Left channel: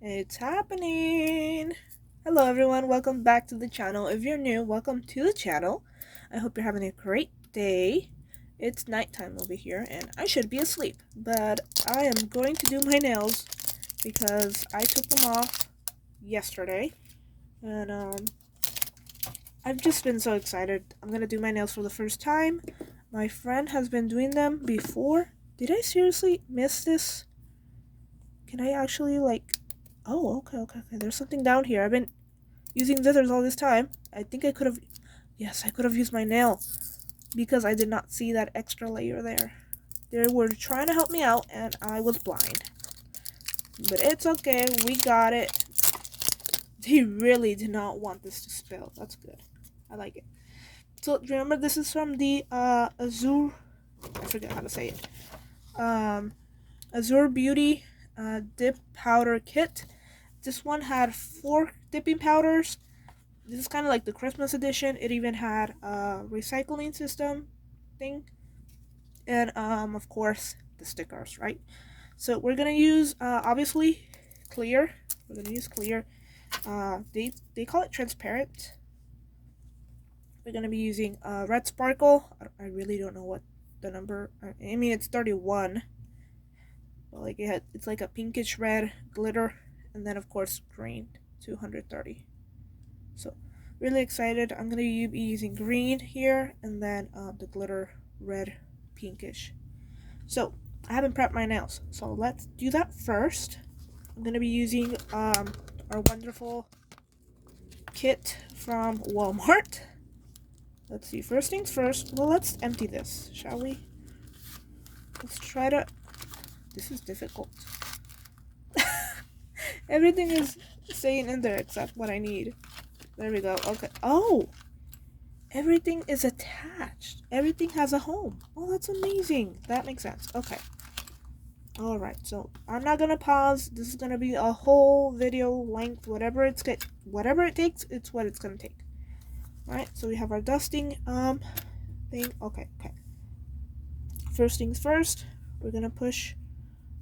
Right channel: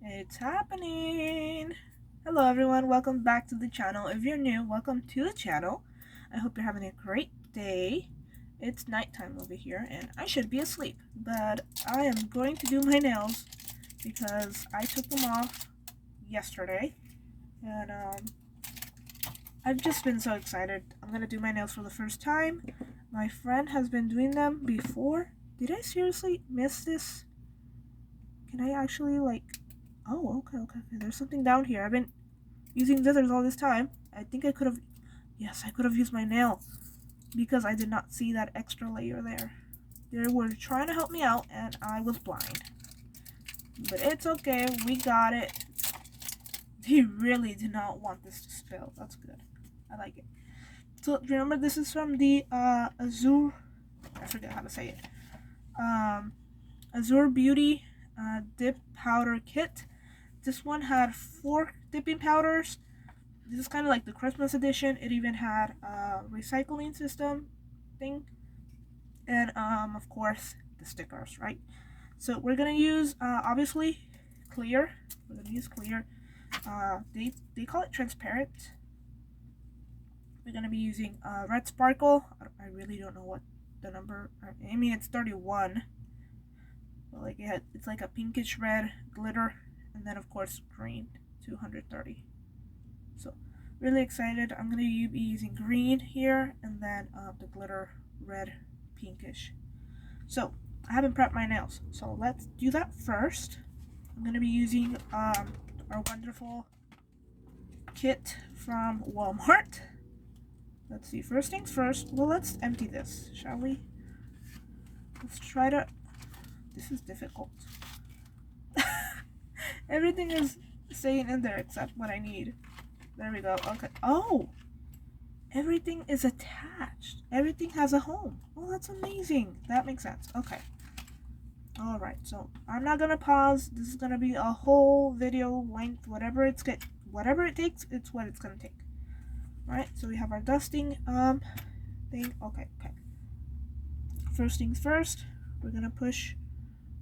It's happening! Hello everyone, welcome back to the channel. If you're new, welcome to the channel. I hope you're having a great day. It's nighttime over here and I should be asleep, but I am going to do my nails because I took them off yesterday and I've just been so excited. I'm gonna do my nails for the first time. My friend has been doing them before. Did I seriously miss this? Can I actually Oh, okay. There's something down here. I've been using scissors all this time. I think I could have... Yes, I could have used my nail because I did not see that extra layer there. They were trying to help me out and I was blind. But it's okay. We got it. They really did not want this to spill. That's good. I like it. So remember, this is from the Azure... I forget how to say it. Azure Beauty Dip Powder Kit. This one had 4 dipping powders. This is kind of like the Christmas edition. It even had a recycling system thing. And, of course, the stickers, right? So we're going to use, obviously, clear. We're going to use clear. They call it transparent. We're going to be using red sparkle. I really don't know what the number... I mean, it's 31. But, like, it's like a pinkish red glitter. And then, of course, green, 230. So, really excited. I'm going to be using green here, and then the glitter red pinkish. So, I haven't prepped my nails, so let's do that first. I'm going to be using our wonderful kit from Walmart. Let's see, first things first. Well, let's empty this, shall we? Let's try to... This is difficult. Everything is staying in there except what I need. There we go. Okay. Oh! Everything is attached. Everything has a home. Oh, that's amazing. That makes sense. Okay. Alright, so I'm not gonna pause. This is gonna be a whole video length. Whatever it takes, it's what it's gonna take. Alright, so we have our dusting thing. Okay. First things first, we're gonna push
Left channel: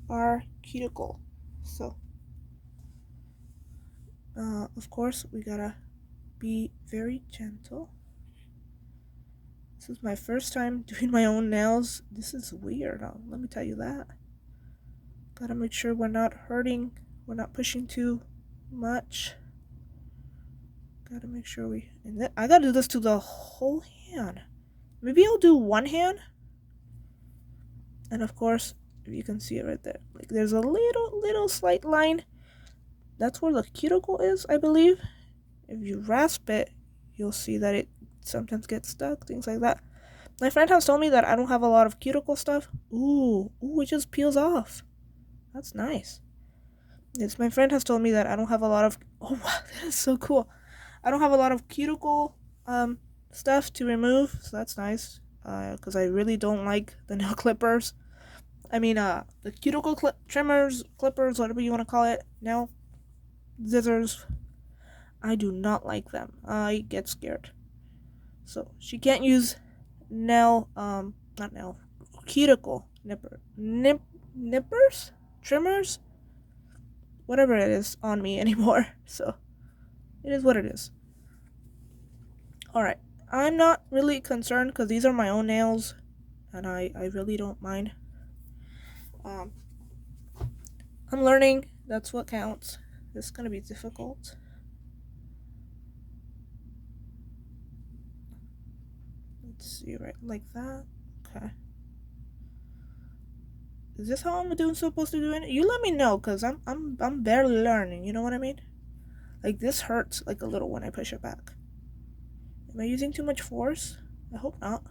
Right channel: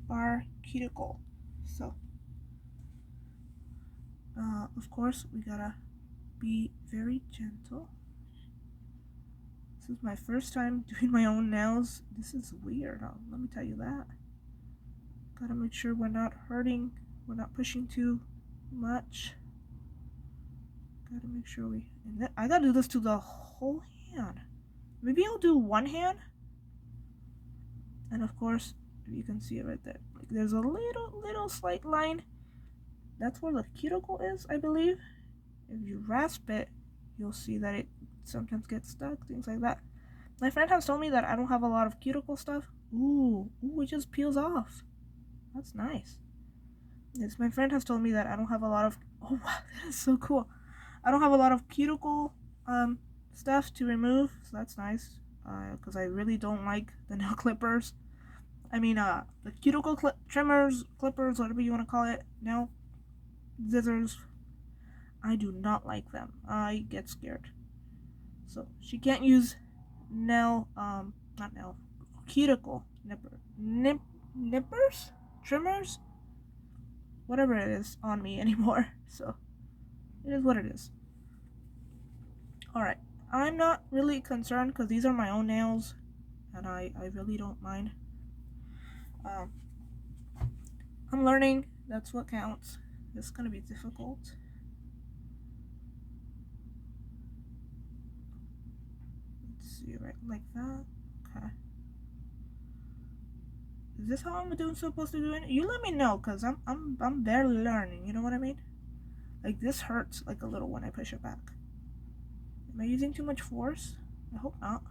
our cuticle. So of course we gotta be very gentle. This is my first time doing my own nails. This is weird, let me tell you that. Gotta make sure we're not hurting, we're not pushing too much. Gotta make sure I gotta do this to the whole hand. Maybe I'll do one hand. And of course, if you can see it right there, like there's a little slight line. That's where the cuticle is, I believe. If you rasp it, you'll see that it sometimes gets stuck, things like that. My friend has told me that I don't have a lot of cuticle stuff. Ooh, it just peels off. That's nice. Yes, my friend has told me that I don't have a lot of... Oh, wow, that is so cool. I don't have a lot of cuticle stuff to remove, so that's nice. Because I really don't like the nail clippers. I mean, the cuticle trimmers, clippers, whatever you want to call it, nail scissors. I do not like them. I get scared. So she can't use cuticle nippers, trimmers, whatever it is on me anymore. So it is what it is. Alright, I'm not really concerned because these are my own nails and I really don't mind. I'm learning, that's what counts. This is gonna be difficult. Let's see, right, like that. Okay. Is this how I'm supposed to do it? You let me know, cause I'm barely learning. You know what I mean? Like this hurts like a little when I push it back. Am I using too much force? I hope not.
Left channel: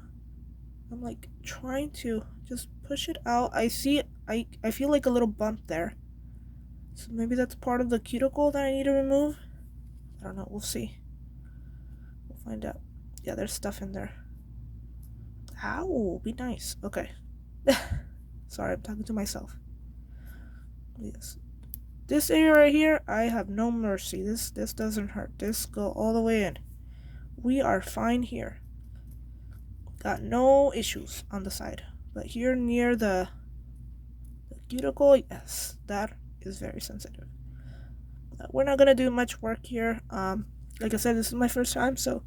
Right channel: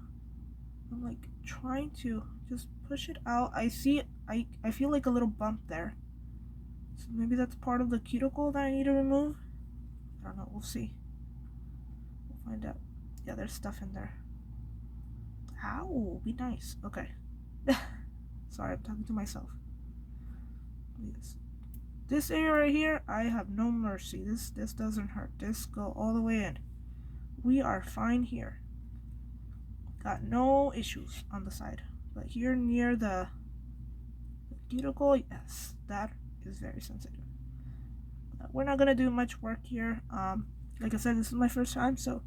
I'm like trying to just push it out. I see it. I feel like a little bump there. So maybe that's part of the cuticle that I need to remove. I don't know. We'll see. We'll find out. Yeah, there's stuff in there. Ow, be nice. Okay. Sorry, I'm talking to myself. Yes. This area right here, I have no mercy. This doesn't hurt. This go all the way in. We are fine here. Got no issues on the side. But here near the cuticle, yes, that is very sensitive. we're not gonna do much work here. Like I said, this is my first time, so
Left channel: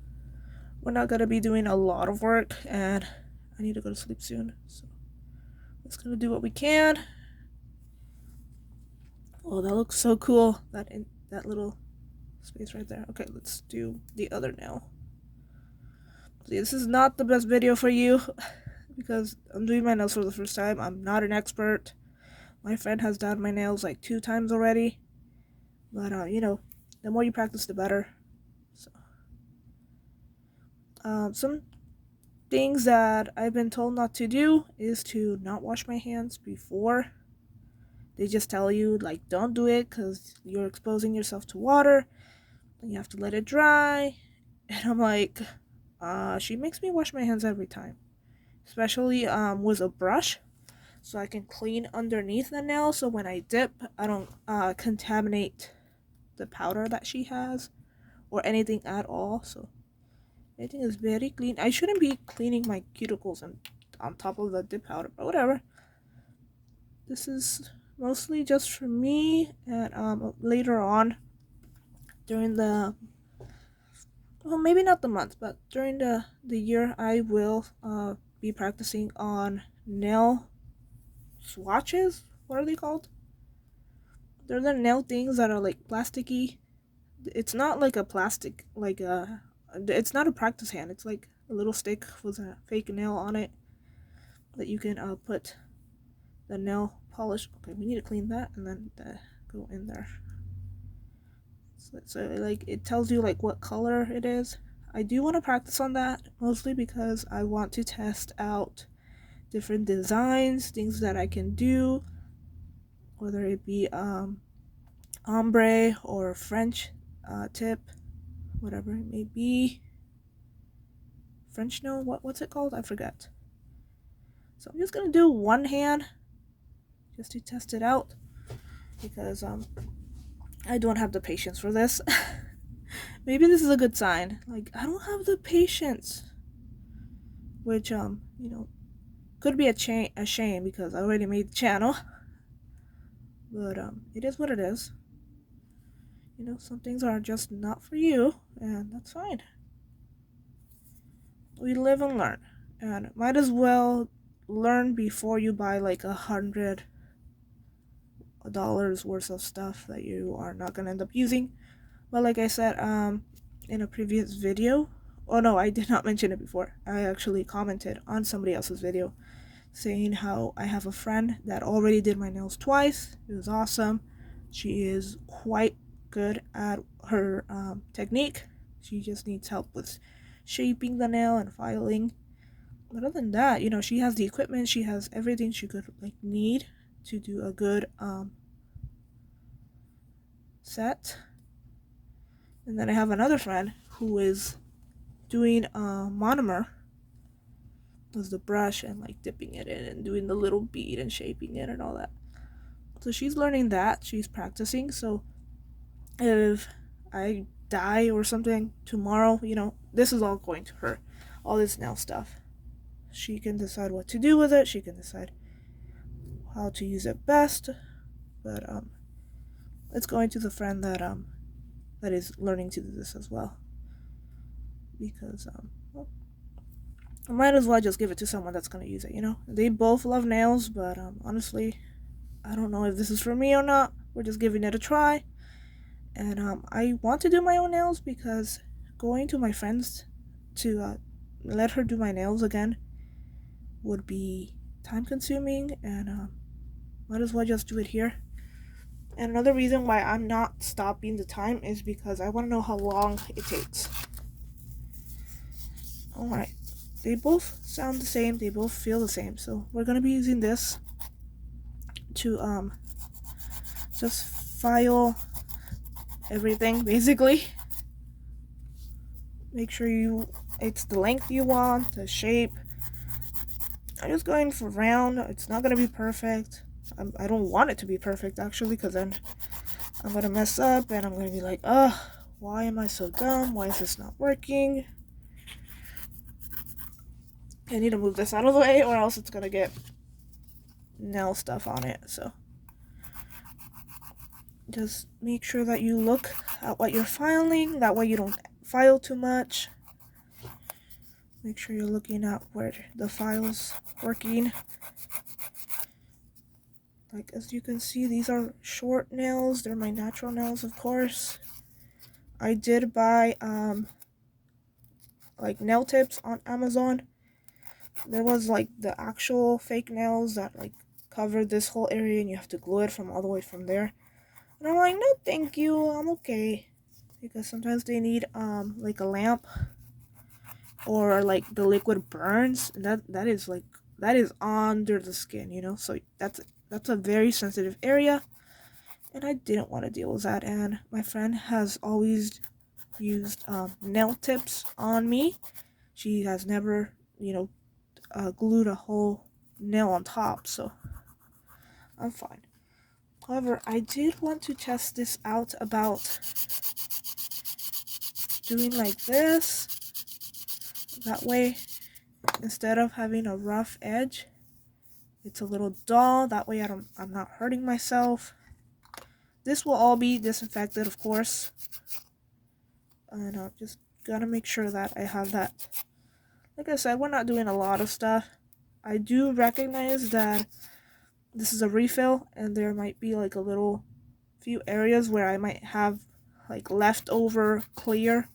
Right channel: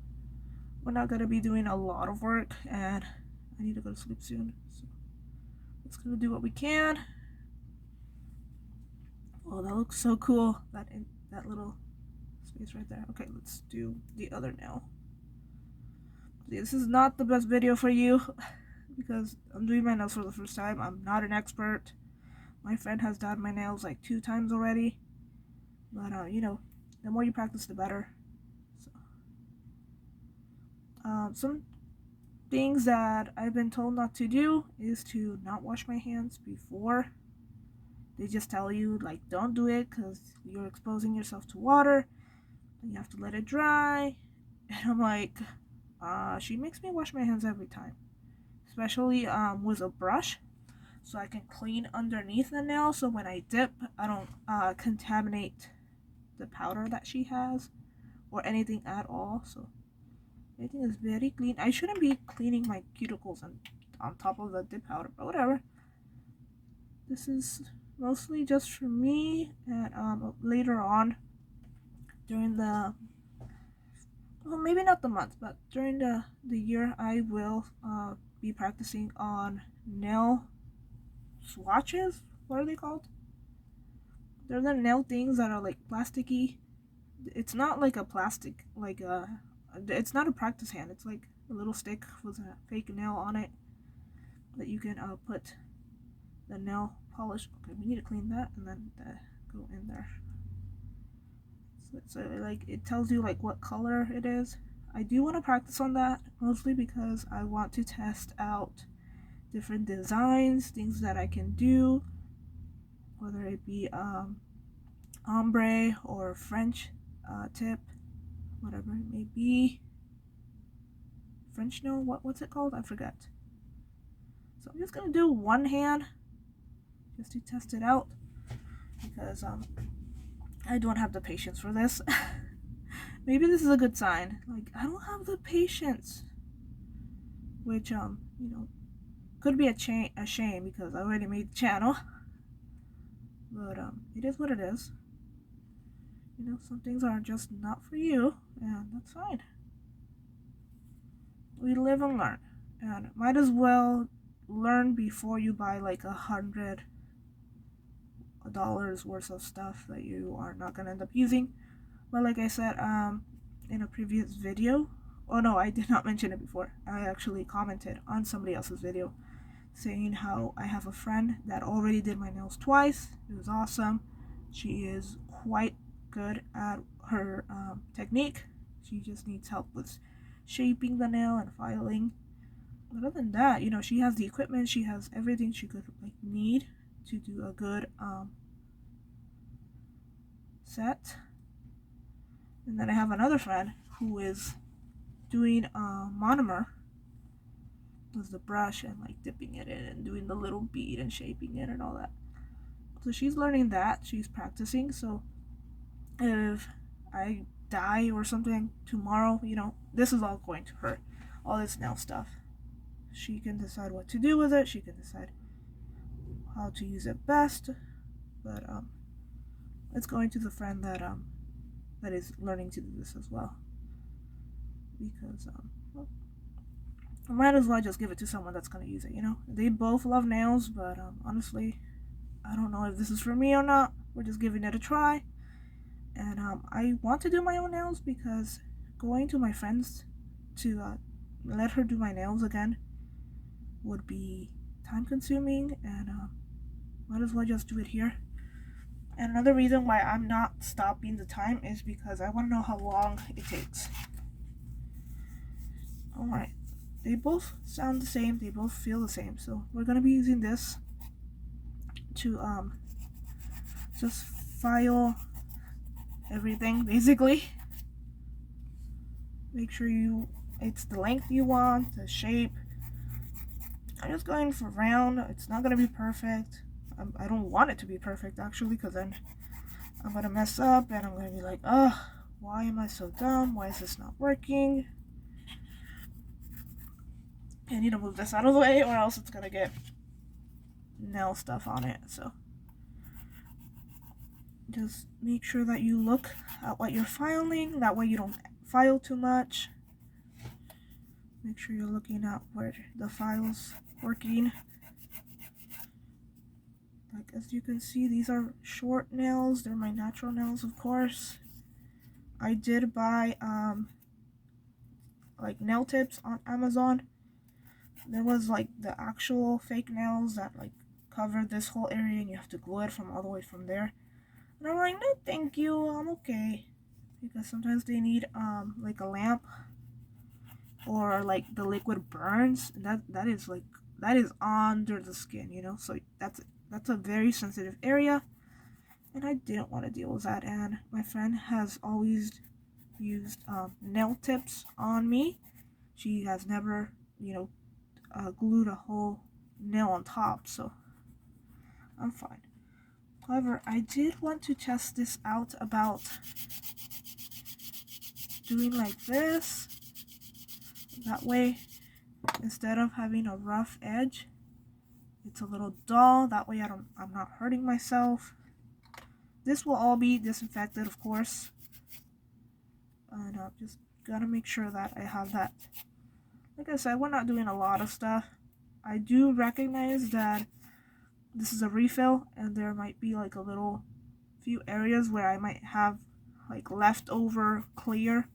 we're not gonna be doing a lot of work, and I need to go to sleep soon, so we're just gonna do what we can. Oh, that looks so cool, that little space right there. Okay, let's do the other nail. See, this is not the best video for you because I'm doing my nails for the first time. I'm not an expert. My friend has done my nails like 2 times already, but you know, the more you practice, the better. So, some things that I've been told not to do is to not wash my hands before. They just tell you, like, don't do it because you're exposing yourself to water and you have to let it dry. And I'm like, she makes me wash my hands every time, especially with a brush, so I can clean underneath the nail, so when I dip, I don't contaminate the powder that she has or anything at all. So everything is very clean. I shouldn't be cleaning my cuticles on top of the dip powder, but whatever. This is mostly just for me, and later on during the, well, maybe not the month, but during the year, I will be practicing on nail swatches. What are they called? They're the nail things that are like plasticky. It's not like a plastic, like it's not a practice hand. It's like a little stick with a fake nail on it that you can put the nail polish. Okay, we need to clean that and then go in there. So like it tells you like what color it is. I do want to practice on that mostly because I want to test out different designs, things that I can do, whether it be ombre or French tip, whatever it may be. French nail, what's it called? I forget. So I'm just gonna do one hand just to test it out because I don't have the patience for this. Maybe this is a good sign. Like, I don't have the patience, which you know, could be a shame because I already made the channel. But it is what it is. You know, some things are just not for you, and that's fine. We live and learn, and might as well learn before you buy like $100 worth of stuff that you are not gonna end up using. But like I said, in a previous video, oh no, I did not mention it before. I actually commented on somebody else's video saying how I have a friend that already did my nails twice. It was awesome. She is quite good at her technique. She just needs help with shaping the nail and filing. But other than that, you know, she has the equipment. She has everything she could like need to do a good set. And then I have another friend who is doing monomer with the brush and like dipping it in and doing the little bead and shaping it and all that. So she's learning that, she's practicing. So if I die or something tomorrow, you know, this is all going to her, all this nail stuff. She can decide what to do with it, she can decide how to use it best, but it's going to the friend that that is learning to do this as well, because well, I might as well just give it to someone that's going to use it, you know. They both love nails, but honestly, I don't know if this is for me or not. We're just giving it a try. And I want to do my own nails because going to my friends to let her do my nails again would be time consuming, and might as well just do it here. And another reason why I'm not stopping the time is because I want to know how long it takes. Alright, they both sound the same, they both feel the same, so we're going to be using this to just file everything basically. Make sure it's the length you want, the shape. I'm just going for round. It's not going to be perfect. I don't want it to be perfect actually, because then I'm going to mess up and I'm going to be like, ugh, why am I so dumb? Why is this not working? I need to move this out of the way or else it's going to get nail stuff on it. So Just make sure that you look at what you're filing. That way you don't file too much. Make sure you're looking at where the file's working. Like, as you can see, these are short nails. They're my natural nails, of course. I did buy like nail tips on Amazon. There was like the actual fake nails that like cover this whole area, and you have to glue it from all the way from there. And I'm like, no thank you, I'm okay. Because sometimes they need like a lamp, or like the liquid burns, and that is under the skin, you know, so that's a very sensitive area, and I didn't want to deal with that. And my friend has always used nail tips on me. She has never, you know, glued a whole nail on top, so I'm fine. However, I did want to test this out about doing like this. That way, instead of having a rough edge, it's a little dull. That way I'm not hurting myself. This will all be disinfected, of course. And I'm just gonna make sure that I have that. Like I said, we're not doing a lot of stuff. I do recognize that this is a refill, and there might be like a little few areas where I might have like leftover clear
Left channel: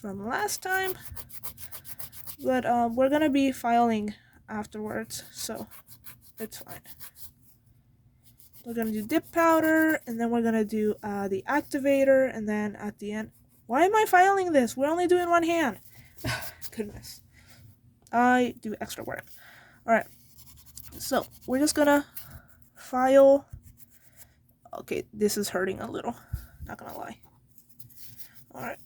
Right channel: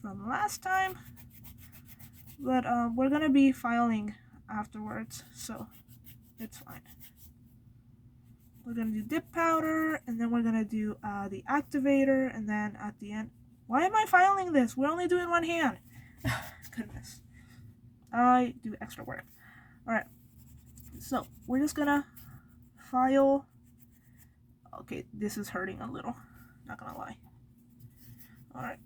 from last time. But we're gonna be filing afterwards, so it's fine. We're gonna do dip powder, and then we're gonna do the activator, and then at the end. Why am I filing this? We're only doing one hand. Goodness. I do extra work. Alright. So, we're just gonna file. Okay, this is hurting a little. Not gonna lie. Alright.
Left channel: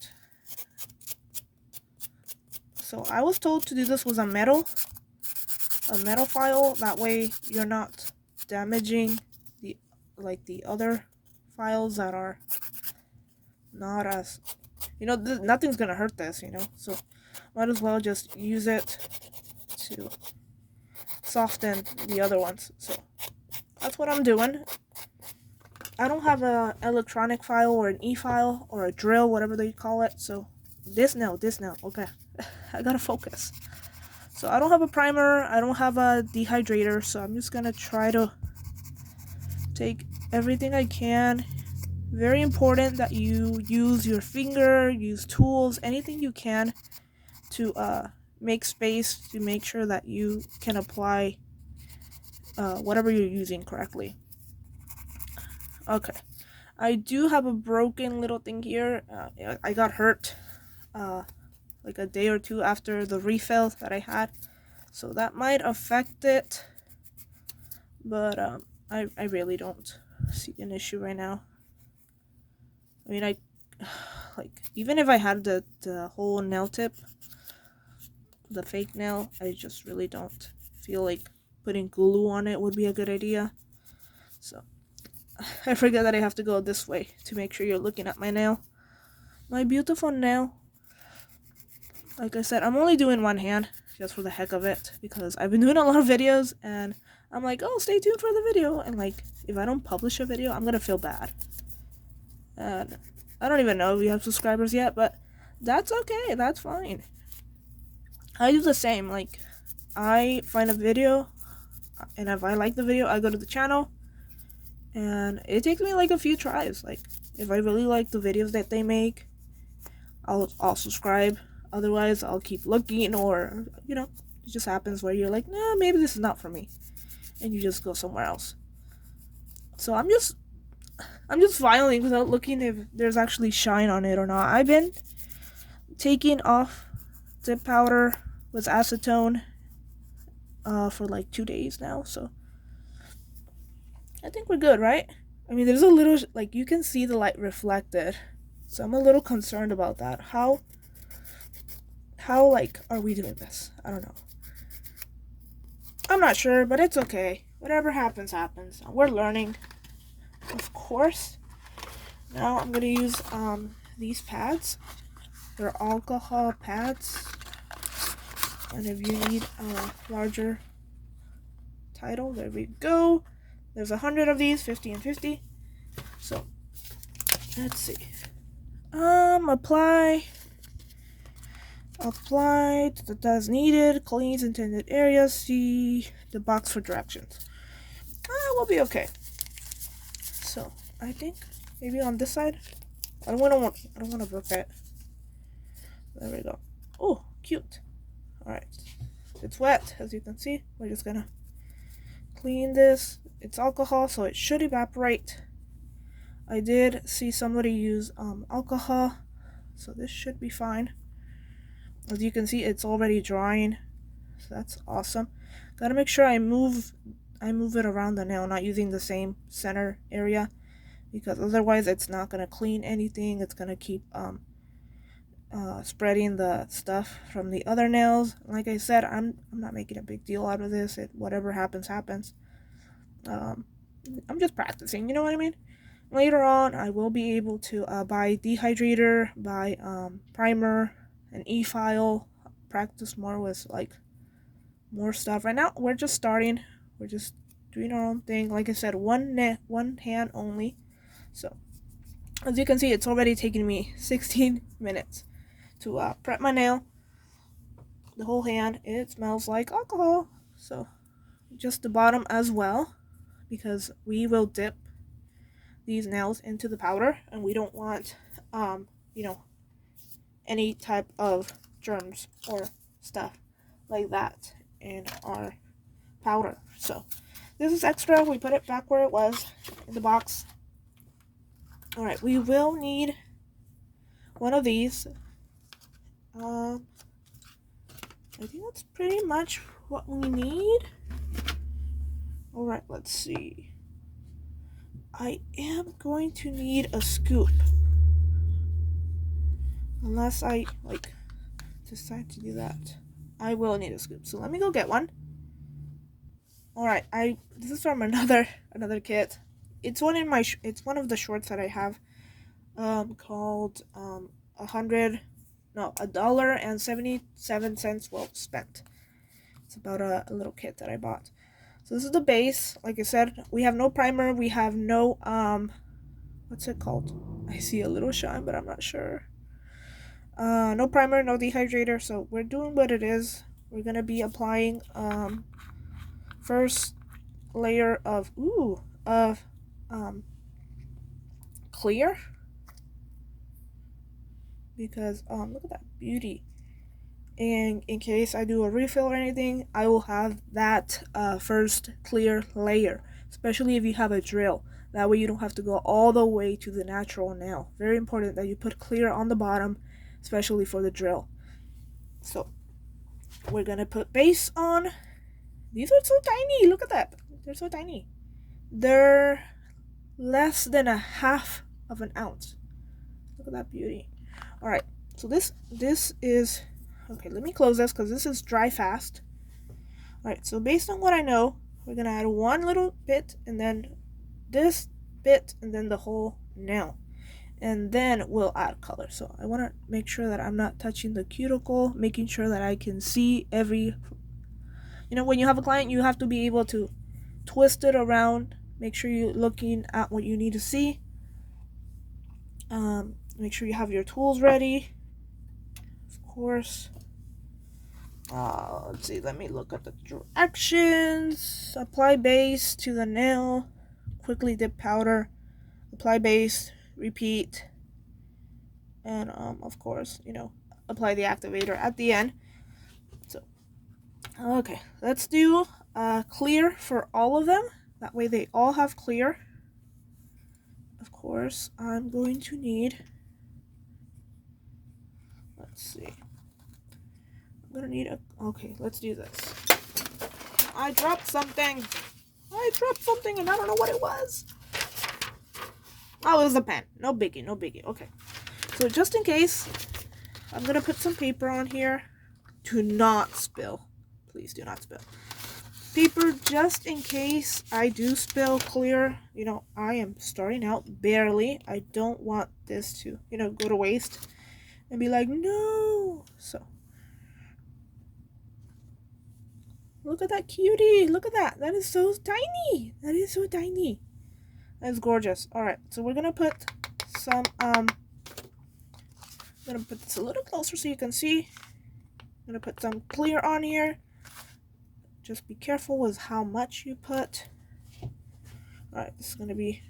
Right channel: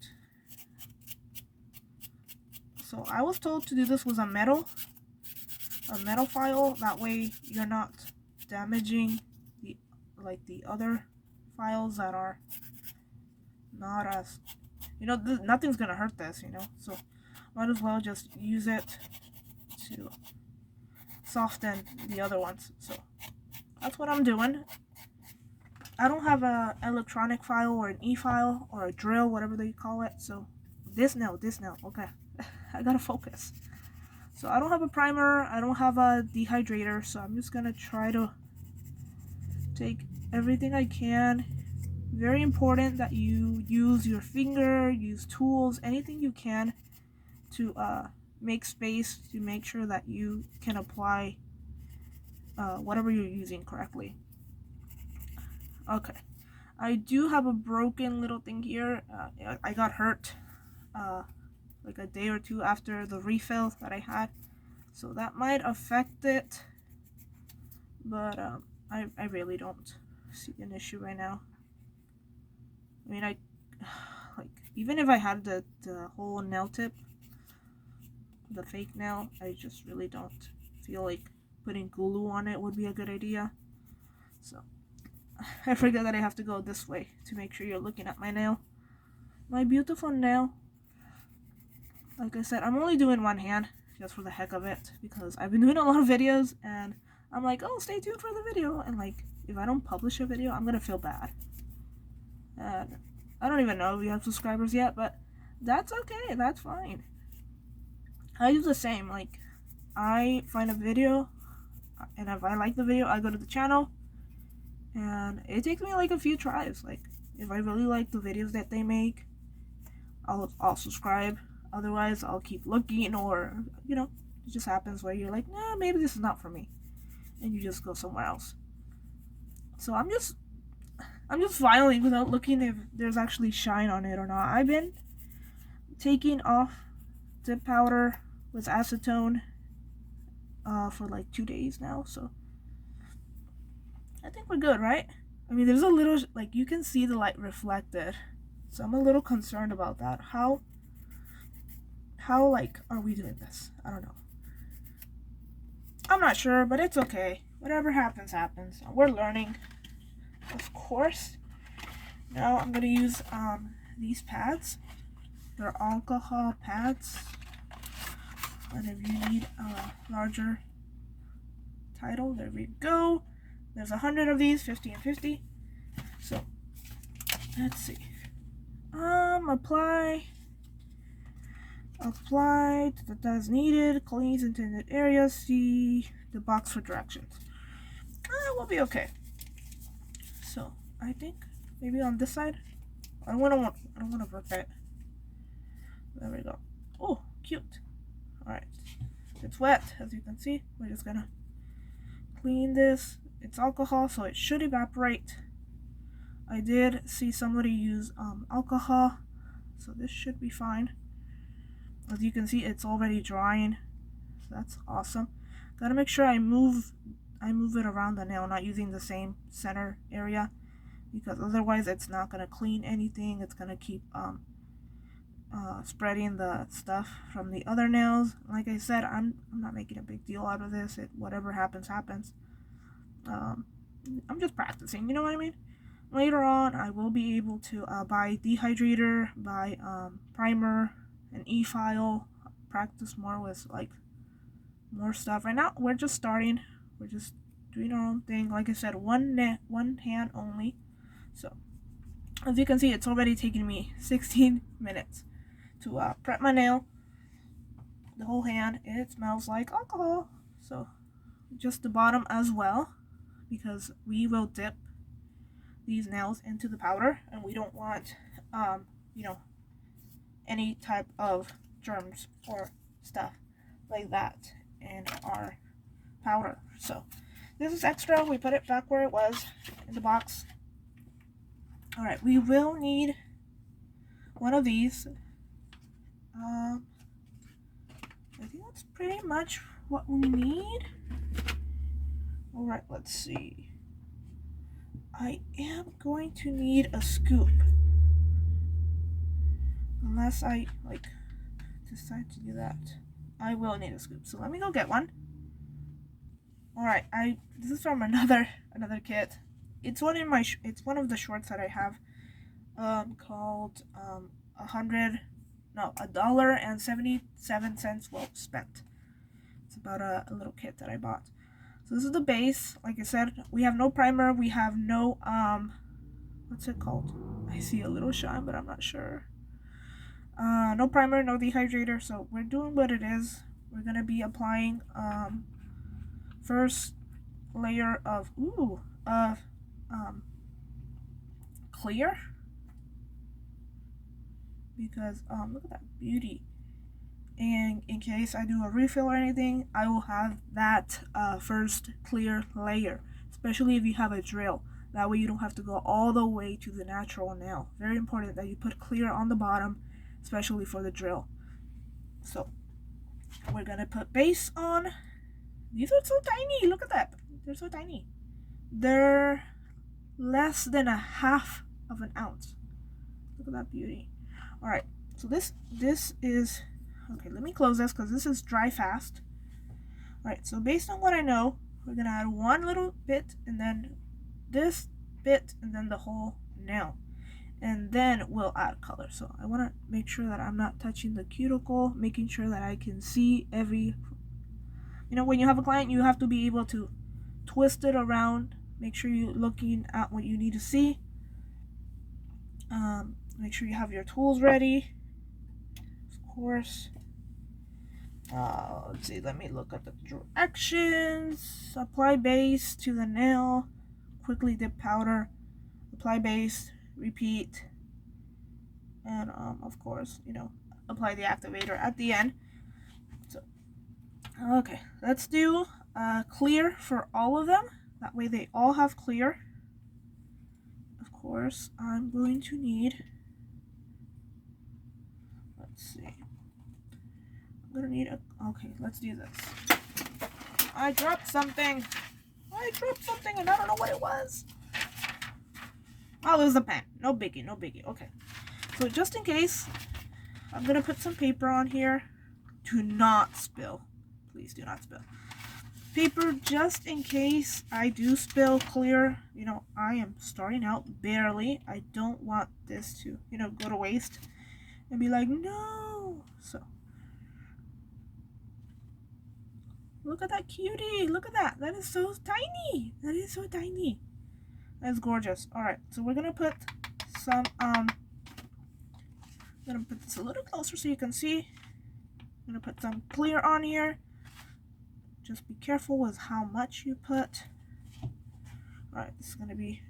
So, I was told to do this with a metal file. That way, you're not damaging the other files that are not as, you know, nothing's gonna hurt this, you know, so might as well just use it to soften the other ones. So that's what I'm doing. I don't have a electronic file or an e-file or a drill, whatever they call it. So this now, okay. I gotta focus. So I don't have a primer, I don't have a dehydrator, so I'm just gonna try to take everything I can. Very important that you use your finger, use tools, anything you can to make space to make sure that you can apply whatever you're using correctly. Okay, I do have a broken little thing here. I got hurt like a day or two after the refill that I had, so that might affect it, but I really don't see an issue right now. I mean, like, even if I had the whole nail tip, the fake nail, I just really don't feel like putting glue on it would be a good idea. So I forget that I have to go this way to make sure you're looking at my nail. My beautiful nail. Like I said, I'm only doing one hand just for the heck of it, because I've been doing a lot of videos and I'm like, oh, stay tuned for the video, and like, if I don't publish a video, I'm gonna feel bad. And I don't even know if we have subscribers yet, but that's okay, that's fine. I do the same. Like, I find a video, and if I like the video, I go to the channel, and it takes me like a few tries. Like, if I really like the videos that they make, I'll subscribe. Otherwise, I'll keep looking, or, you know, it just happens where you're like, nah, maybe this is not for me, and you just go somewhere else. So I'm just filing without looking if there's actually shine on it or not. I've been taking off dip powder with acetone for like 2 days now, so I think we're good, right? I mean, there's a little, like, you can see the light reflected, so I'm a little concerned about that. How like, are we doing this? I don't know. I'm not sure, but it's okay. Whatever happens, happens. We're learning, of course. Now I'm gonna use these pads. They're alcohol pads, and if you need a larger title, there we go. There's 100 of these, 50 and 50. So Let's see. Apply as needed. Cleans intended areas. See the box for directions. We'll be okay. So I think maybe on this side. I don't want to rip it. There we go. Oh, cute. All right. It's wet, as you can see. We're just gonna clean this. It's alcohol, so it should evaporate. I did see somebody use alcohol, so this should be fine. As you can see, it's already drying, so that's awesome. Gotta make sure I move it around the nail, not using the same center area, because otherwise it's not gonna clean anything. It's gonna keep spreading the stuff from the other nails. Like I said, I'm not making a big deal out of this. Whatever happens happens. I'm just practicing, you know what I mean? Later on I will be able to buy dehydrator, buy primer, an e-file, practice more with like more stuff. Right now we're just starting, we're just doing our own thing. Like I said, one hand only. So as you can see, it's already taken me 16 minutes to prep my nail, the whole hand. It smells like alcohol, so just the bottom as well, because we will dip these nails into the powder, and we don't want you know, any type of germs or stuff like that in our powder. So this is extra. We put it back where it was in the box. All right, we will need one of these. I think that's pretty much what we need. All right, let's see. I am going to need a scoop, unless I like decide to do that. I will need a scoop, so let me go get one. All right, this is from another kit. It's one of the shorts that I have, called $1.77 well spent. It's about a little kit that I bought. So this is the base. Like I said, we have no primer. We have no what's it called? I see a little shine, but I'm not sure. No primer, no dehydrator. So we're doing what it is. We're gonna be applying first layer of clear, because look at that beauty. And in case I do a refill or anything, I will have that first clear layer, especially if you have a drill. That way you don't have to go all the way to the natural nail. Very important that you put clear on the bottom, especially for the drill. So we're gonna put base on. These are so tiny. Look at that. They're so tiny. They're less than a half of an ounce. Look at that beauty. All right, so this is okay. Let me close this because this is dry fast. All right, so based on what I know, we're gonna add one little bit, and then this bit, and then the whole nail, and then we'll add color. So I want to make sure that I'm not touching the cuticle, making sure that I can see every, you know, when you have a client, you have to be able to twist it around, make sure you're looking at what you need to see. Make sure you have your tools ready, of course. Let's see, let me look at the directions. Apply base to the nail, quickly dip powder, apply base, repeat, and of course, you know, apply the activator at the end. So okay, let's do clear for all of them, that way they all have clear. Of course, I'm going to need, let's see, I'm gonna need okay, let's do this. I dropped something and I don't know what it was. Oh, it was a pen. No biggie, no biggie. Okay, so just in case, I'm gonna put some paper on here. Do not spill, please do not spill paper, just in case I do spill clear. You know, I am starting out barely. I don't want this to, you know, go to waste and be like, no. So look at that cutie. Look at that. That is so tiny. That is so tiny. That's gorgeous. All right, so we're gonna put some I'm gonna put this a little closer so you can see. I'm gonna put some clear on here. Just be careful with how much you put. Alright, this is gonna be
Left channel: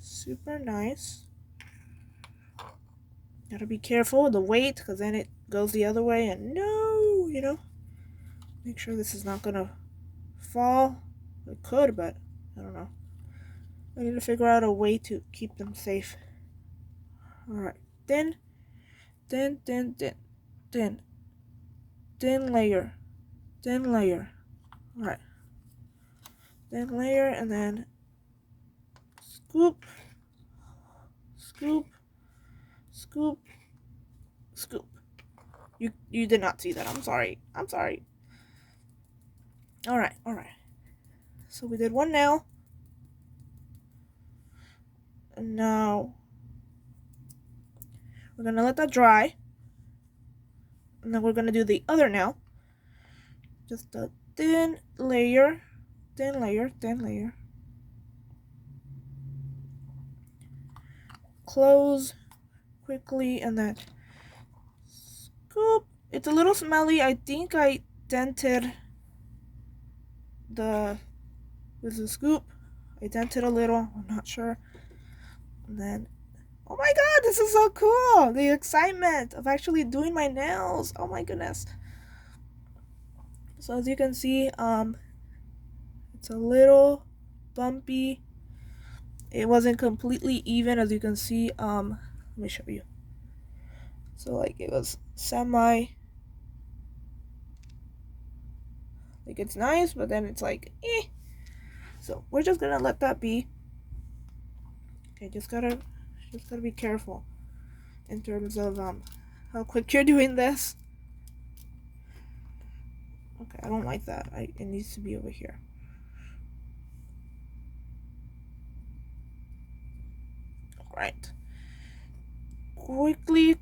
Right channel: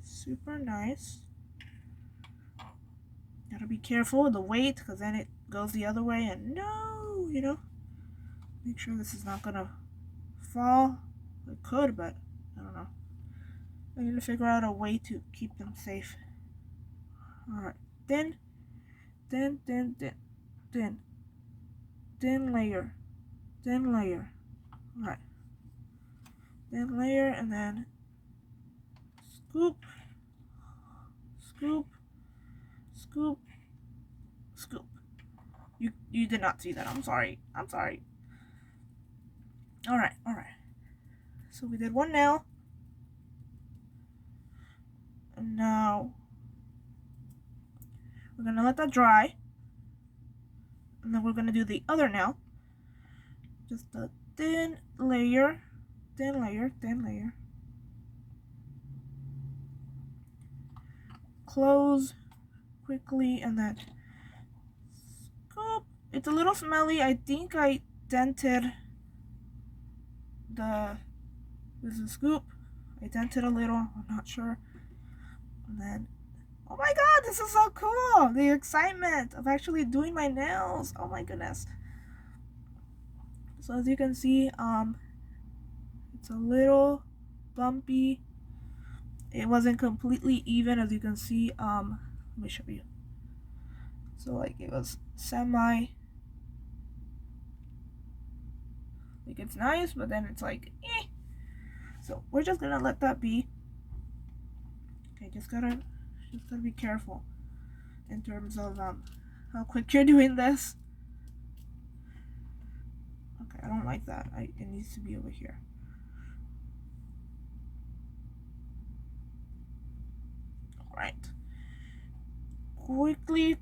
super nice. Gotta be careful with the weight because then it goes the other way and no, you know. Make sure this is not gonna fall. It could, but I don't know. I need to figure out a way to keep them safe. Alright, thin layer. Alright. Thin layer and then scoop, scoop, scoop, scoop. You did not see that. I'm sorry. Alright. So we did one nail. And now we're gonna let that dry. And then we're gonna do the other nail. Just a thin layer. Close quickly and then scoop. It's a little smelly. I think I dented with the scoop. I dented a little. I'm not sure. And then, oh my god, this is so cool! The excitement of actually doing my nails. Oh my goodness. So as you can see, it's a little bumpy. It wasn't completely even, as you can see. Let me show you. So like it was semi, like it's nice, but then it's like eh. So we're just gonna let that be. Okay, just gotta be careful in terms of how quick you're doing this. Okay, I don't like that. It needs to be over here. Alright. Quickly,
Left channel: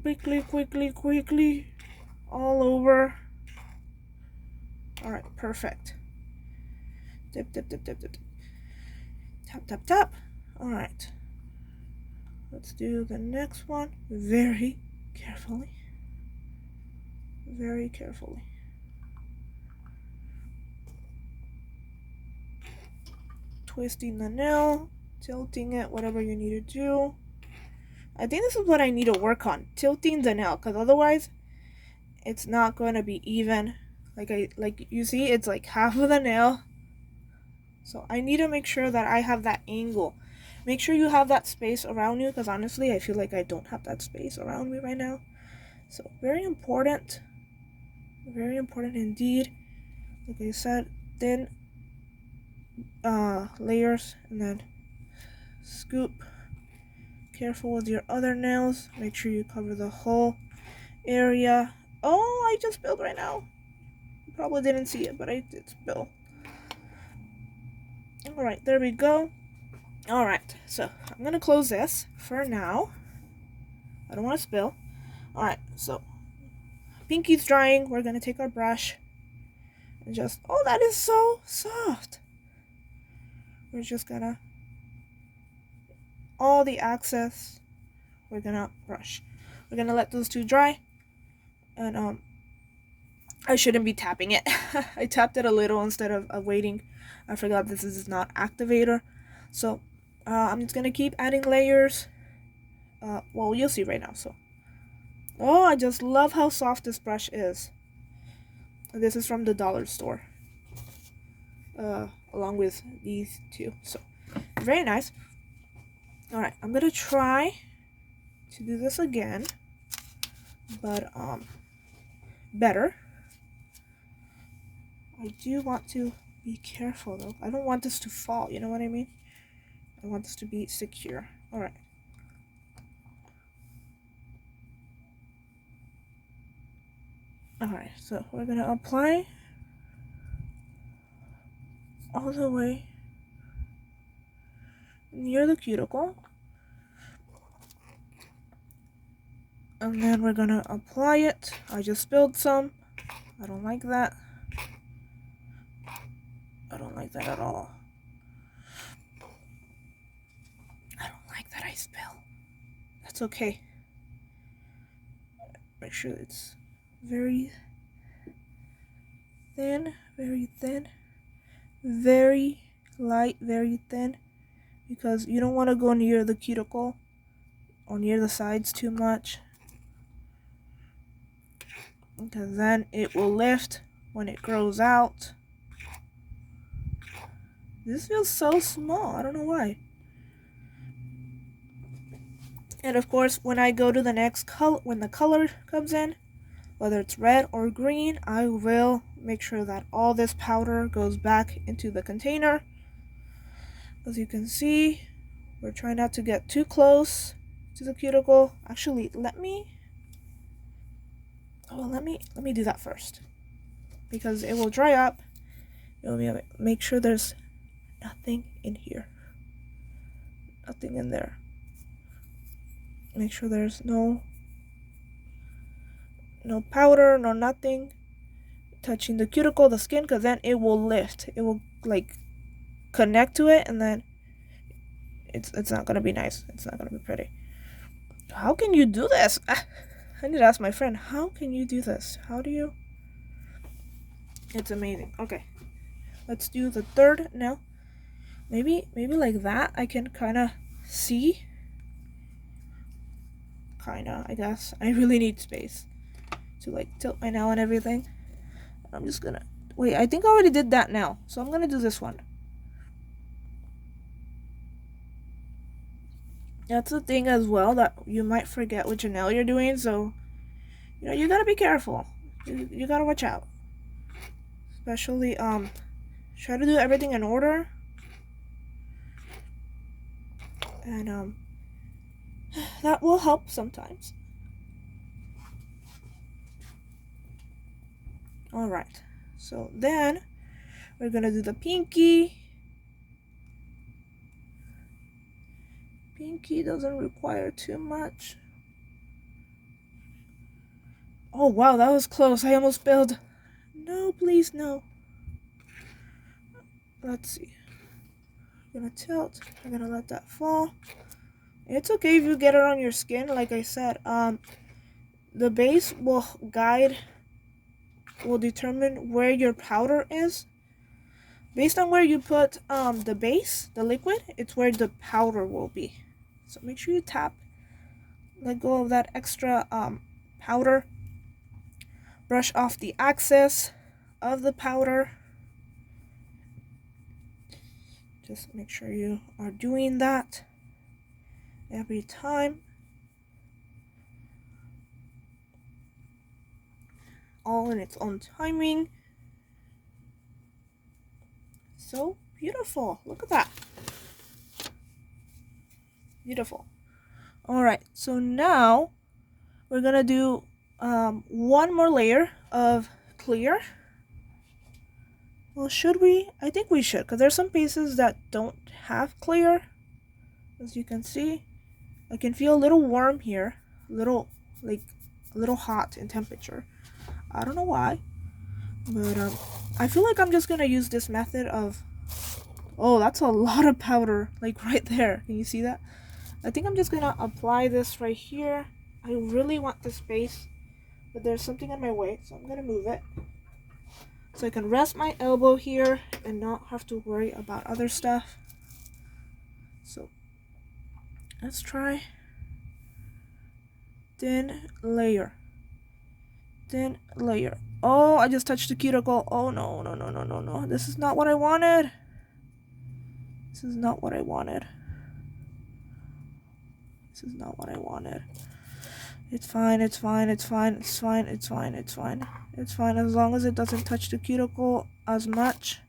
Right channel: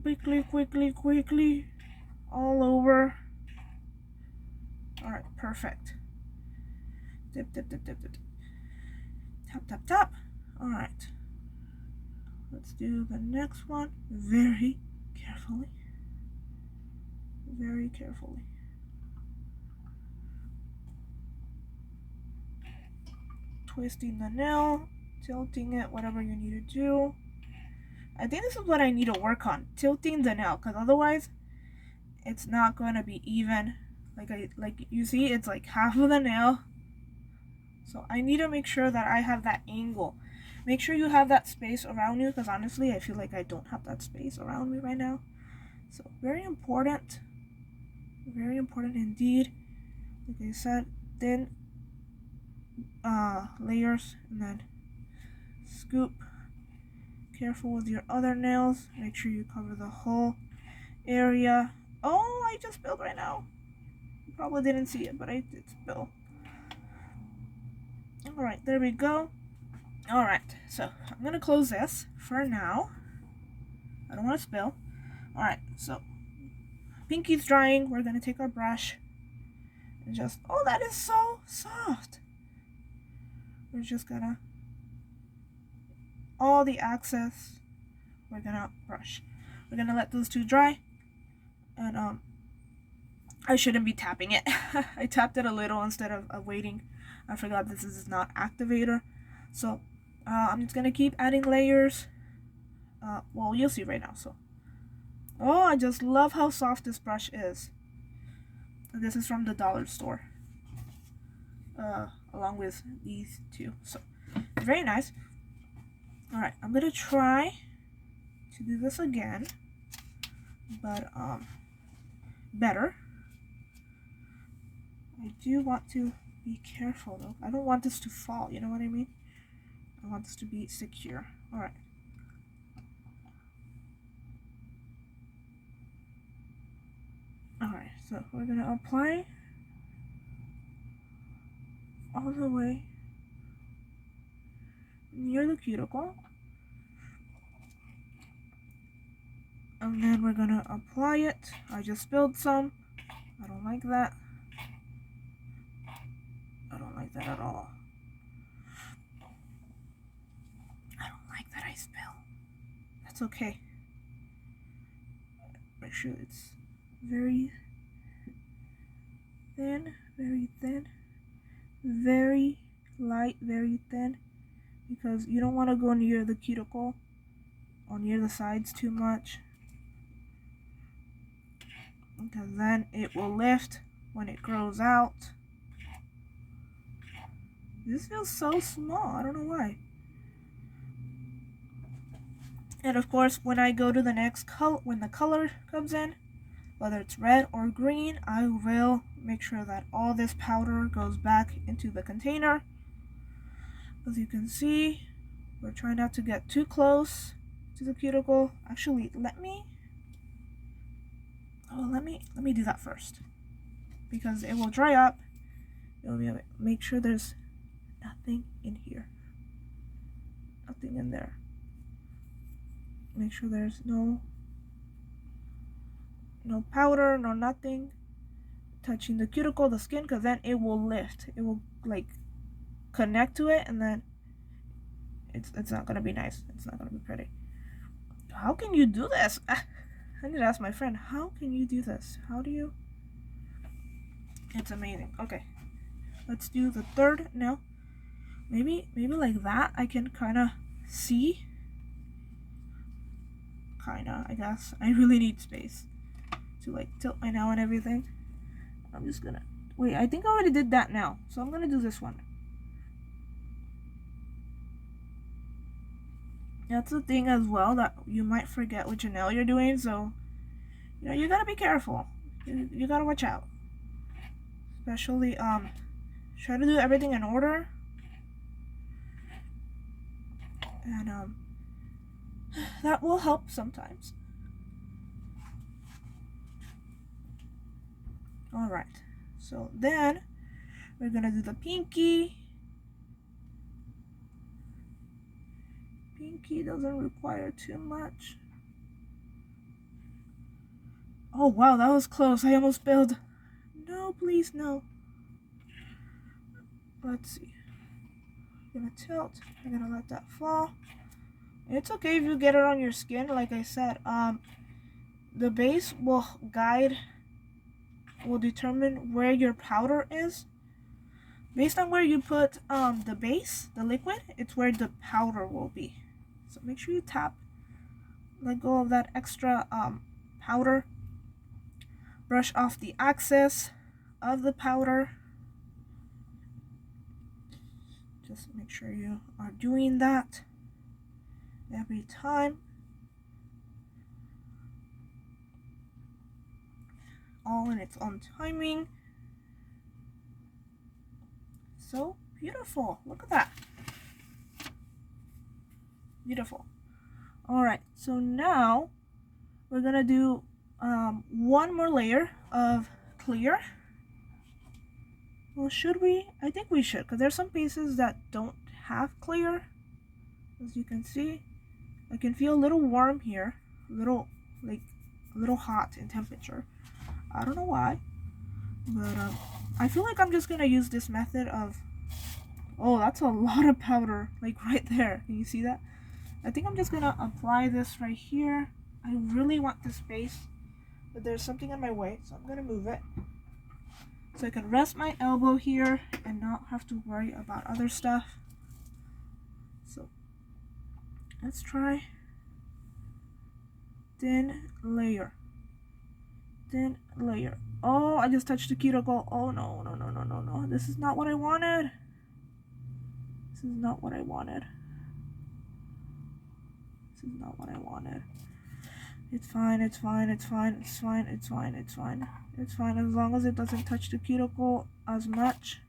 all over. Alright, perfect. Dip. Tap. Alright. Let's do the next one very carefully. Twisting the nail, tilting it, whatever you need to do. I think this is what I need to work on, tilting the nail, because otherwise it's not going to be even. Like you see, it's like half of the nail. So I need to make sure that I have that angle. Make sure you have that space around you, because honestly, I feel like I don't have that space around me right now. So very important indeed. Like I said, thin layers and then scoop. Careful with your other nails. Make sure you cover the whole area. Oh, I just spilled right now. You probably didn't see it, but I did spill. Alright, there we go. Alright, so I'm gonna close this for now. I don't want to spill. Alright, so pinky's drying. We're gonna take our brush and just, oh, that is so soft. We're just gonna, all the excess, we're gonna brush. We're gonna let those two dry. And I shouldn't be tapping it. I tapped it a little instead of waiting. I forgot this is not activator. So I'm just gonna keep adding layers. Well, you'll see right now. So, oh, I just love how soft this brush is. This is from the dollar store. Along with these two. So, very nice. Alright, I'm gonna try to do this again. But, better. I do want to be careful though. I don't want this to fall, you know what I mean? I want this to be secure. Alright. Alright, so we're gonna apply all the way near the cuticle. And then we're gonna apply it. I just spilled some. I don't like that. I don't like that at all. I don't like that I spill. That's okay. Make sure it's very thin, very light, very thin, because you don't want to go near the cuticle or near the sides too much, because then it will lift when it grows out. This feels so small, I don't know why. And of course, when I go to the next color, when the color comes in, whether it's red or green, I will make sure that all this powder goes back into the container. As you can see, we're trying not to get too close to the cuticle. Actually, let me do that first, because it will dry up. Make sure there's nothing in here, nothing in there. Make sure there's no powder, no nothing touching the cuticle, the skin, because then it will lift. It will like connect to it, and then it's not gonna be nice. It's not gonna be pretty. How can you do this? I need to ask my friend. How can you do this? How do you? It's amazing. Okay, let's do the third now. Maybe like that. I can kind of see. I guess. I really need space to like tilt my nail and everything. I'm just gonna wait. I think I already did that now, so I'm gonna do this one. That's the thing as well, that you might forget which nail you're doing, so you gotta be careful. You gotta watch out. Especially try to do everything in order. And that will help sometimes. Alright. So then we're gonna do the pinky. Pinky doesn't require too much. Oh wow, that was close. I almost spilled. No, please, no. Let's see. I'm gonna tilt. I'm gonna let that fall. It's okay if you get it on your skin. Like I said, the base will determine where your powder is. Based on where you put the base, the liquid, it's where the powder will be. So make sure you tap. Let go of that extra powder. Brush off the excess of the powder. Just make sure you are doing that every time. All in its own timing. So beautiful. Look at that. Beautiful. Alright, so now we're gonna do one more layer of clear. Well, should we? I think we should, because there's some pieces that don't have clear. As you can see, I can feel a little warm here, a little hot in temperature. I don't know why, but I feel like I'm just gonna use this method of, oh, that's a lot of powder, like right there. Can you see that? I think I'm just gonna apply this right here. I really want this space, but there's something in my way, so I'm gonna move it so I can rest my elbow here and not have to worry about other stuff. So let's try thin layer. Oh, I just touched the cuticle. Oh no. This is not what I wanted. It's fine. As long as it doesn't touch the cuticle as much,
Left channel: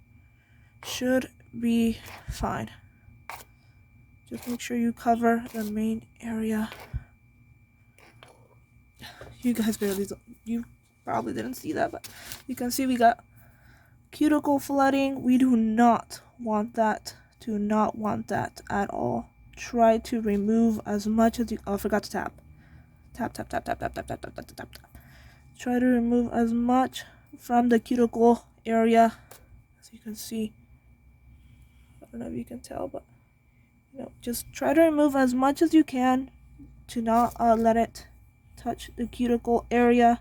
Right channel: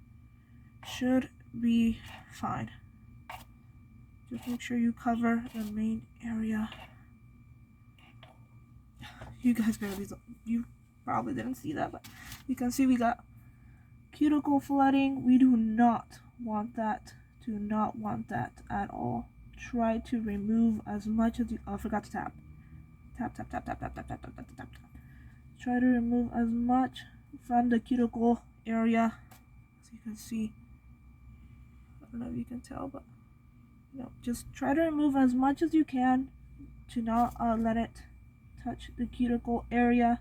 should be fine. Just make sure you cover the main area. You guys you probably didn't see that, but you can see we got cuticle flooding. We do not want that. At all. Try to remove as much as you. Oh, I forgot to tap. Tap. Try to remove as much from the cuticle area as you can see. I don't know if you can tell, but just try to remove as much as you can to not let it touch the cuticle area.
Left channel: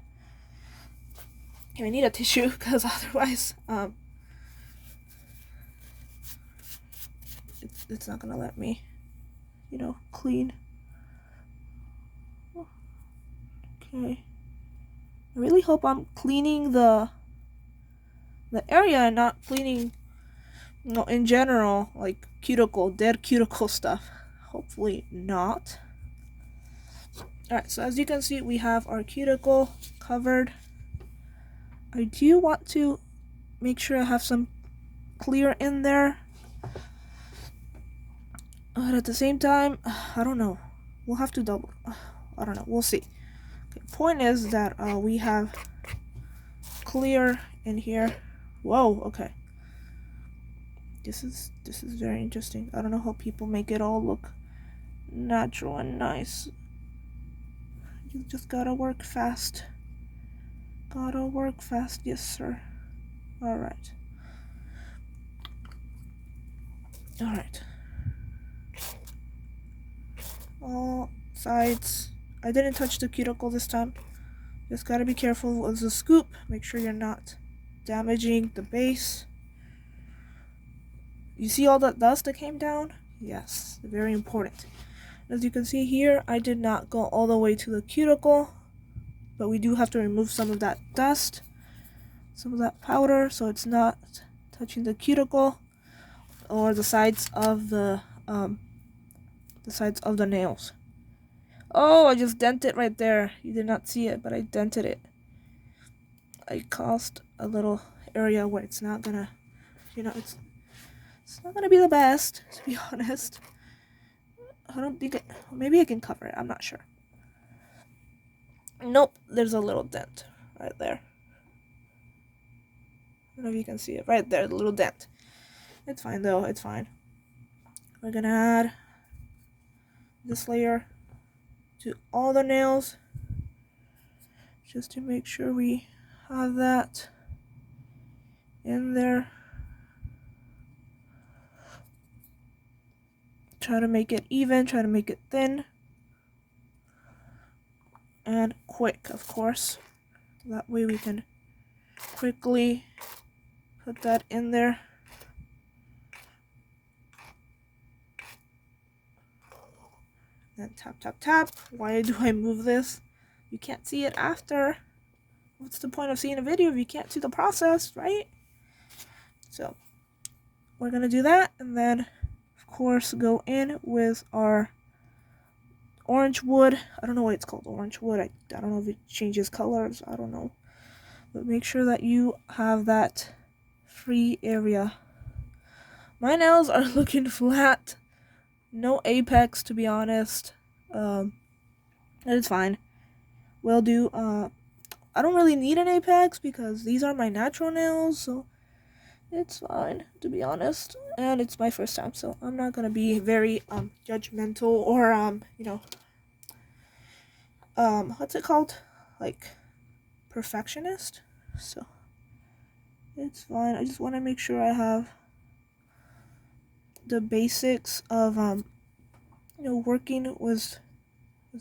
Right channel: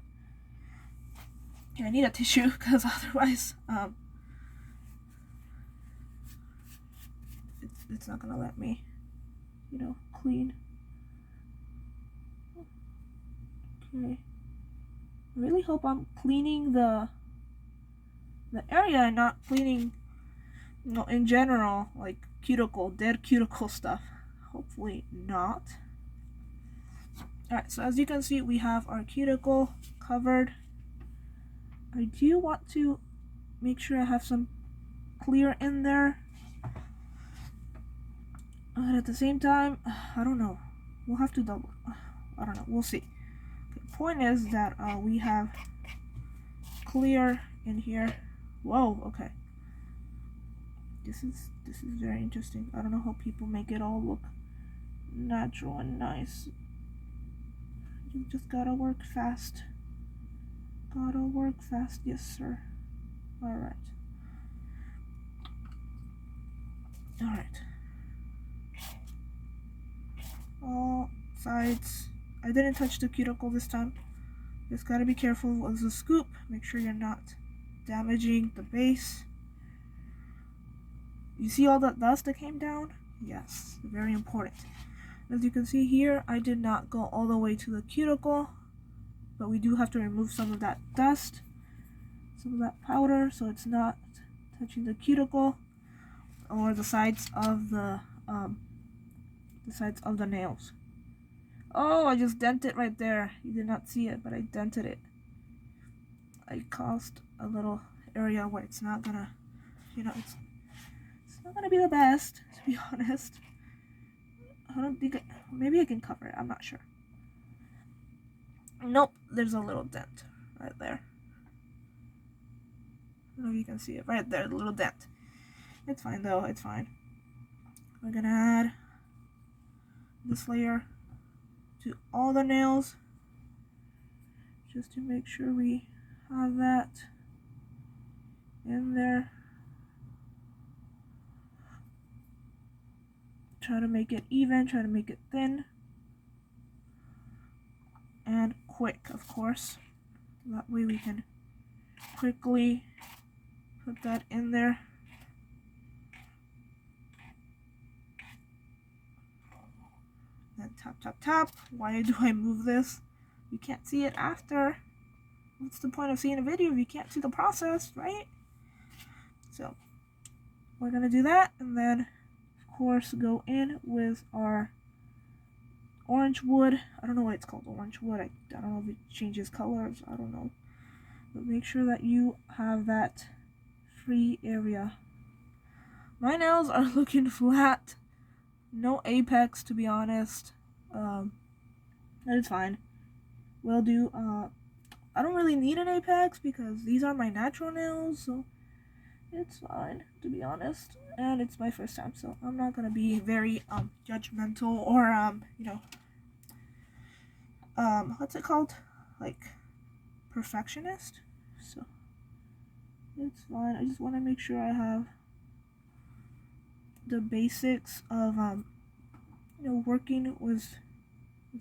Here, I need a tissue because otherwise it's not gonna let me, clean. Okay. I really hope I'm cleaning the area and not cleaning, in general, like dead cuticle stuff. Hopefully not. Alright, so as you can see, we have our cuticle covered. I do want to make sure I have some clear in there. But at the same time, I don't know. We'll have to double. I don't know. We'll see. Okay, point is that we have clear in here. Whoa, okay. This is very interesting. I don't know how people make it all look natural and nice. You just gotta work fast. Gotta work fast, yes sir. Alright. Alright. All sides. I didn't touch the cuticle this time. Just gotta be careful with the scoop. Make sure you're not damaging the base. You see all that dust that came down? Yes, very important. As you can see here, I did not go all the way to the cuticle, but we do have to remove some of that dust, some of that powder, so it's not touching the cuticle or the sides of the nails. Oh, I just dented right there. You did not see it, but I dented it. I caused a little area where it's not gonna, it's not gonna be the best, to be honest. I don't think maybe I can cover it. I'm not sure. Nope, there's a little dent right there. I don't know if you can see it right there, the little dent. It's fine though, it's fine. We're gonna add this layer to all the nails just to make sure we have that in there. Try to make it even, try to make it thin and quick, of course. That way we can quickly put that in there. Then tap, tap, tap. Why do I move this? You can't see it after. What's the point of seeing a video if you can't see the process, right? So we're gonna do that, and then of course go in with our orange wood. I don't know why it's called orange wood. I don't know if it changes colors. I don't know. But make sure that you have that free area. My nails are looking flat. No apex, to be honest. It's fine. Will do. I don't really need an apex because these are my natural nails, so it's fine, to be honest. And it's my first time, so I'm not gonna be very judgmental or what's it called? Like perfectionist. So it's fine. I just want to make sure I have the basics of working with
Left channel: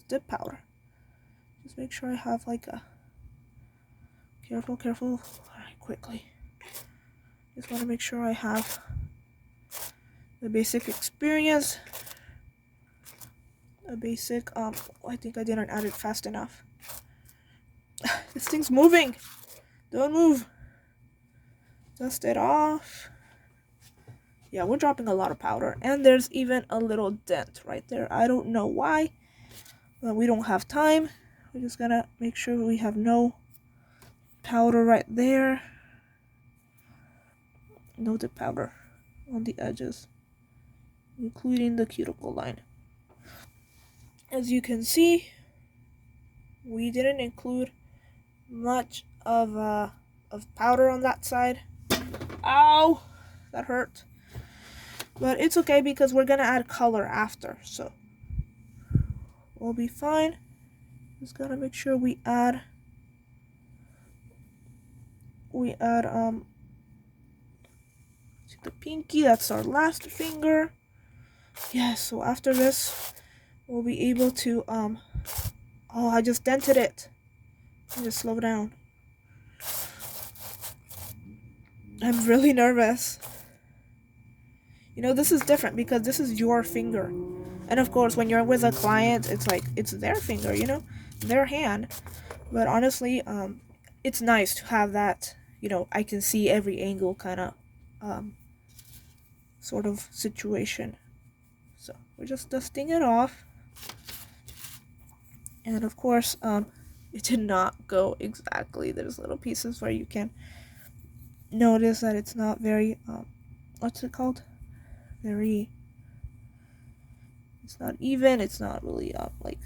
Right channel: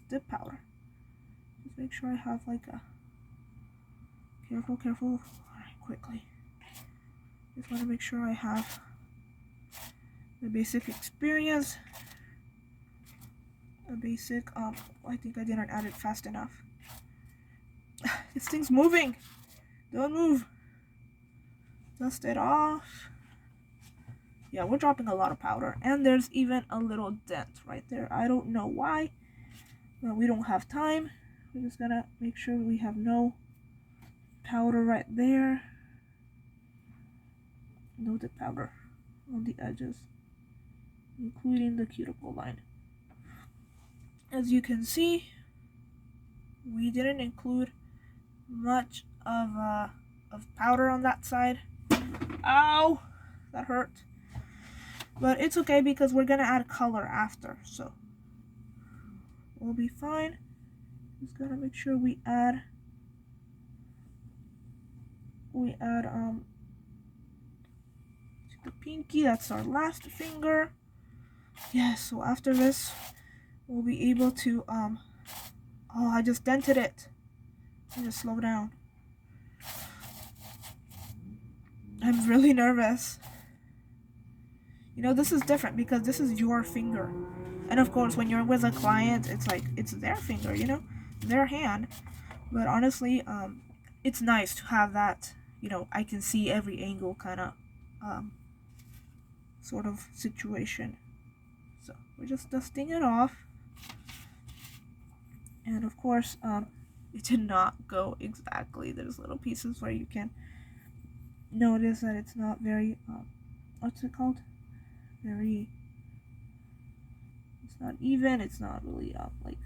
dip powder. Just make sure I have like a careful. All right, quickly. Just want to make sure I have the basic experience. A basic I think I didn't add it fast enough. This thing's moving. Don't move. Dust it off. Yeah, we're dropping a lot of powder, and there's even a little dent right there. I don't know why, but we don't have time. We're just gonna make sure we have no powder right there. No dip powder on the edges, including the cuticle line. As you can see, we didn't include much of powder on that side. Ow! That hurt. But it's okay because we're gonna add color after, so we'll be fine. Just gotta make sure we add to the pinky. That's our last finger. Yes, so after this we'll be able to Oh, I just dented it. Let me just slow down. I'm really nervous. You know, this is different because this is your finger. And of course, when you're with a client, it's like, it's their finger, you know, their hand. But honestly, it's nice to have that, you know, I can see every angle kind of sort of situation. So we're just dusting it off. And of course, it did not go exactly. There's little pieces where you can notice that it's not very, what's it called? It's not even, it's not really, like,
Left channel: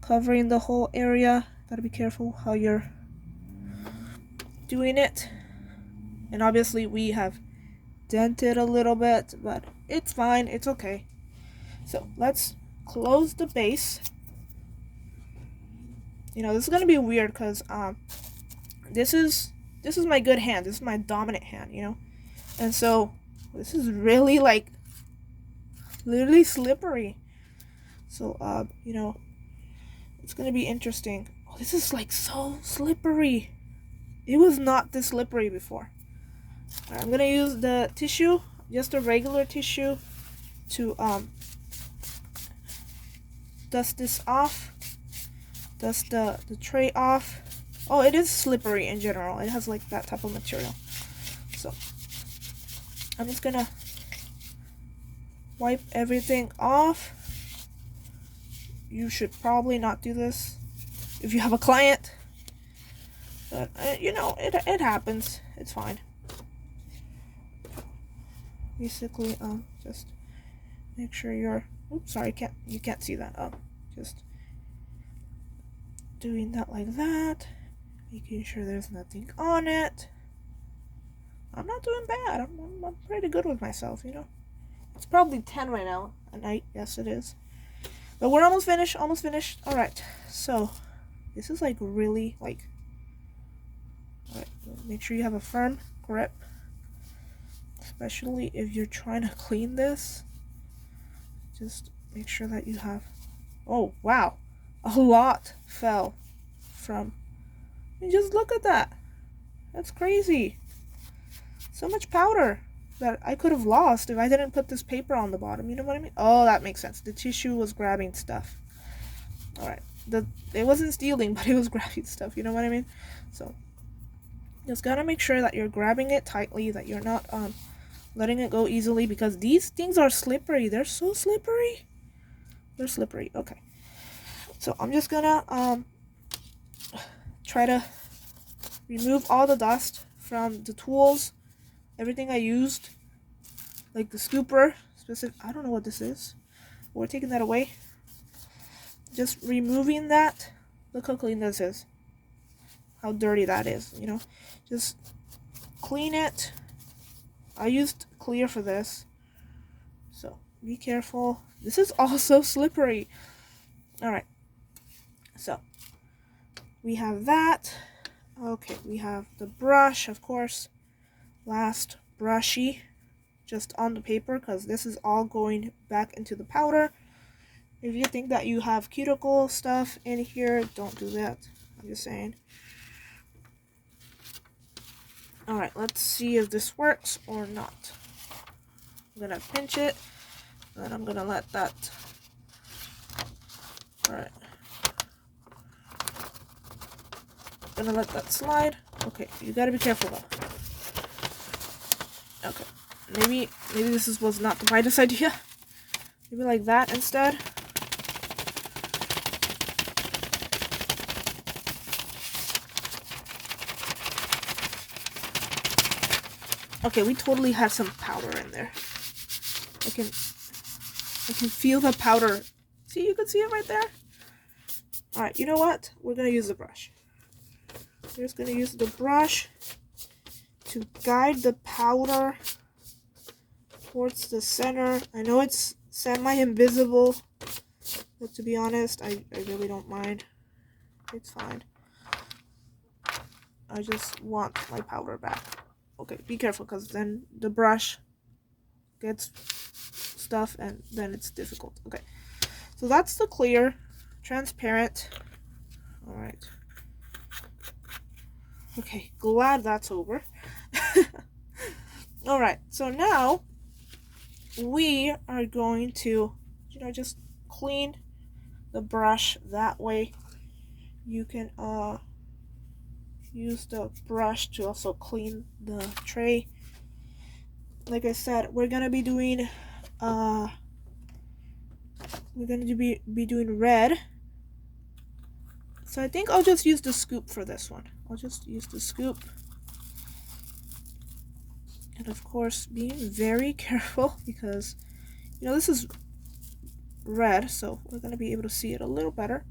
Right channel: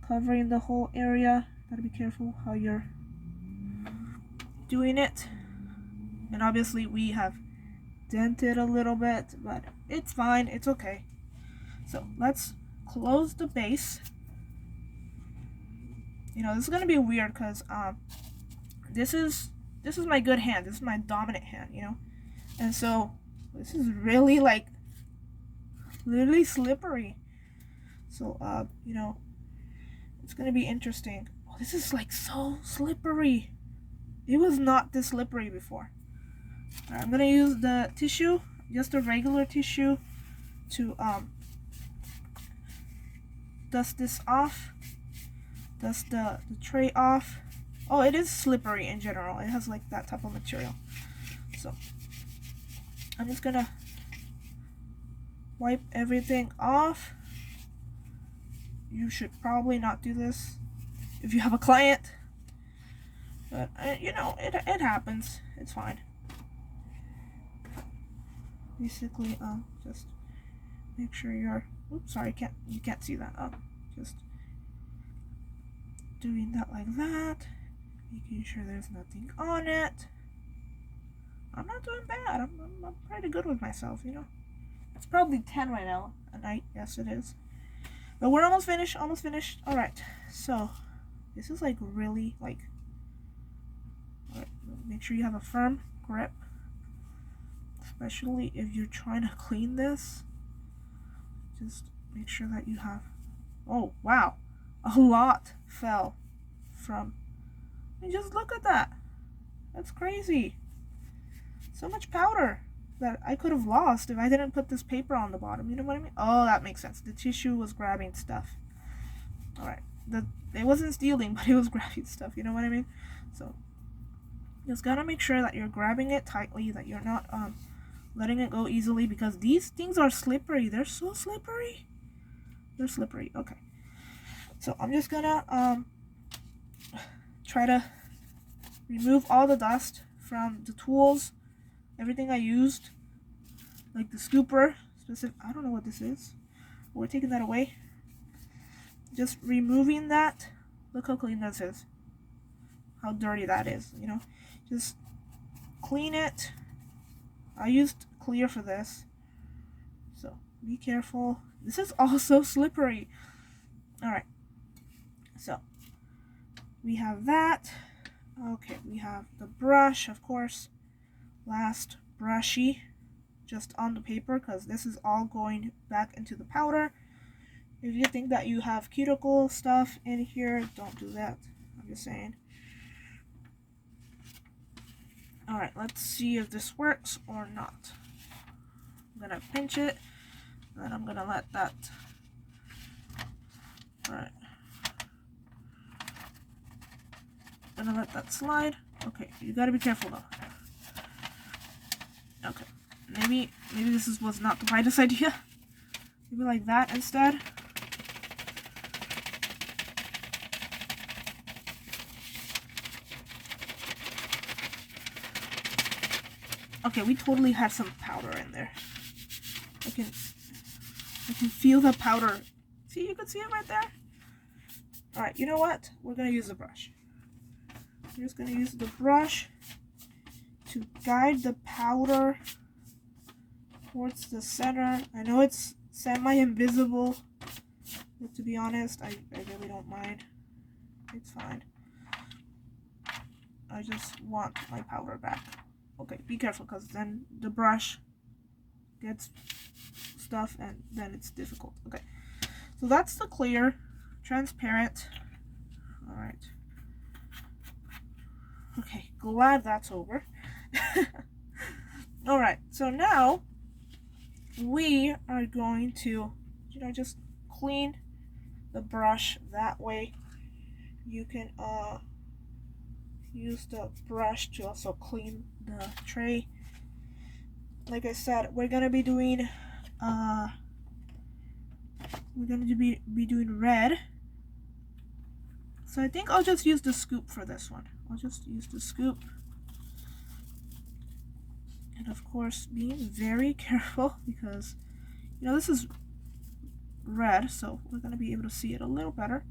covering the whole area. Gotta be careful how you're doing it. And obviously we have dented a little bit, but it's fine, it's okay. So let's close the base. You know, this is gonna be weird because this is my good hand. This is my dominant hand, you know? And so this is really like literally slippery. So you know, it's gonna be interesting. Oh, this is like so slippery. It was not this slippery before. Right, I'm gonna use the tissue, just a regular tissue, to dust this off, dust the tray off. Oh, it is slippery in general. It has like that type of material. So I'm just gonna wipe everything off. You should probably not do this if you have a client, but you know, it happens. It's fine. Basically, just make sure you're, oops, sorry, you can't see that. Just doing that like that, making sure there's nothing on it. I'm not doing bad. I'm pretty good with myself, you know. It's probably 10 right now at night. Yes, it is. But we're almost finished. Almost finished. All right. So this is like really like. All right. Make sure you have a firm grip, especially if you're trying to clean this. Just make sure that you have. Oh wow, a lot fell from. And just look at that. That's crazy. So much powder that I could have lost if I didn't put this paper on the bottom. You know what I mean? Oh, that makes sense. The tissue was grabbing stuff. All right. It wasn't stealing, but it was grabbing stuff. You know what I mean? So just gotta make sure that you're grabbing it tightly, that you're not letting it go easily, because these things are slippery. They're so slippery. They're slippery. Okay. So I'm just gonna try to remove all the dust from the tools, everything I used, like the scooper, specific. I don't know what this is. We're taking that away. Just removing that. Look how clean this is. How dirty that is, you know. Just clean it. I used clear for this, so be careful. This is also slippery. All right, so we have that. Okay, we have the brush, of course. Last brushy, just on the paper, because this is all going back into the powder. If you think that you have cuticle stuff in here, don't do that. I'm just saying. Alright, let's see if this works or not. I'm gonna pinch it, then I'm gonna let that. Alright. Gonna let that slide. Okay, you gotta be careful though. Okay, maybe this was not the brightest idea. Maybe like that instead. Okay, we totally have some powder in there. I can feel the powder. See, you can see it right there. All right, you know what? We're gonna use the brush. We're just gonna use the brush to guide the powder towards the center. I know it's semi-invisible, but to be honest, I really don't mind. It's fine. I just want my powder back. Okay, be careful, because then the brush gets stuff and then it's difficult. Okay, so that's the clear, transparent. All right. Okay, glad that's over. All right, so now we are going to, just clean the brush. That way you can use the brush to also clean the tray. Like I said, we're gonna be doing red. So I think I'll just use the scoop for this one. I'll just use the scoop. And of course, being very careful because, this is red, so we're going to be able to see it a little better.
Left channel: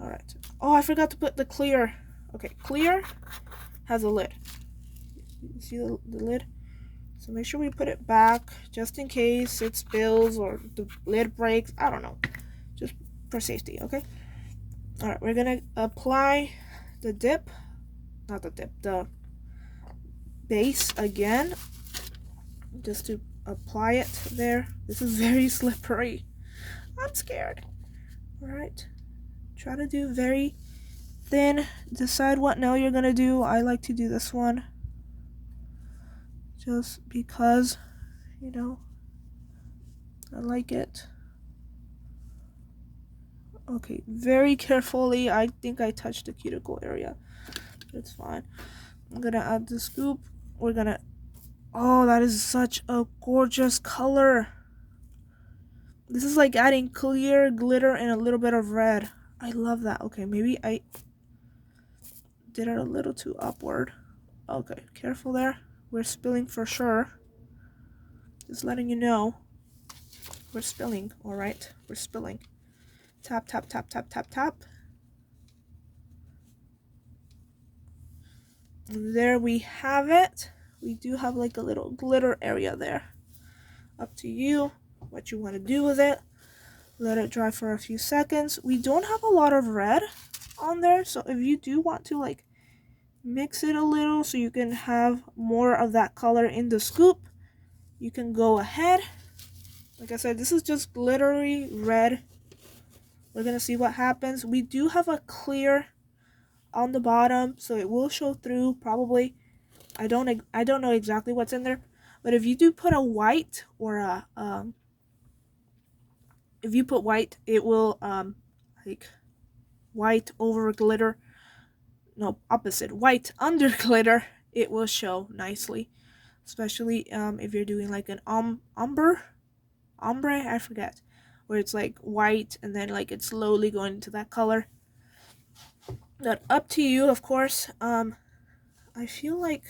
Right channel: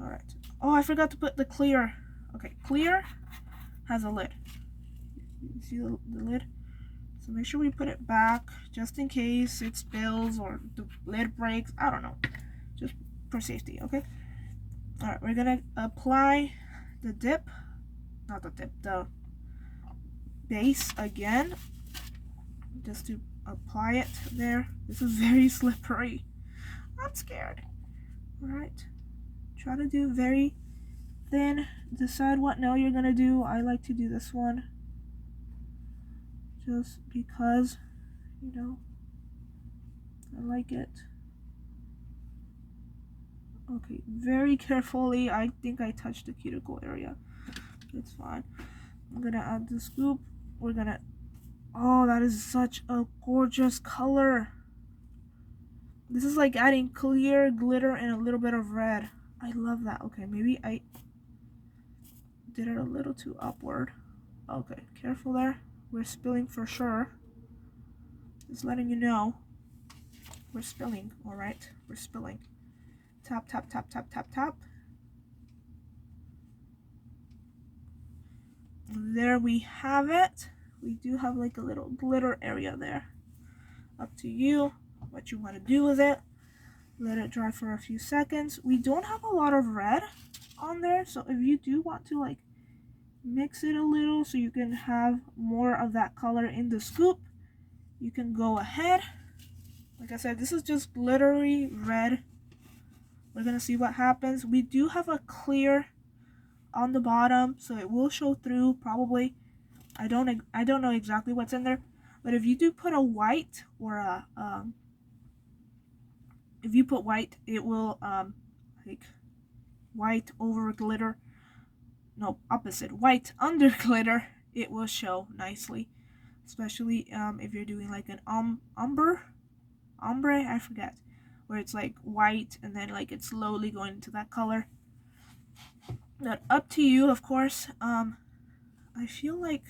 All right. Oh, I forgot to put the clear. Okay, clear has a lid. You see the lid? So make sure we put it back just in case it spills or the lid breaks. I don't know. Just for safety, okay? All right, we're going to apply the the base again, just to apply it there. This is very slippery. I'm scared. All right, try to do very thin. Decide what nail you're gonna do. I like to do this one just because, I like it. Okay, very carefully. I think I touched the cuticle area. It's fine. I'm gonna add the scoop. We're gonna, oh, that is such a gorgeous color. This is like adding clear glitter and a little bit of red. I love that. Okay, maybe I did it a little too upward. Okay, careful there. We're spilling for sure. Just letting you know. We're spilling, all right? We're spilling. Tap, tap, tap, tap, tap, tap. There we have it. We do have like a little glitter area there. Up to you what you want to do with it. Let it dry for a few seconds. We don't have a lot of red on there, so if you do want to like mix it a little so you can have more of that color in the scoop, you can go ahead. Like I said, this is just glittery red. We're gonna see what happens. We do have a clear on the bottom, so it will show through probably. I don't know exactly what's in there, but if you do put a white or a if you put white, it will like white over glitter. No, opposite. White under glitter, it will show nicely, especially if you're doing like an ombre, I forget, where it's like white and then like it's slowly going into that color. But up to you, of course. I feel like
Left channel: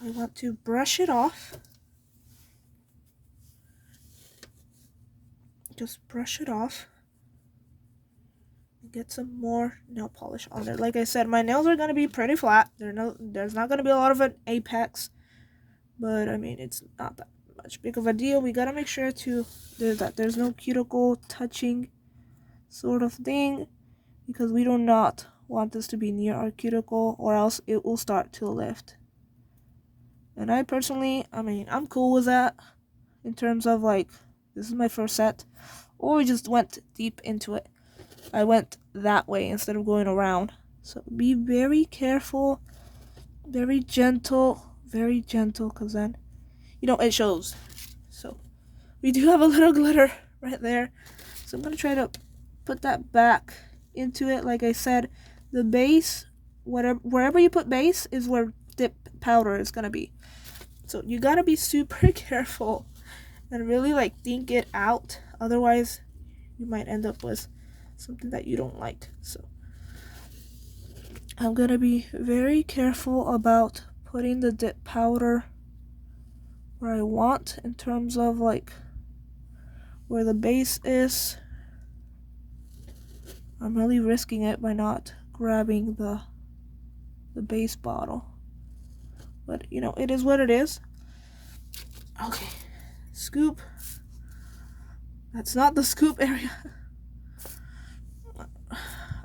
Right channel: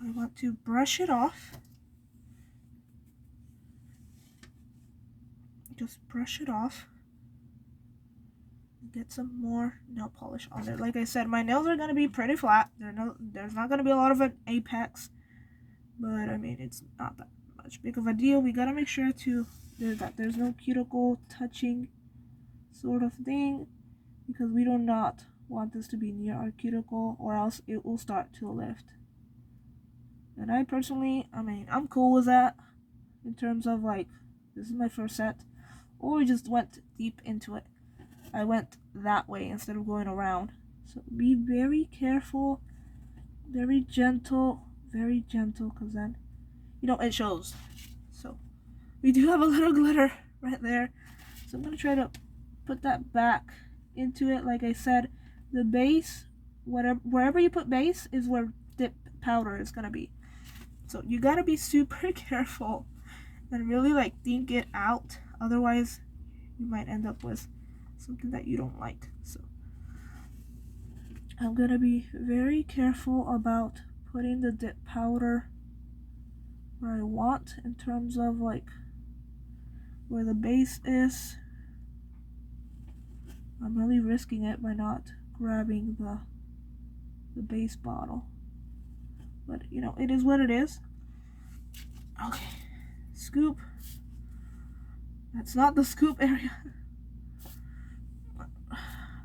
I want to brush it off. Just brush it off. Get some more nail polish on there. Like I said, my nails are gonna be pretty flat. There's not gonna be a lot of an apex, but I mean it's not that much big of a deal. We gotta make sure to there's no cuticle touching sort of thing, because we do not want this to be near our cuticle, or else it will start to lift. And I personally, I'm cool with that in terms of like, this is my first set, or we just went deep into it. I went that way instead of going around. So be very careful, very gentle, because then, it shows. So we do have a little glitter right there. So I'm going to try to put that back into it. Like I said, the base, wherever you put base is where dip powder is going to be. So you got to be super careful and really like think it out. Otherwise, you might end up with something that you don't like. So I'm gonna be very careful about putting the dip powder where I want, in terms of like where the base is. I'm really risking it by not grabbing the base bottle, but it is what it is. Okay, scoop. That's not the scoop area.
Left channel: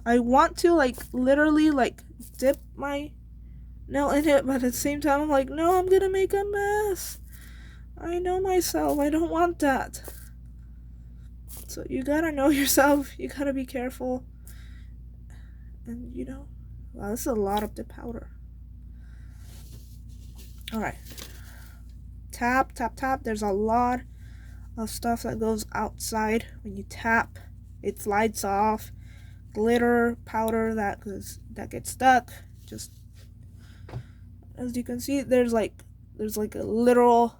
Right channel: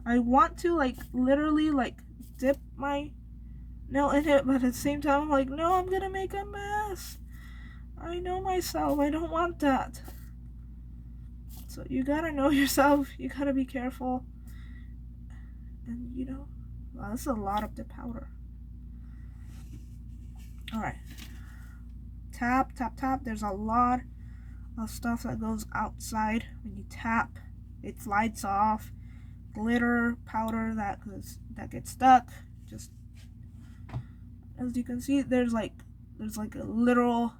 I want to like literally like dip my nail in it, but at the same time I'm like, no, I'm gonna make a mess. I know myself. I don't want that. So you gotta know yourself. You gotta be careful. And you know, wow, this is a lot of the powder. Alright. Tap, tap, tap. There's a lot of stuff that goes outside when you tap. It slides off. Glitter, powder that gets stuck. Just as you can see, there's like a literal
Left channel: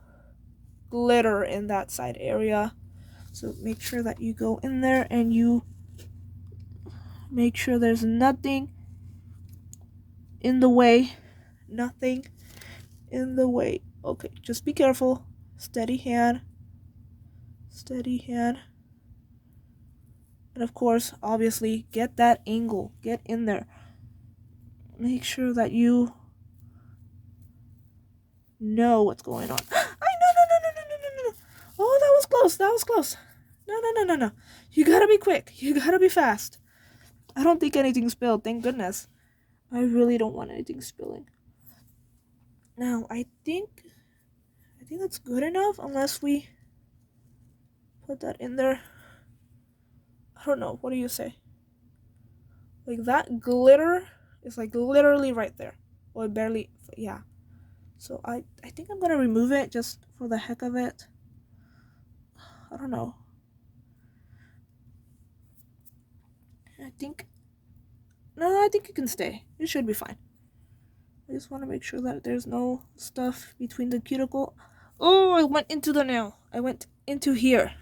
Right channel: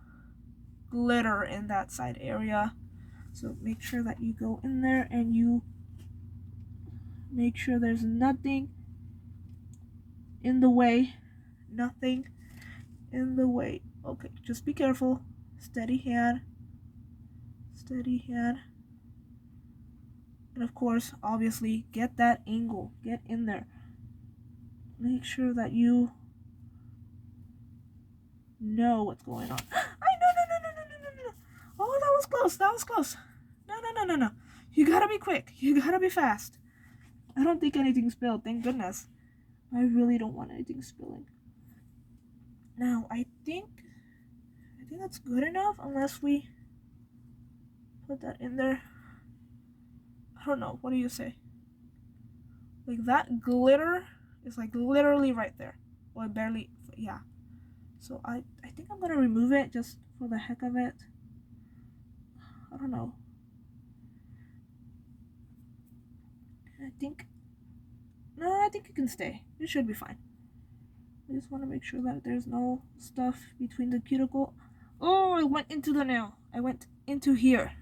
glitter in that side area. So make sure that you go in there and you make sure there's nothing in the way. Nothing in the way. Okay, just be careful. Steady hand. Steady hand. And of course, obviously, get that angle. Get in there. Make sure that you know what's going on. No. Oh, that was close. That was close. No. You gotta be quick. You gotta be fast. I don't think anything spilled. Thank goodness. I really don't want anything spilling. Now, I think that's good enough unless we put that in there. I don't know. What do you say? Like that glitter is like literally right there. Or barely, yeah. So I think I'm gonna remove it just for the heck of it. I don't know. I think it can stay. It should be fine. I just want to make sure that there's no stuff between the cuticle. Oh, I went into the nail. I went into here.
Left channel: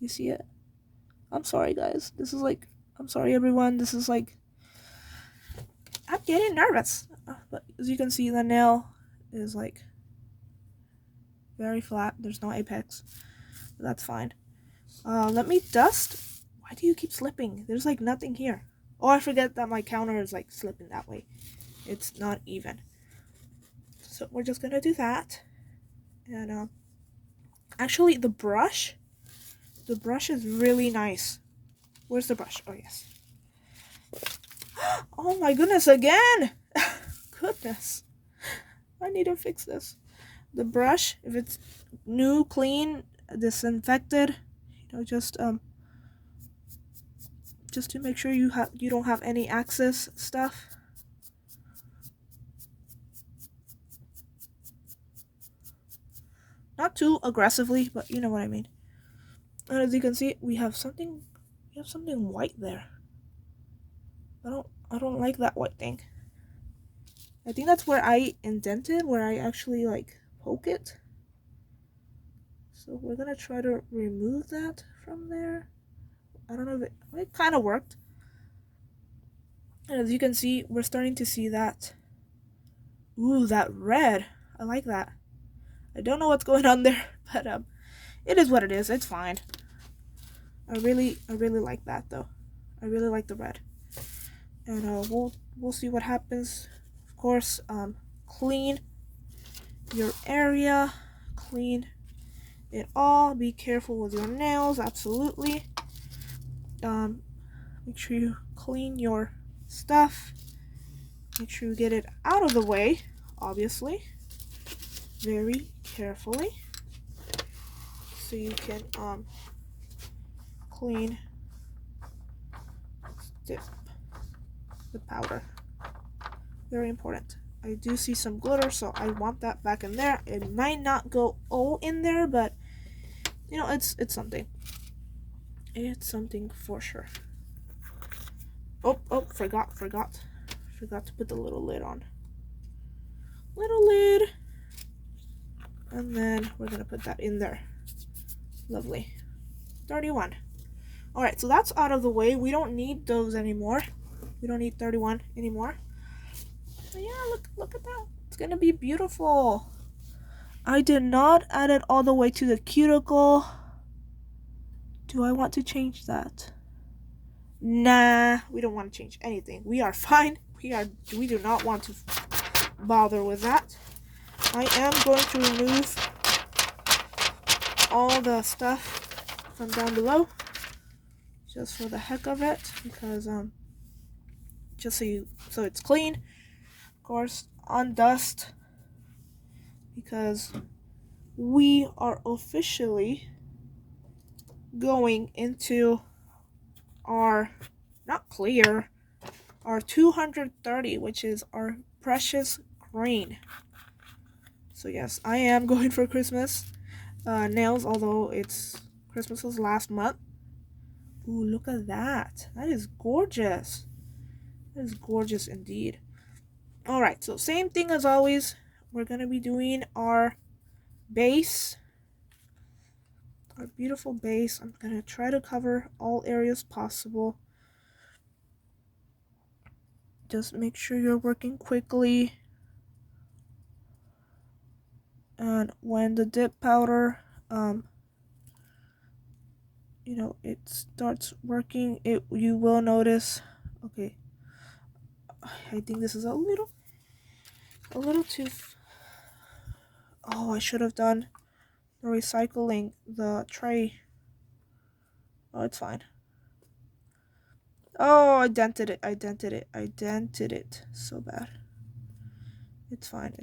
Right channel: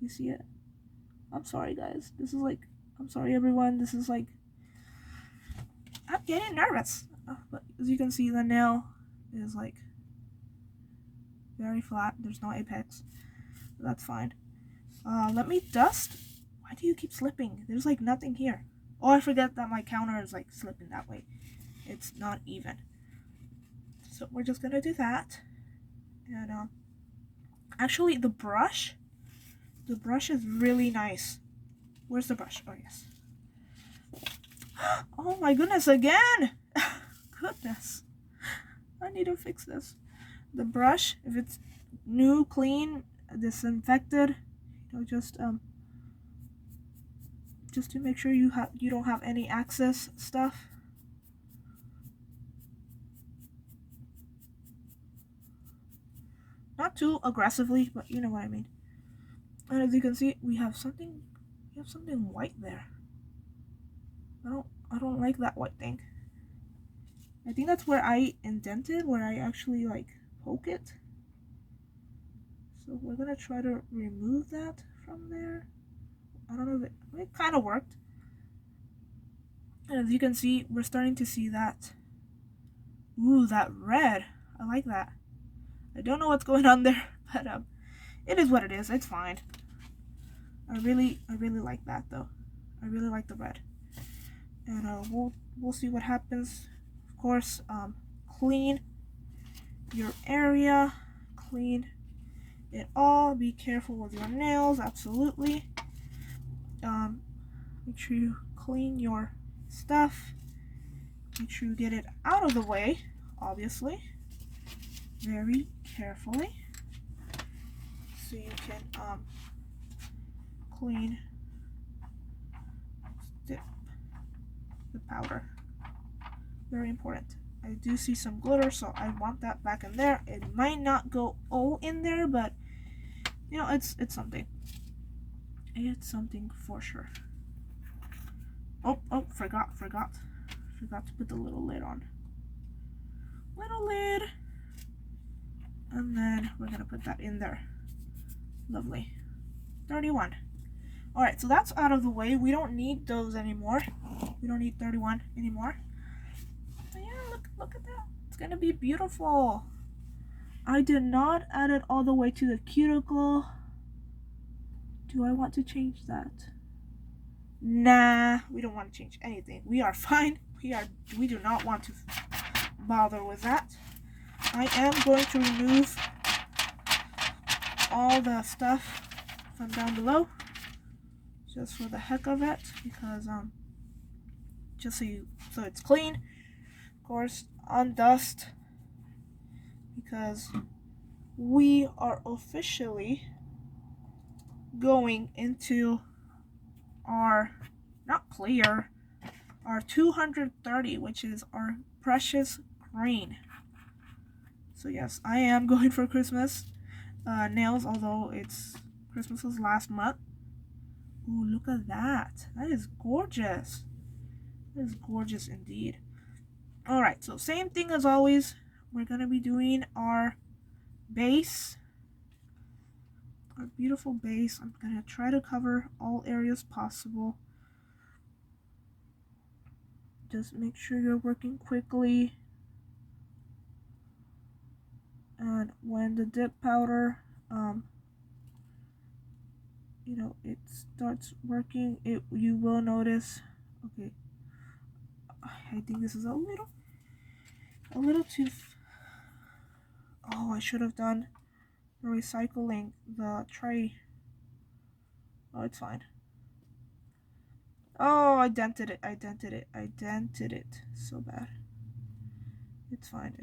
You see it? I'm sorry, guys. I'm sorry, everyone. This is like, I'm getting nervous. But as you can see, the nail is like very flat. There's no apex. That's fine. Let me dust. Why do you keep slipping? There's like nothing here. Oh, I forget that my counter is like slipping that way. It's not even. So we're just gonna do that. And actually the brush is really nice. Where's the brush? Oh, yes. Oh my goodness, again! Goodness. I need to fix this. The brush, if it's new, clean, disinfected, you know, just to make sure you don't have any excess stuff. Not too aggressively, but you know what I mean. And as you can see, we have something white there. I don't like that white thing. I think that's where I indented, where I actually like poke it. So we're gonna try to remove that from there. I don't know if it kind of worked. And as you can see, we're starting to see that. Ooh, that red. I like that. I don't know what's going on there, but it is what it is. It's fine. I really like that though. I really like the red. And we'll see what happens. Of course, clean your area, clean it all. Be careful with your nails, absolutely. Make sure you clean your stuff. Make sure you get it out of the way, obviously, very carefully, so you can clean the powder. Very important. I do see some glitter, so I want that back in there. It might not go all in there, but you know, it's something. It's something for sure. Oh, forgot to put the little lid on. Little lid. And then we're gonna put that in there. Lovely. 31. Alright, so that's out of the way. We don't need those anymore. We don't need 31 anymore. So yeah, look at that. It's gonna be beautiful. I did not add it all the way to the cuticle. Do I want to change that? Nah, we don't want to change anything. We are fine. We do not want to bother with that. I am going to remove all the stuff from down below, just for the heck of it, because just so it's clean. Of course, on dust, because we are officially going into our, not clear, our 230, which is our precious green. So yes, I am going for Christmas nails, although Christmas was last month. Ooh, look at that. That is gorgeous. That is gorgeous indeed. Alright, so same thing as always. We're going to be doing our base. Our beautiful base. I'm going to try to cover all areas possible. Just make sure you're working quickly. And when the dip powder, it starts working, you will notice. Okay, I think this is a little too. Oh, I should have done the recycling the tray. Oh, it's fine. Oh, I dented it. I dented it so bad. It's fine.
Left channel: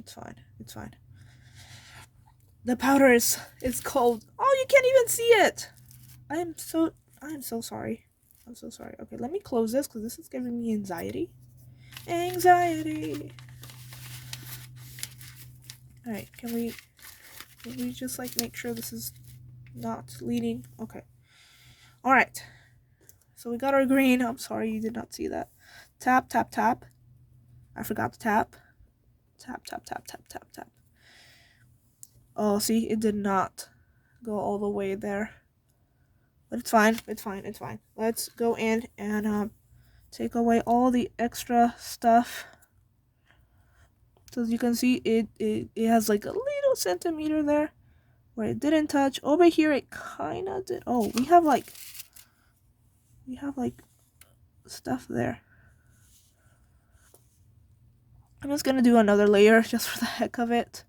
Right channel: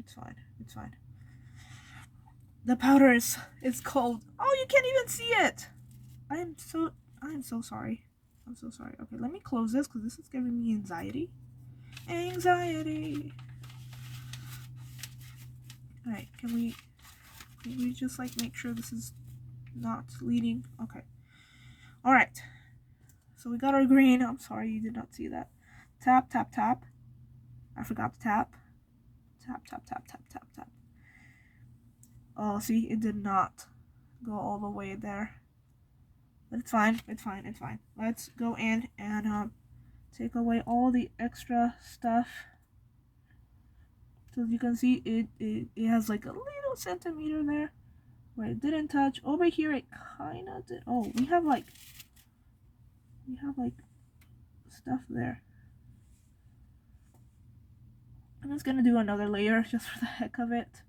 The powder is cold. Oh, you can't even see it. I am so sorry. I'm so sorry. Okay, let me close this because this is giving me anxiety. Alright, can we just like make sure this is not leading? Okay. Alright. So we got our green. I'm sorry you did not see that. Tap, tap, tap. I forgot to tap. Tap, tap, tap, tap, tap, tap. Oh, see, it did not go all the way there. But it's fine. Let's go in and take away all the extra stuff. So as you can see, it has like a little centimeter there where it didn't touch. Over here, it kind of did. Oh, we have like stuff there. I'm just gonna do another layer just for the heck of it.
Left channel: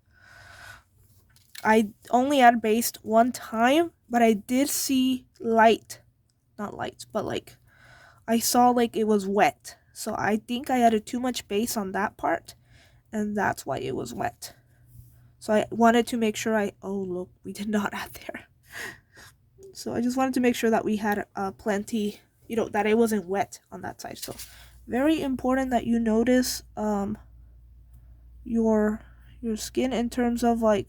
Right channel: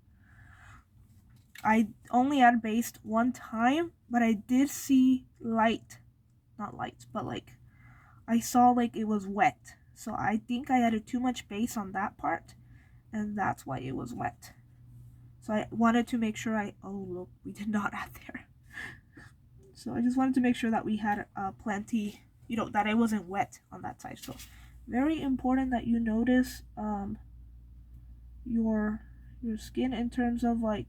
I only added base one time, but I did see light. Not light, but like I saw like it was wet. So I think I added too much base on that part, and that's why it was wet. So I wanted to make sure oh look, we did not add there. So I just wanted to make sure that we had plenty, that it wasn't wet on that side. So very important that you notice your skin in terms of like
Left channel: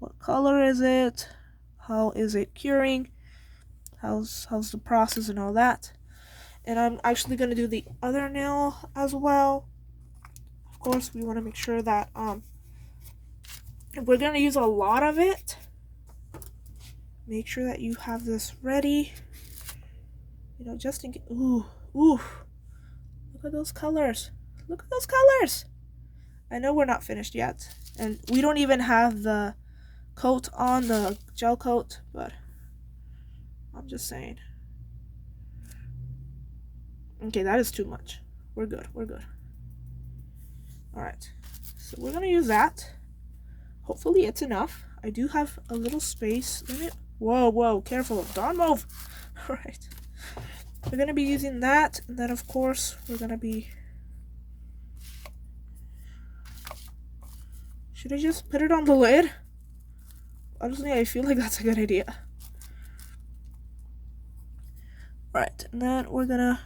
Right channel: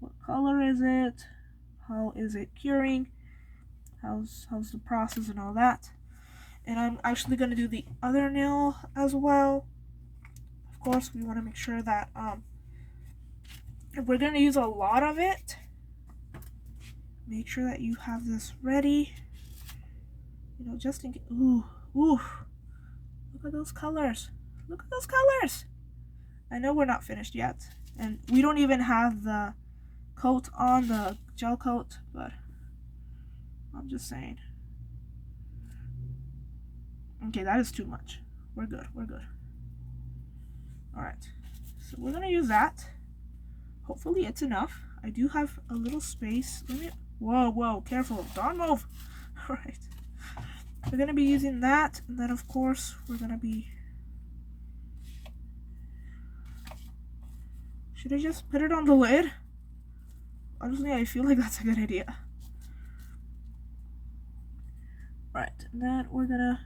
what color is it, how is it curing, how's the process and all that. And I'm actually going to do the other nail as well. Of course, we want to make sure that if we're going to use a lot of it, make sure that you have this ready, just in case. Ooh, look at those colors. I know we're not finished yet, and we don't even have the coat on, the gel coat, but I'm just saying. Okay, that is too much. We're good. Alright, so we're gonna use that. Hopefully it's enough. I do have a little space limit. Whoa, careful, don't move. Alright, we're gonna be using that, and then of course we're gonna be, should I just put it on the lid? Honestly, I feel like that's a good idea. Right, and then we're gonna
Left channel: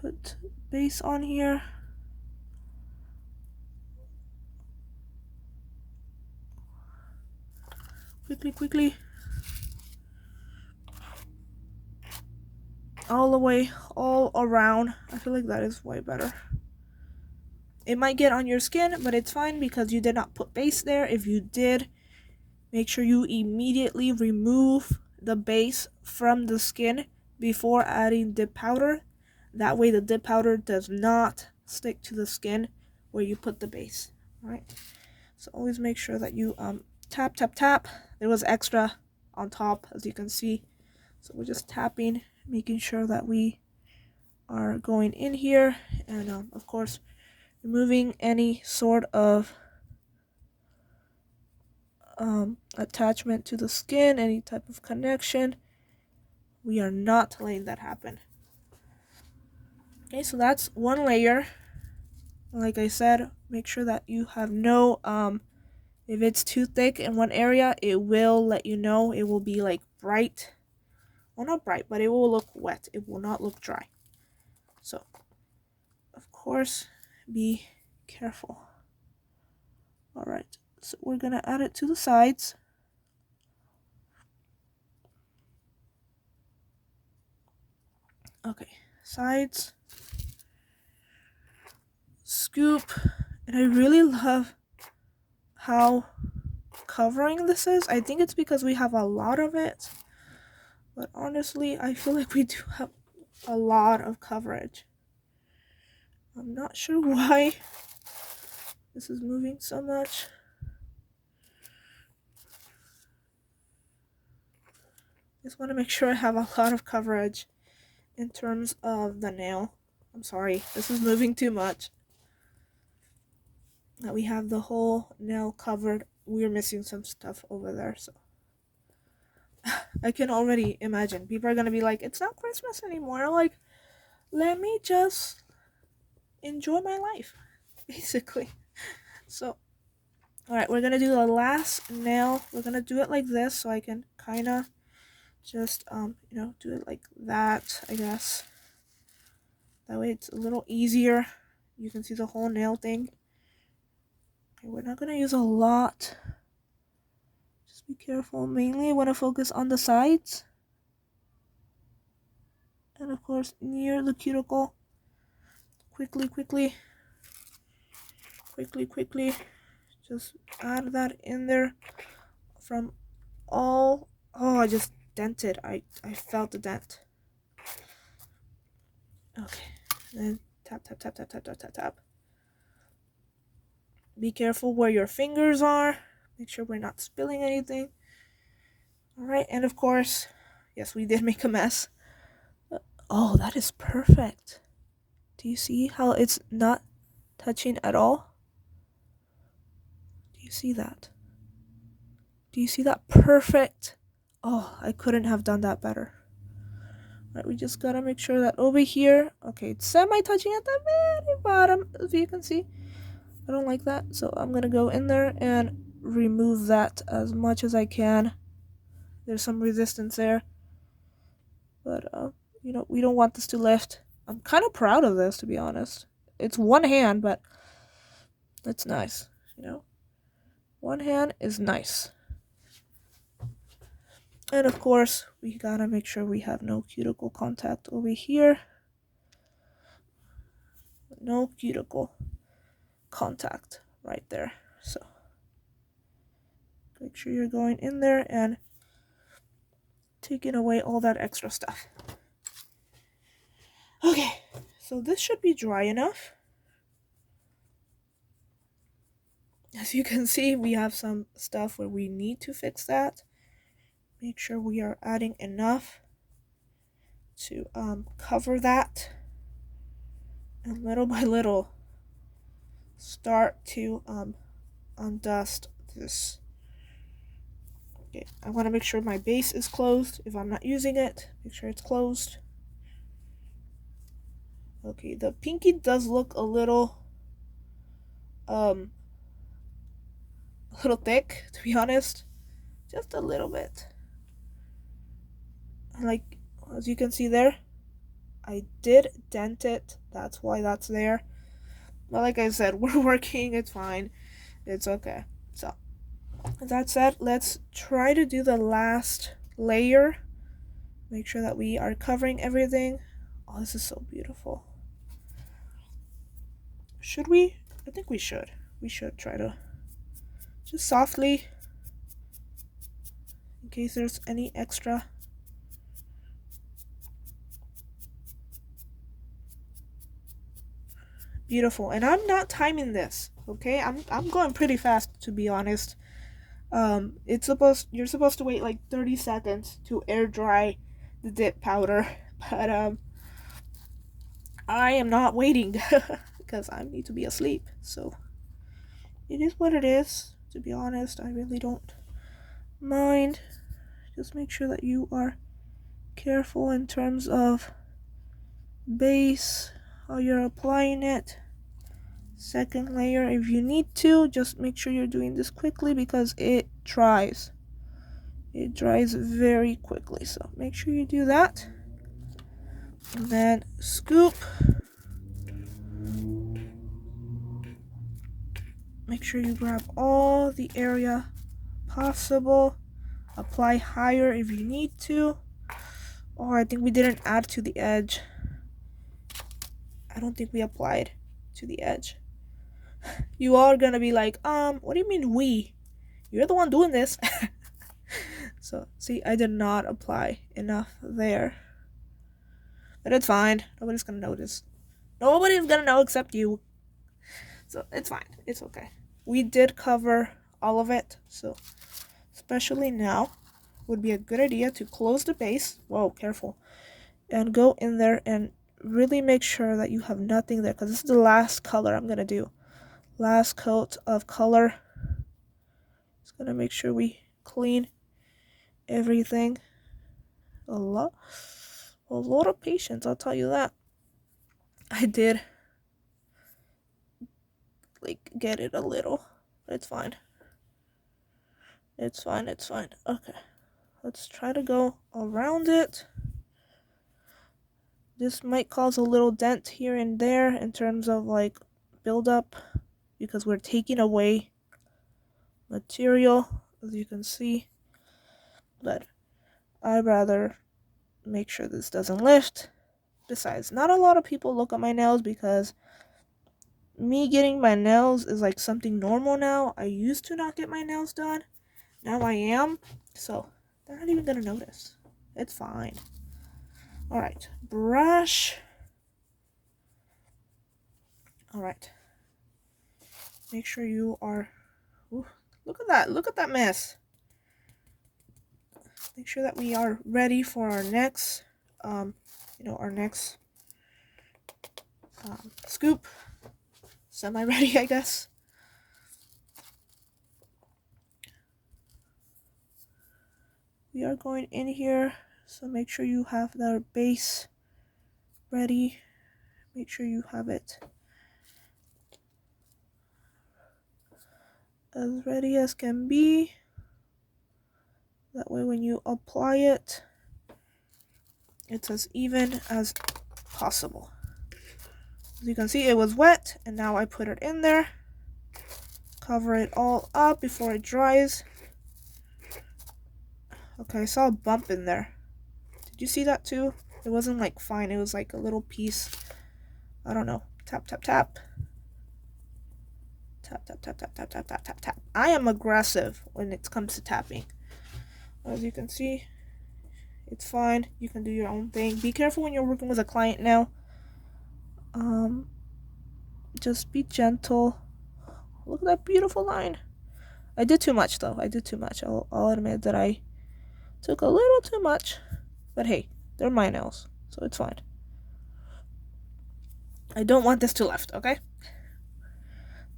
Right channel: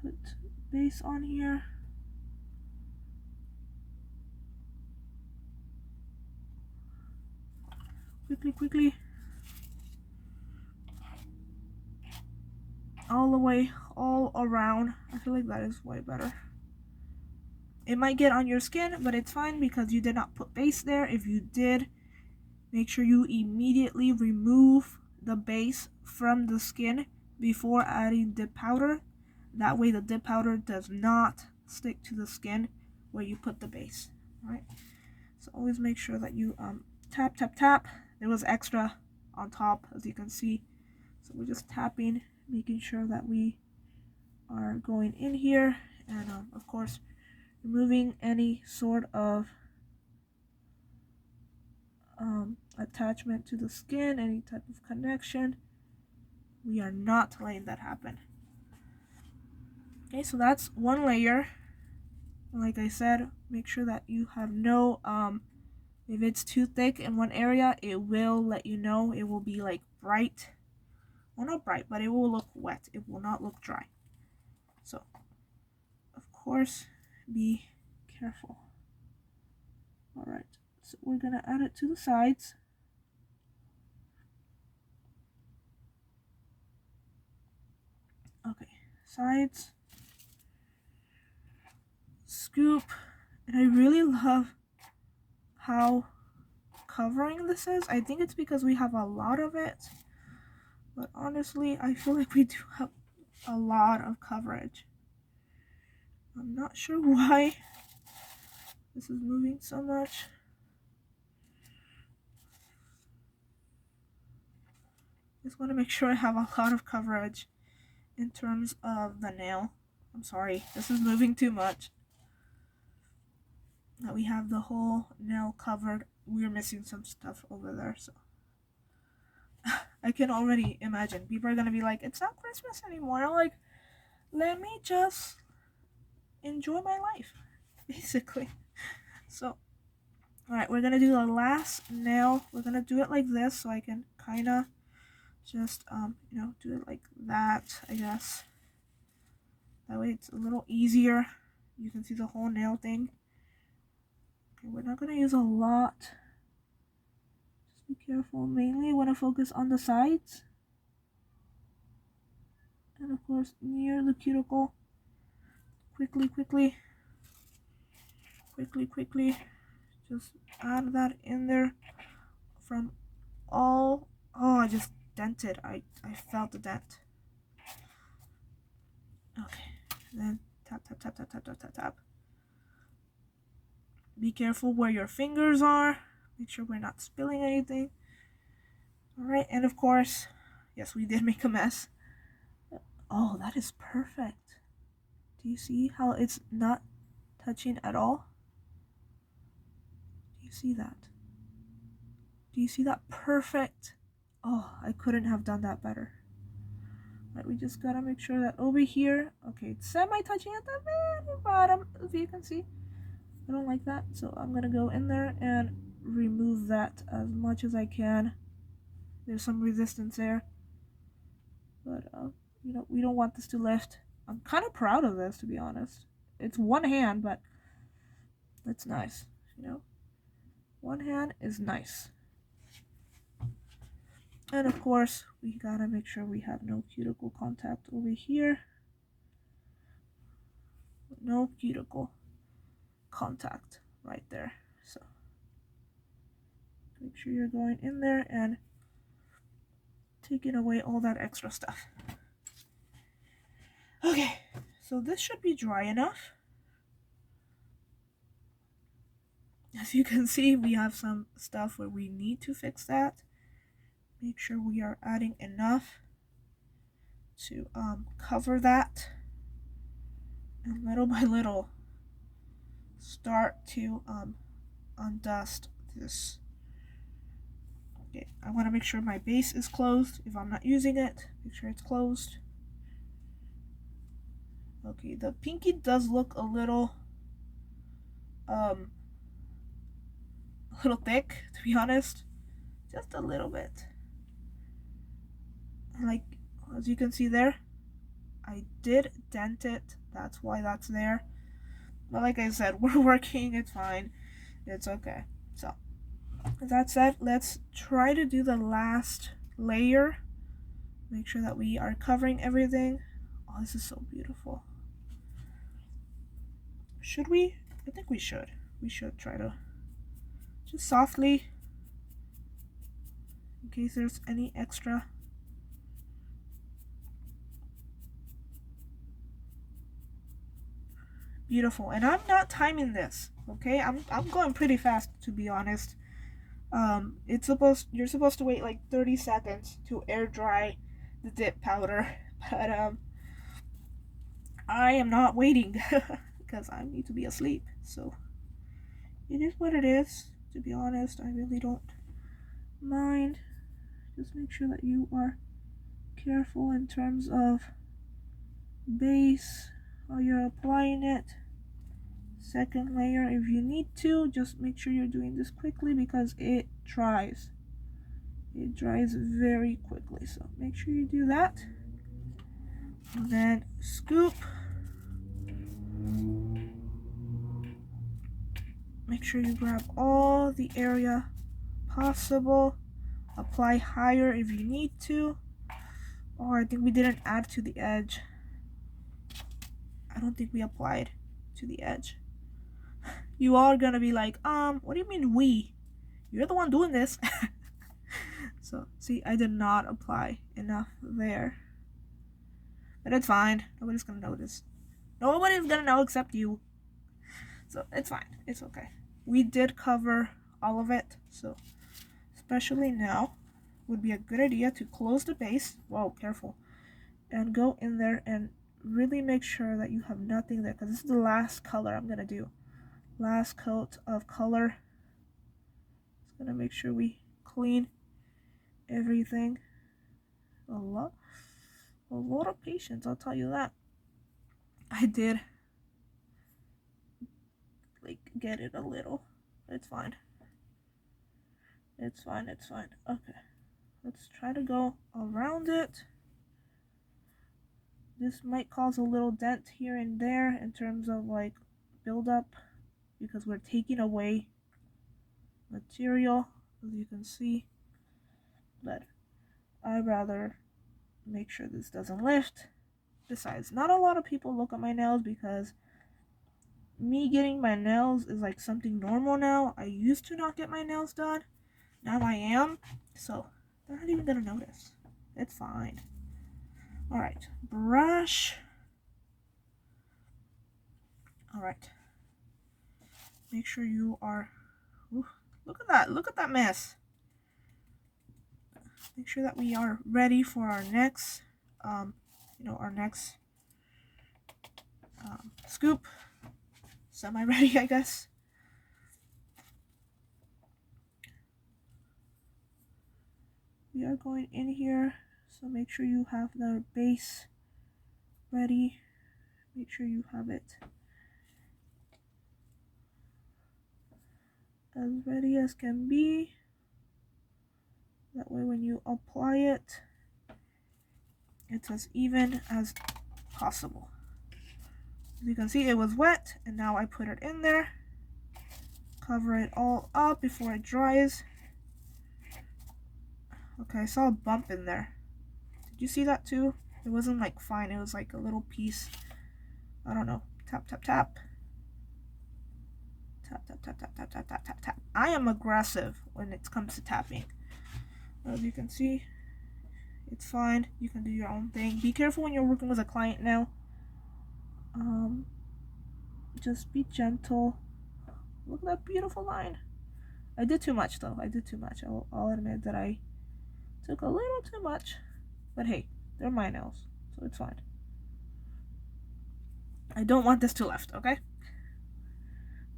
put base on here. Quickly. All the way, all around. I feel like that is way better. It might get on your skin, but it's fine because you did not put base there. If you did, make sure you immediately remove the base from the skin before adding dip powder. That way the dip powder does not stick to the skin where you put the base. Alright, so always make sure that you tap. There was extra on top, as you can see, so we're just tapping, making sure that we are going in here, and of course removing any sort of attachment to the skin, any type of connection. We are not letting that happen. Okay, so that's one layer. Like I said, make sure that you have no If it's too thick in one area, it will let you know. It will be like bright. Well, not bright, but it will look wet. It will not look dry. So, of course, be careful. All right, so we're gonna add it to the sides. Okay, sides. Scoop. And I really love how covering this is. I think it's because we have a lot of it. But honestly, I feel like we do have a lot of coverage. I'm not sure why this is moving so much. Just want to make sure I have a lot of coverage in terms of the nail. I'm sorry, this is moving too much. That we have the whole nail covered. We're missing some stuff over there, so I can already imagine people are gonna be like, it's not Christmas anymore. Like, let me just enjoy my life, basically. So, all right, we're gonna do the last nail. We're gonna do it like this, so I can kind of just do it like that, I guess. That way it's a little easier. You can see the whole nail thing. Okay, we're not gonna use a lot. Just be careful. Mainly I want to focus on the sides. And of course near the cuticle. Quickly. Just add that in there from all. Oh, I just dented. I felt the dent. Okay. Then tap. Be careful where your fingers are. Make sure we're not spilling anything. Alright, and of course, yes, we did make a mess. Oh, that is perfect. Do you see how it's not touching at all? Do you see that? Do you see that? Perfect. Oh, I couldn't have done that better. Alright, we just gotta make sure that over here, okay, it's semi-touching at the very bottom, as you can see. I don't like that, so I'm gonna go in there and remove that as much as I can. There's some resistance there, but we don't want this to lift. I'm kind of proud of this, to be honest. It's one hand, but it's nice. One hand is nice. And of course, we gotta make sure we have no cuticle contact over here. No cuticle contact right there. So make sure you're going in there and taking away all that extra stuff. Okay, so this should be dry enough. As you can see, we have some stuff where we need to fix that. Make sure we are adding enough to cover that. And little by little, start to undust this. Okay, I want to make sure my base is closed. If I'm not using it, make sure it's closed. Okay, the pinky does look a little thick, to be honest. Just a little bit. Like, as you can see there, I did dent it. That's why that's there. But like I said, we're working. It's fine. It's okay. So, with that said, let's try to do the last layer. Make sure that we are covering everything. Oh, this is so beautiful. Should we? I think we should. We should try to just softly, in case there's any extra. Beautiful. And I'm not timing this, okay? I'm going pretty fast, to be honest. You're supposed to wait like 30 seconds to air dry the dip powder, but I am not waiting because I need to be asleep. So it is what it is. To be honest, I really don't mind. Just make sure that you are careful in terms of base, how you're applying it. Second layer if you need to. Just make sure you're doing this quickly because it dries. It dries very quickly, so make sure you do that. And then scoop. Make sure you grab all the area possible. Apply higher if you need to. Or I think we didn't add to the edge. I don't think we applied to the edge. You are gonna be like, what do you mean we? You're the one doing this. So, see, I did not apply enough there. But it's fine. Nobody's gonna notice. Nobody's gonna know except you. So, it's fine. It's okay. We did cover all of it. So, especially now, would be a good idea to close the base. Whoa, careful. And go in there and really make sure that you have nothing there. Because this is the last color I'm gonna do. Last coat of color. Just gonna make sure we clean everything. A lot of patience, I'll tell you that. I did get it a little, but it's fine. It's fine. Okay, let's try to go around it. This might cause a little dent here and there in terms of buildup because we're taking away material, as you can see, but I'd rather make sure this doesn't lift. Besides, not a lot of people look at my nails because me getting my nails is something normal now. I used to not get my nails done. Now I am. So they're not even gonna notice. It's fine. Alright. Brush. Alright. Make sure you are... Ooh, look at that. Look at that mess. Make sure that we are ready for our next, our next scoop. Semi-ready, I guess. We are going in here, so make sure you have the base ready. Make sure you have it as ready as can be. That way when you apply it, it's as even as possible. As you can see, it was wet, and now I put it in there. Cover it all up before it dries. Okay, I saw a bump in there. Did you see that too? It wasn't fine. It was a little piece. I don't know. Tap, tap, tap. Tap, tap, tap, tap, tap, tap, tap, tap, tap. I am aggressive when it comes to tapping. As you can see, it's fine. You can do your own thing. Be careful when you're working with a client now. Just be gentle. Look at that beautiful line. I did too much though. I did too much. I'll admit that I took a little too much. But hey, they're my nails, so it's fine. I don't want this to lift, okay?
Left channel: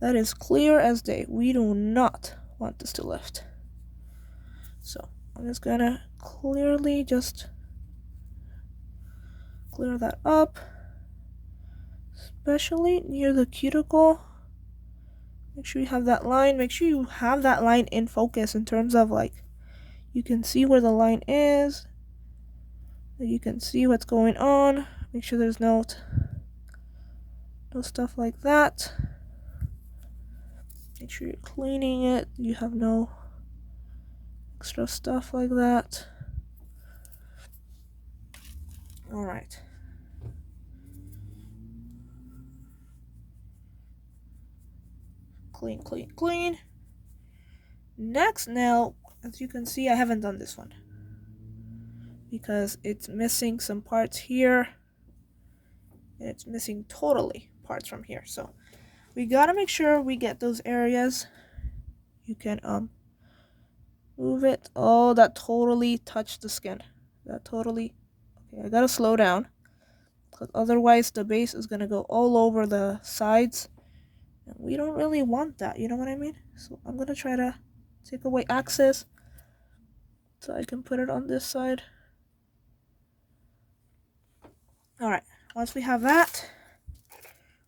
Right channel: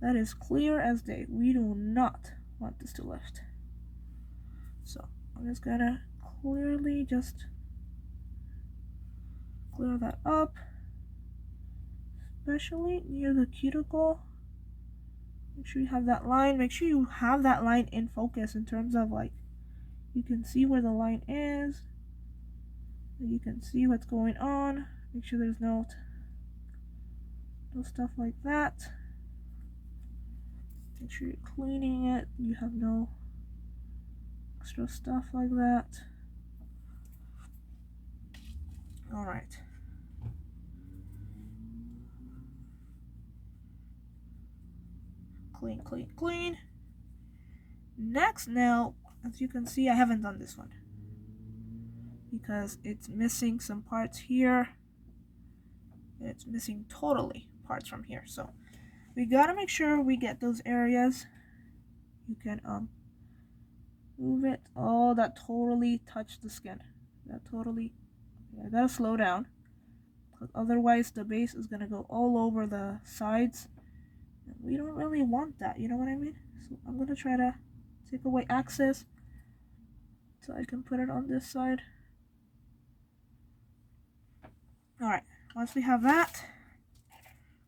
That is clear as day. We do not want this to lift. So I'm just gonna clearly just clear that up, especially near the cuticle. Make sure you have that line. Make sure you have that line in focus in terms of you can see where the line is. You can see what's going on. Make sure there's no stuff like that. Make sure you're cleaning it. You have no extra stuff like that. Alright. Clean, clean, clean. Next nail, as you can see, I haven't done this one because it's missing some parts here. And it's missing totally parts from here. So we gotta make sure we get those areas. You can move it. Oh, that totally touched the skin. That totally... Okay, I gotta slow down, because otherwise the base is gonna go all over the sides, and we don't really want that, you know what I mean? So I'm gonna try to take away access so I can put it on this side. Alright, once we have that,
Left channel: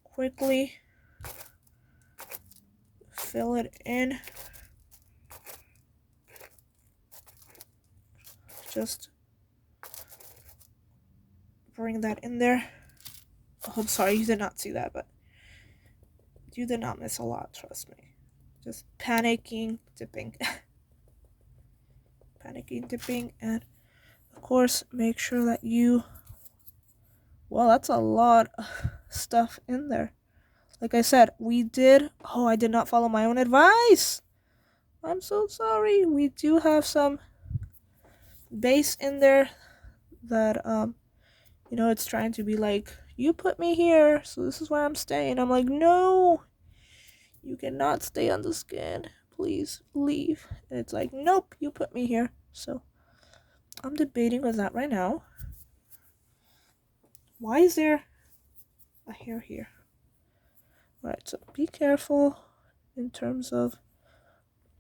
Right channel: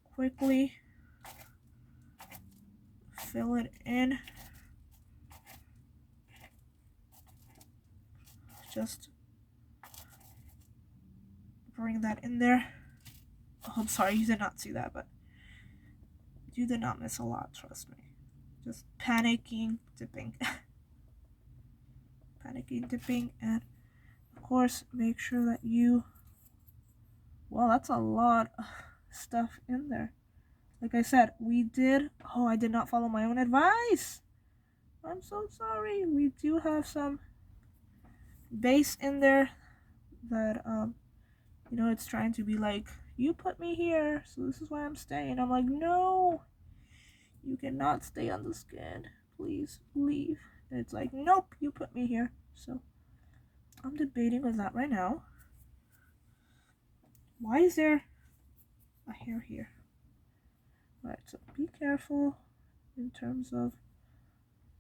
quickly fill it in. Just bring that in there. Oh, I'm sorry, you did not see that, but you did not miss a lot, trust me. Just panicking, dipping. Panicking, dipping, and of course, make sure that you... Well, that's a lot of stuff in there. Like I said, we did... Oh, I did not follow my own advice. I'm so sorry. We do have some base in there that, you know, it's trying to be like, you put me here, so this is where I'm staying. I'm like, no, you cannot stay on the skin. Please leave. And it's like, nope, you put me here. So I'm debating with that right now. Why is there a hair here? Alright, so be careful in terms of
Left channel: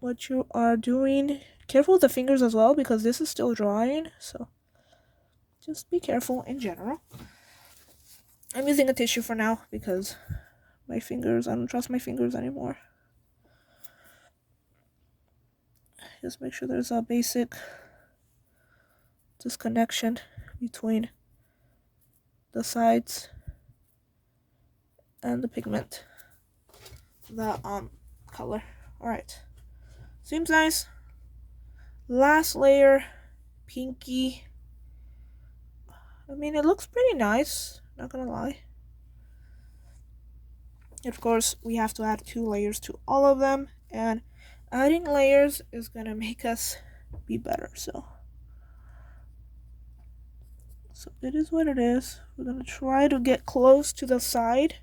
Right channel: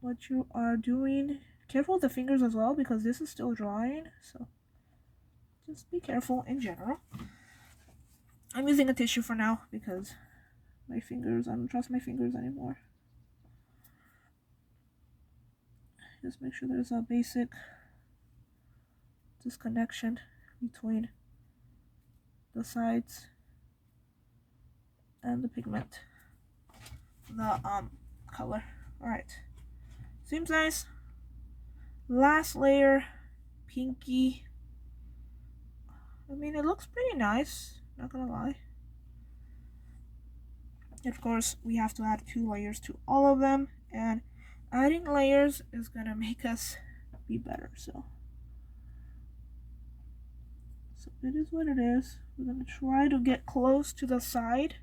what you are doing. Careful with the fingers as well, because this is still drying. So just be careful in general. I'm using a tissue for now because my fingers, I don't trust my fingers anymore. Just make sure there's a basic disconnection between the sides and the pigment, the color. Alright, seems nice. Last layer, pinky. I mean, it looks pretty nice, not gonna lie. Of course, we have to add 2 layers to all of them, and adding layers is gonna make us be better. So it is what it is. We're gonna try to get close to the side,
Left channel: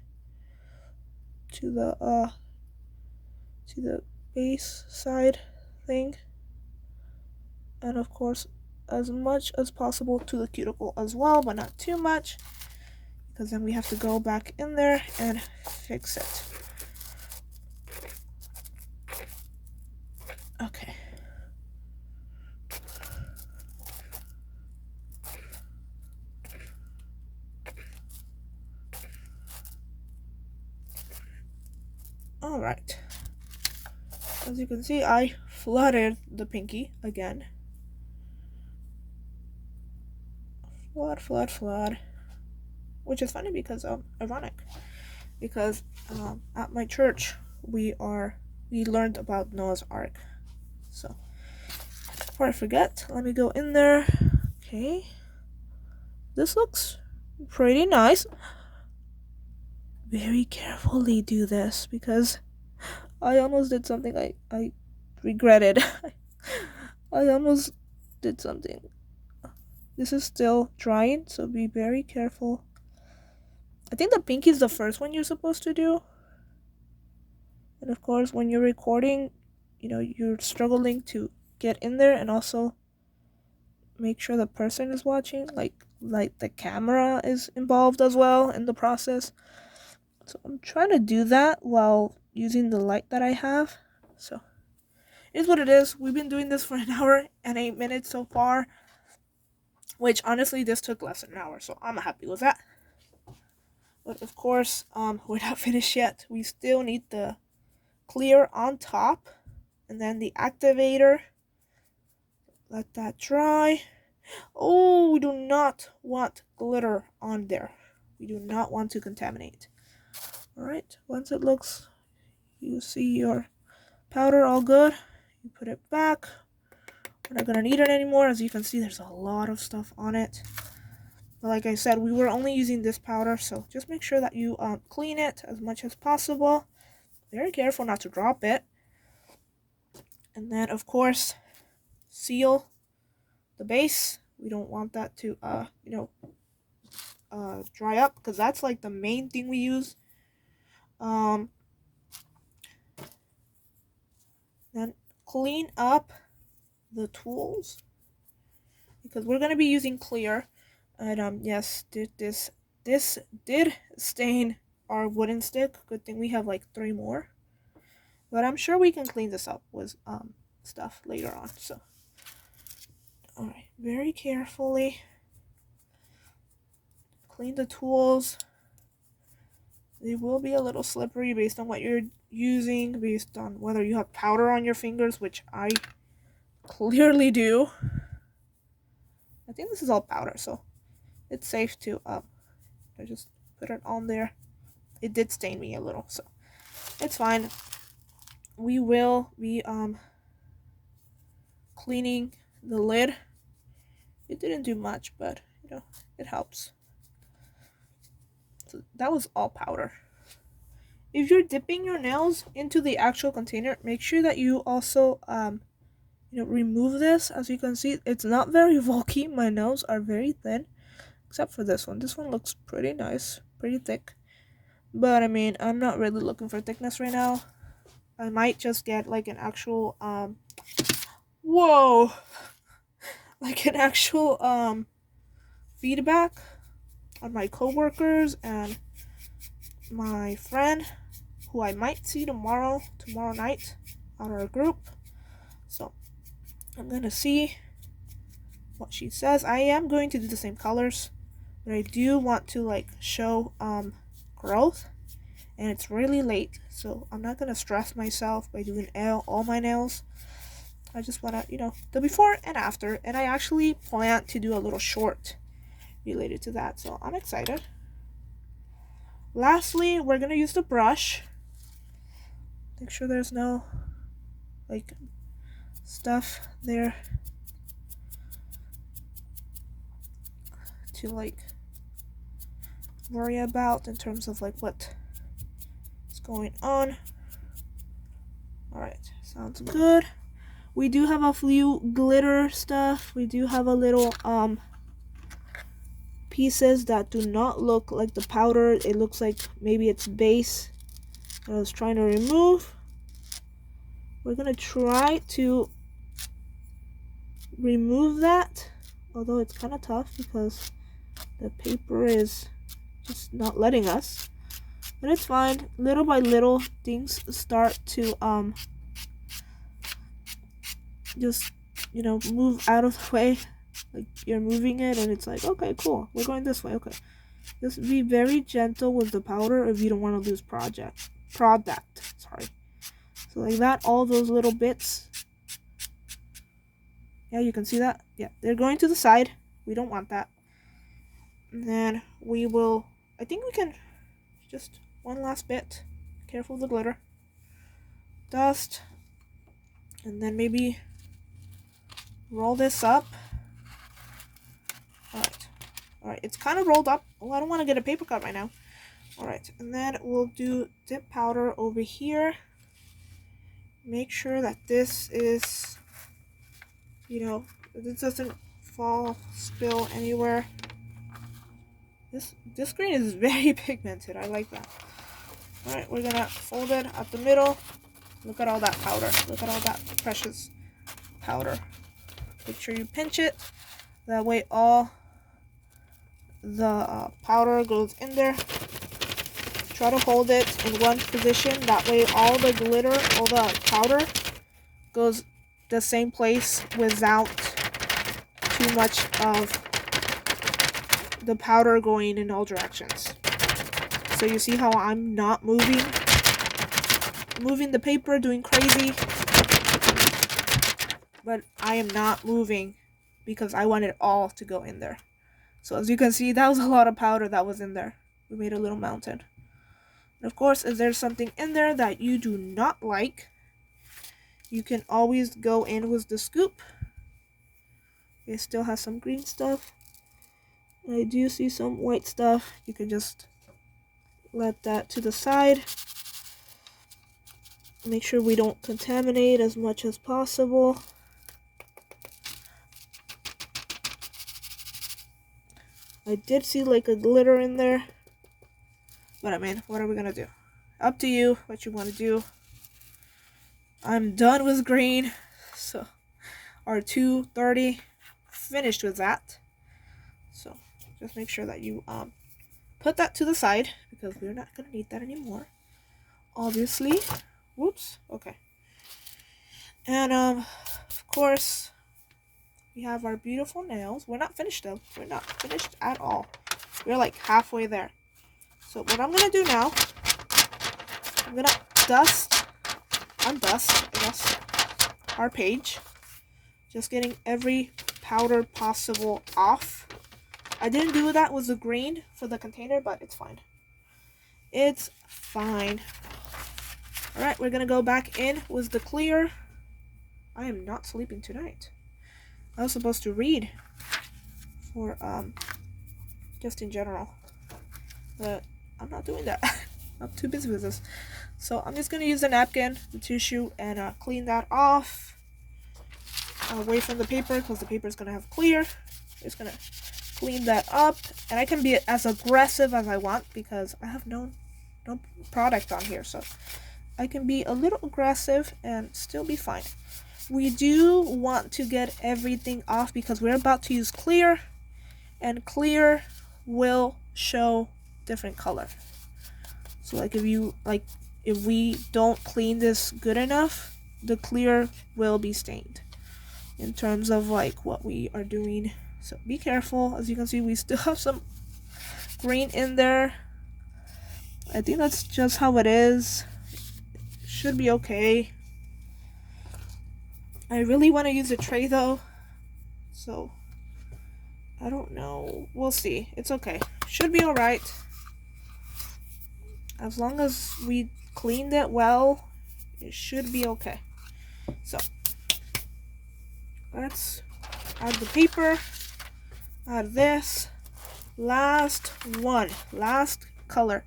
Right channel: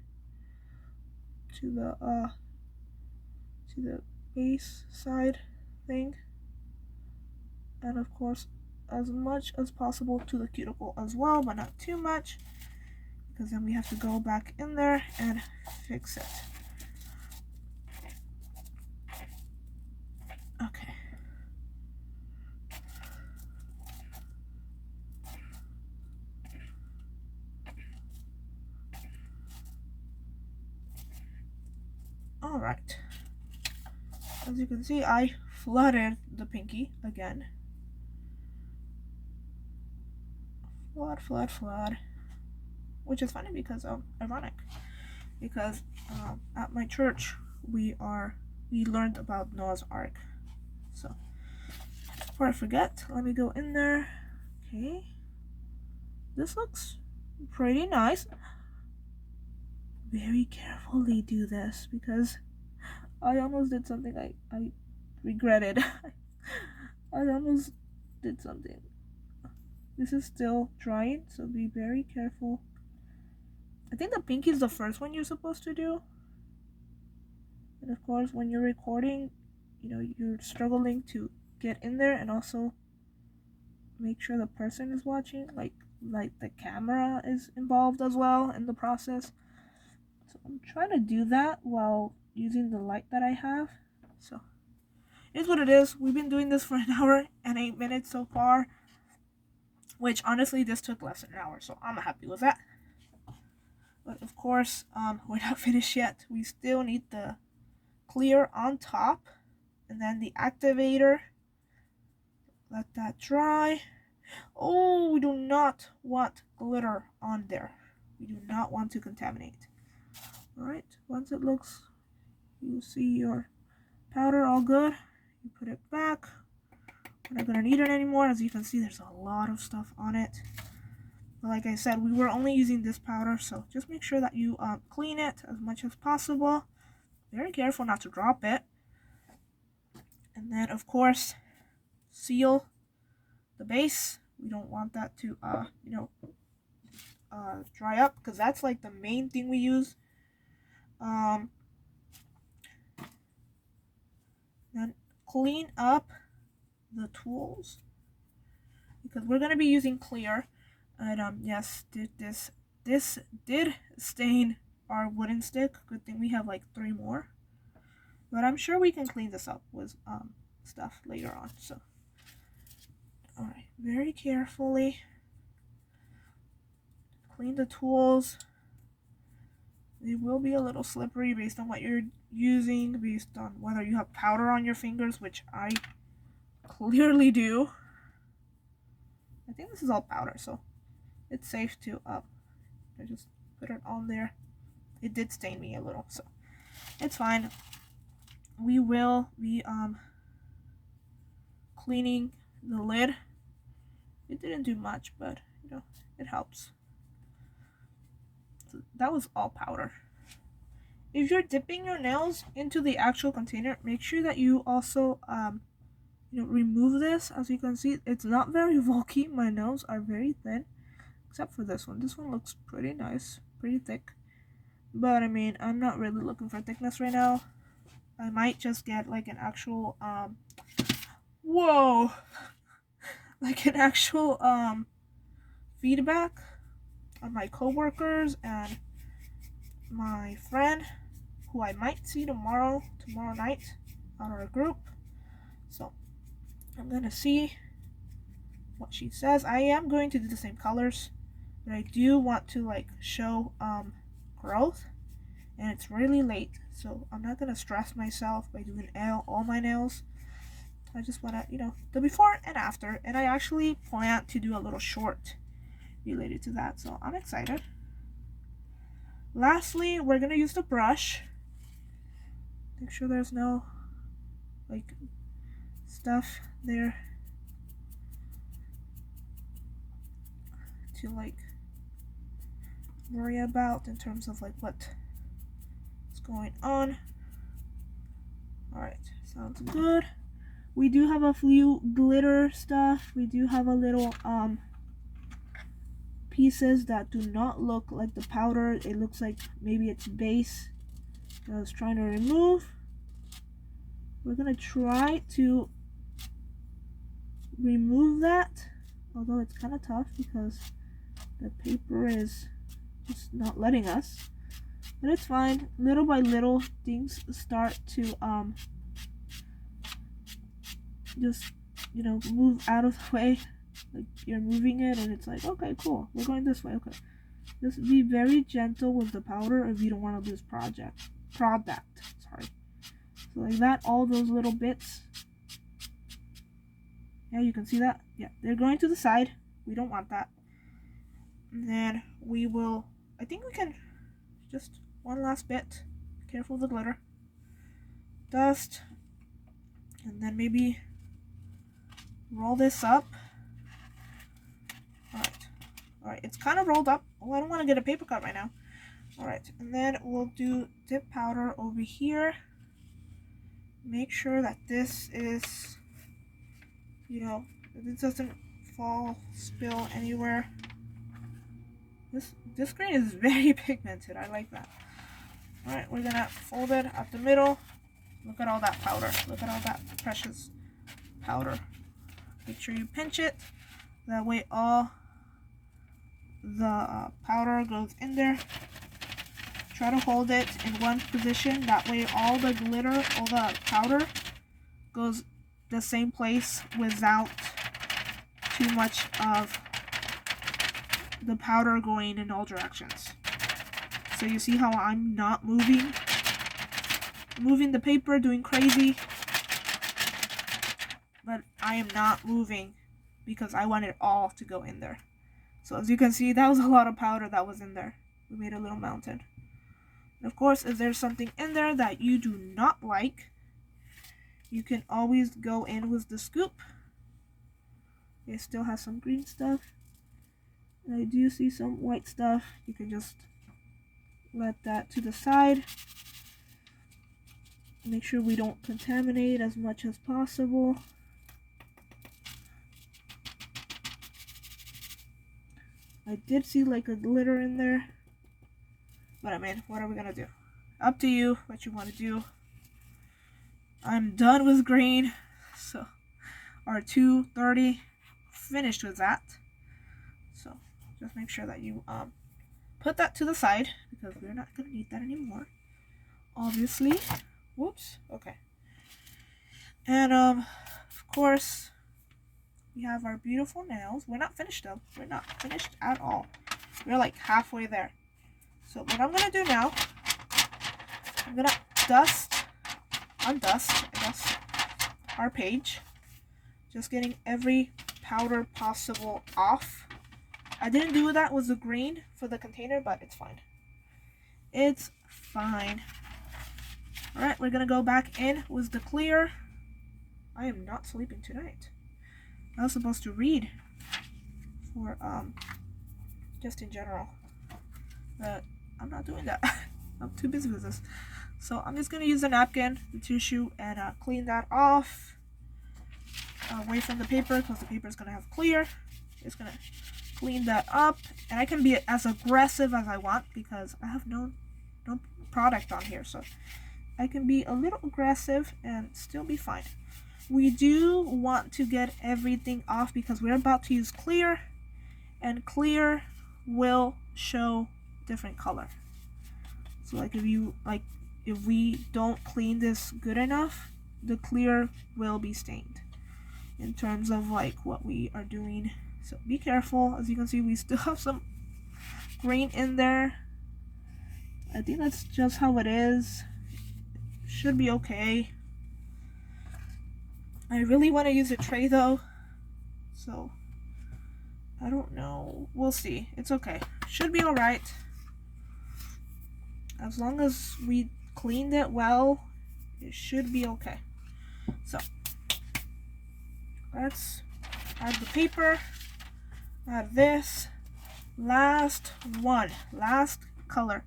to the base side thing, and of course as much as possible to the cuticle as well, but not too much, because then we have to go back in there and fix it. Okay. Alright. As you can see, I flooded the pinky again. Flood. Which is funny because, ironic. Because at my church, we learned about Noah's Ark. So, before I forget, let me go in there. Okay. This looks pretty nice. Very carefully do this because I almost did something I regretted. I almost did something. This is still drying, so be very careful. I think the pinky is the first one you're supposed to do. And of course, when you're recording, you know, you're struggling to get in there and also make sure the person is watching, like the camera is involved as well in the process. So I'm trying to do that while using the light that I have. So it is what it is. We've been doing this for an hour and 8 minutes so far, which honestly this took less than an hour, so I'm happy with that. But of course, we're not finished yet. We still need the clear on top, and then the activator. Let that dry. Oh, we do not want glitter on there. We do not want to contaminate. Alright, once it looks, you see your powder all good, you put it back. We're not going to need it anymore. As you can see, there's a lot of stuff on it. But like I said, we were only using this powder, so just make sure that you clean it as much as possible. Very careful not to drop it. And then, of course, seal the base. We don't want that to, dry up, because that's like the main thing we use. Then clean up the tools, because we're going to be using clear. And yes, this did stain our wooden stick. Good thing we have like 3 more. But I'm sure we can clean this up with stuff later on. So, alright, very carefully clean the tools. They will be a little slippery based on what you're using, based on whether you have powder on your fingers, which I clearly do. I think this is all powder, so it's safe to I just put it on there. It did stain me a little, so it's fine. We will be cleaning the lid. It didn't do much, but you know, it helps. So that was all powder. If you're dipping your nails into the actual container, make sure that you also remove this. As you can see, it's not very bulky. My nails are very thin, except for this one. This one looks pretty nice, pretty thick. But I mean, I'm not really looking for thickness right now. I might just get like an actual whoa, like an actual feedback on my coworkers and my friend, who I might see tomorrow night on our group. So I'm gonna see what she says. I am going to do the same colors, but I do want to like show growth, and it's really late, so I'm not gonna stress myself by doing all my nails. I just want to, the before and after, and I actually plan to do a little short related to that, so I'm excited. Lastly, we're gonna use the brush. Make sure there's no like stuff there to like worry about in terms of like what is going on. All right, sounds good. We do have a few glitter stuff. We do have a little pieces that do not look like the powder. It looks like maybe it's base that I was trying to remove. We're gonna try to remove that, although it's kind of tough because the paper is just not letting us, but it's fine. Little by little, things start to just move out of the way. Like you're moving it and it's like, okay, cool, we're going this way. Okay, just be very gentle with the powder if you don't want to lose product. Sorry. So like that, all those little bits. Yeah, you can see that. Yeah, they're going to the side. We don't want that. And then we will, I think we can just one last bit. Careful of the glitter. Dust. And then maybe roll this up. Alright, it's kind of rolled up. Oh, I don't want to get a paper cut right now. Alright, and then we'll do dip powder over here. Make sure that this is, this doesn't fall, spill anywhere. This green is very pigmented. I like that. Alright, we're gonna fold it up the middle. Look at all that powder. Look at all that precious powder. Make sure you pinch it. That way all the powder goes in there. Try to hold it in one position. That way all the glitter, all the powder goes the same place without too much of the powder going in all directions. So you see how I'm not moving the paper, doing crazy, but I am not moving because I want it all to go in there. So as you can see, that was a lot of powder that was in there. We made a little mountain. And of course, if there's something in there that you do not like, you can always go in with the scoop. It still has some green stuff. I do see some white stuff. You can just let that to the side. Make sure we don't contaminate as much as possible. I did see like a glitter in there. But I mean, what are we gonna do? Up to you what you want to do. I'm done with green. So our 230 finished with that. So just make sure that you put that to the side because we're not gonna need that anymore. Obviously. Whoops. Okay. And of course, we have our beautiful nails. We're not finished though. We're not finished at all. We're like halfway there. So what I'm gonna do now, I'm gonna undust, I guess, our page. Just getting every powder possible off. I didn't do that with the green for the container, but it's fine. It's fine. Alright, we're gonna go back in with the clear. I am not sleeping tonight. I was supposed to read for, just in general. But I'm not doing that. I'm too busy with this. So I'm just gonna use the napkin, the tissue, and clean that off. Away from the paper, because the paper is gonna have clear. Just gonna clean that up, and I can be as aggressive as I want because I have no product on here, so I can be a little aggressive and still be fine. We do want to get everything off because we're about to use clear, and clear will show different color. So like if we don't clean this good enough, the clear will be stained in terms of like what we are doing. So be careful. As you can see, we still have some green in there. I think that's just how it is. Should be okay. I really want to use a tray though, so I don't know. We'll see. It's okay. Should be alright. As long as we cleaned it well, it should be okay. So let's add the paper, add this. Last one, last color.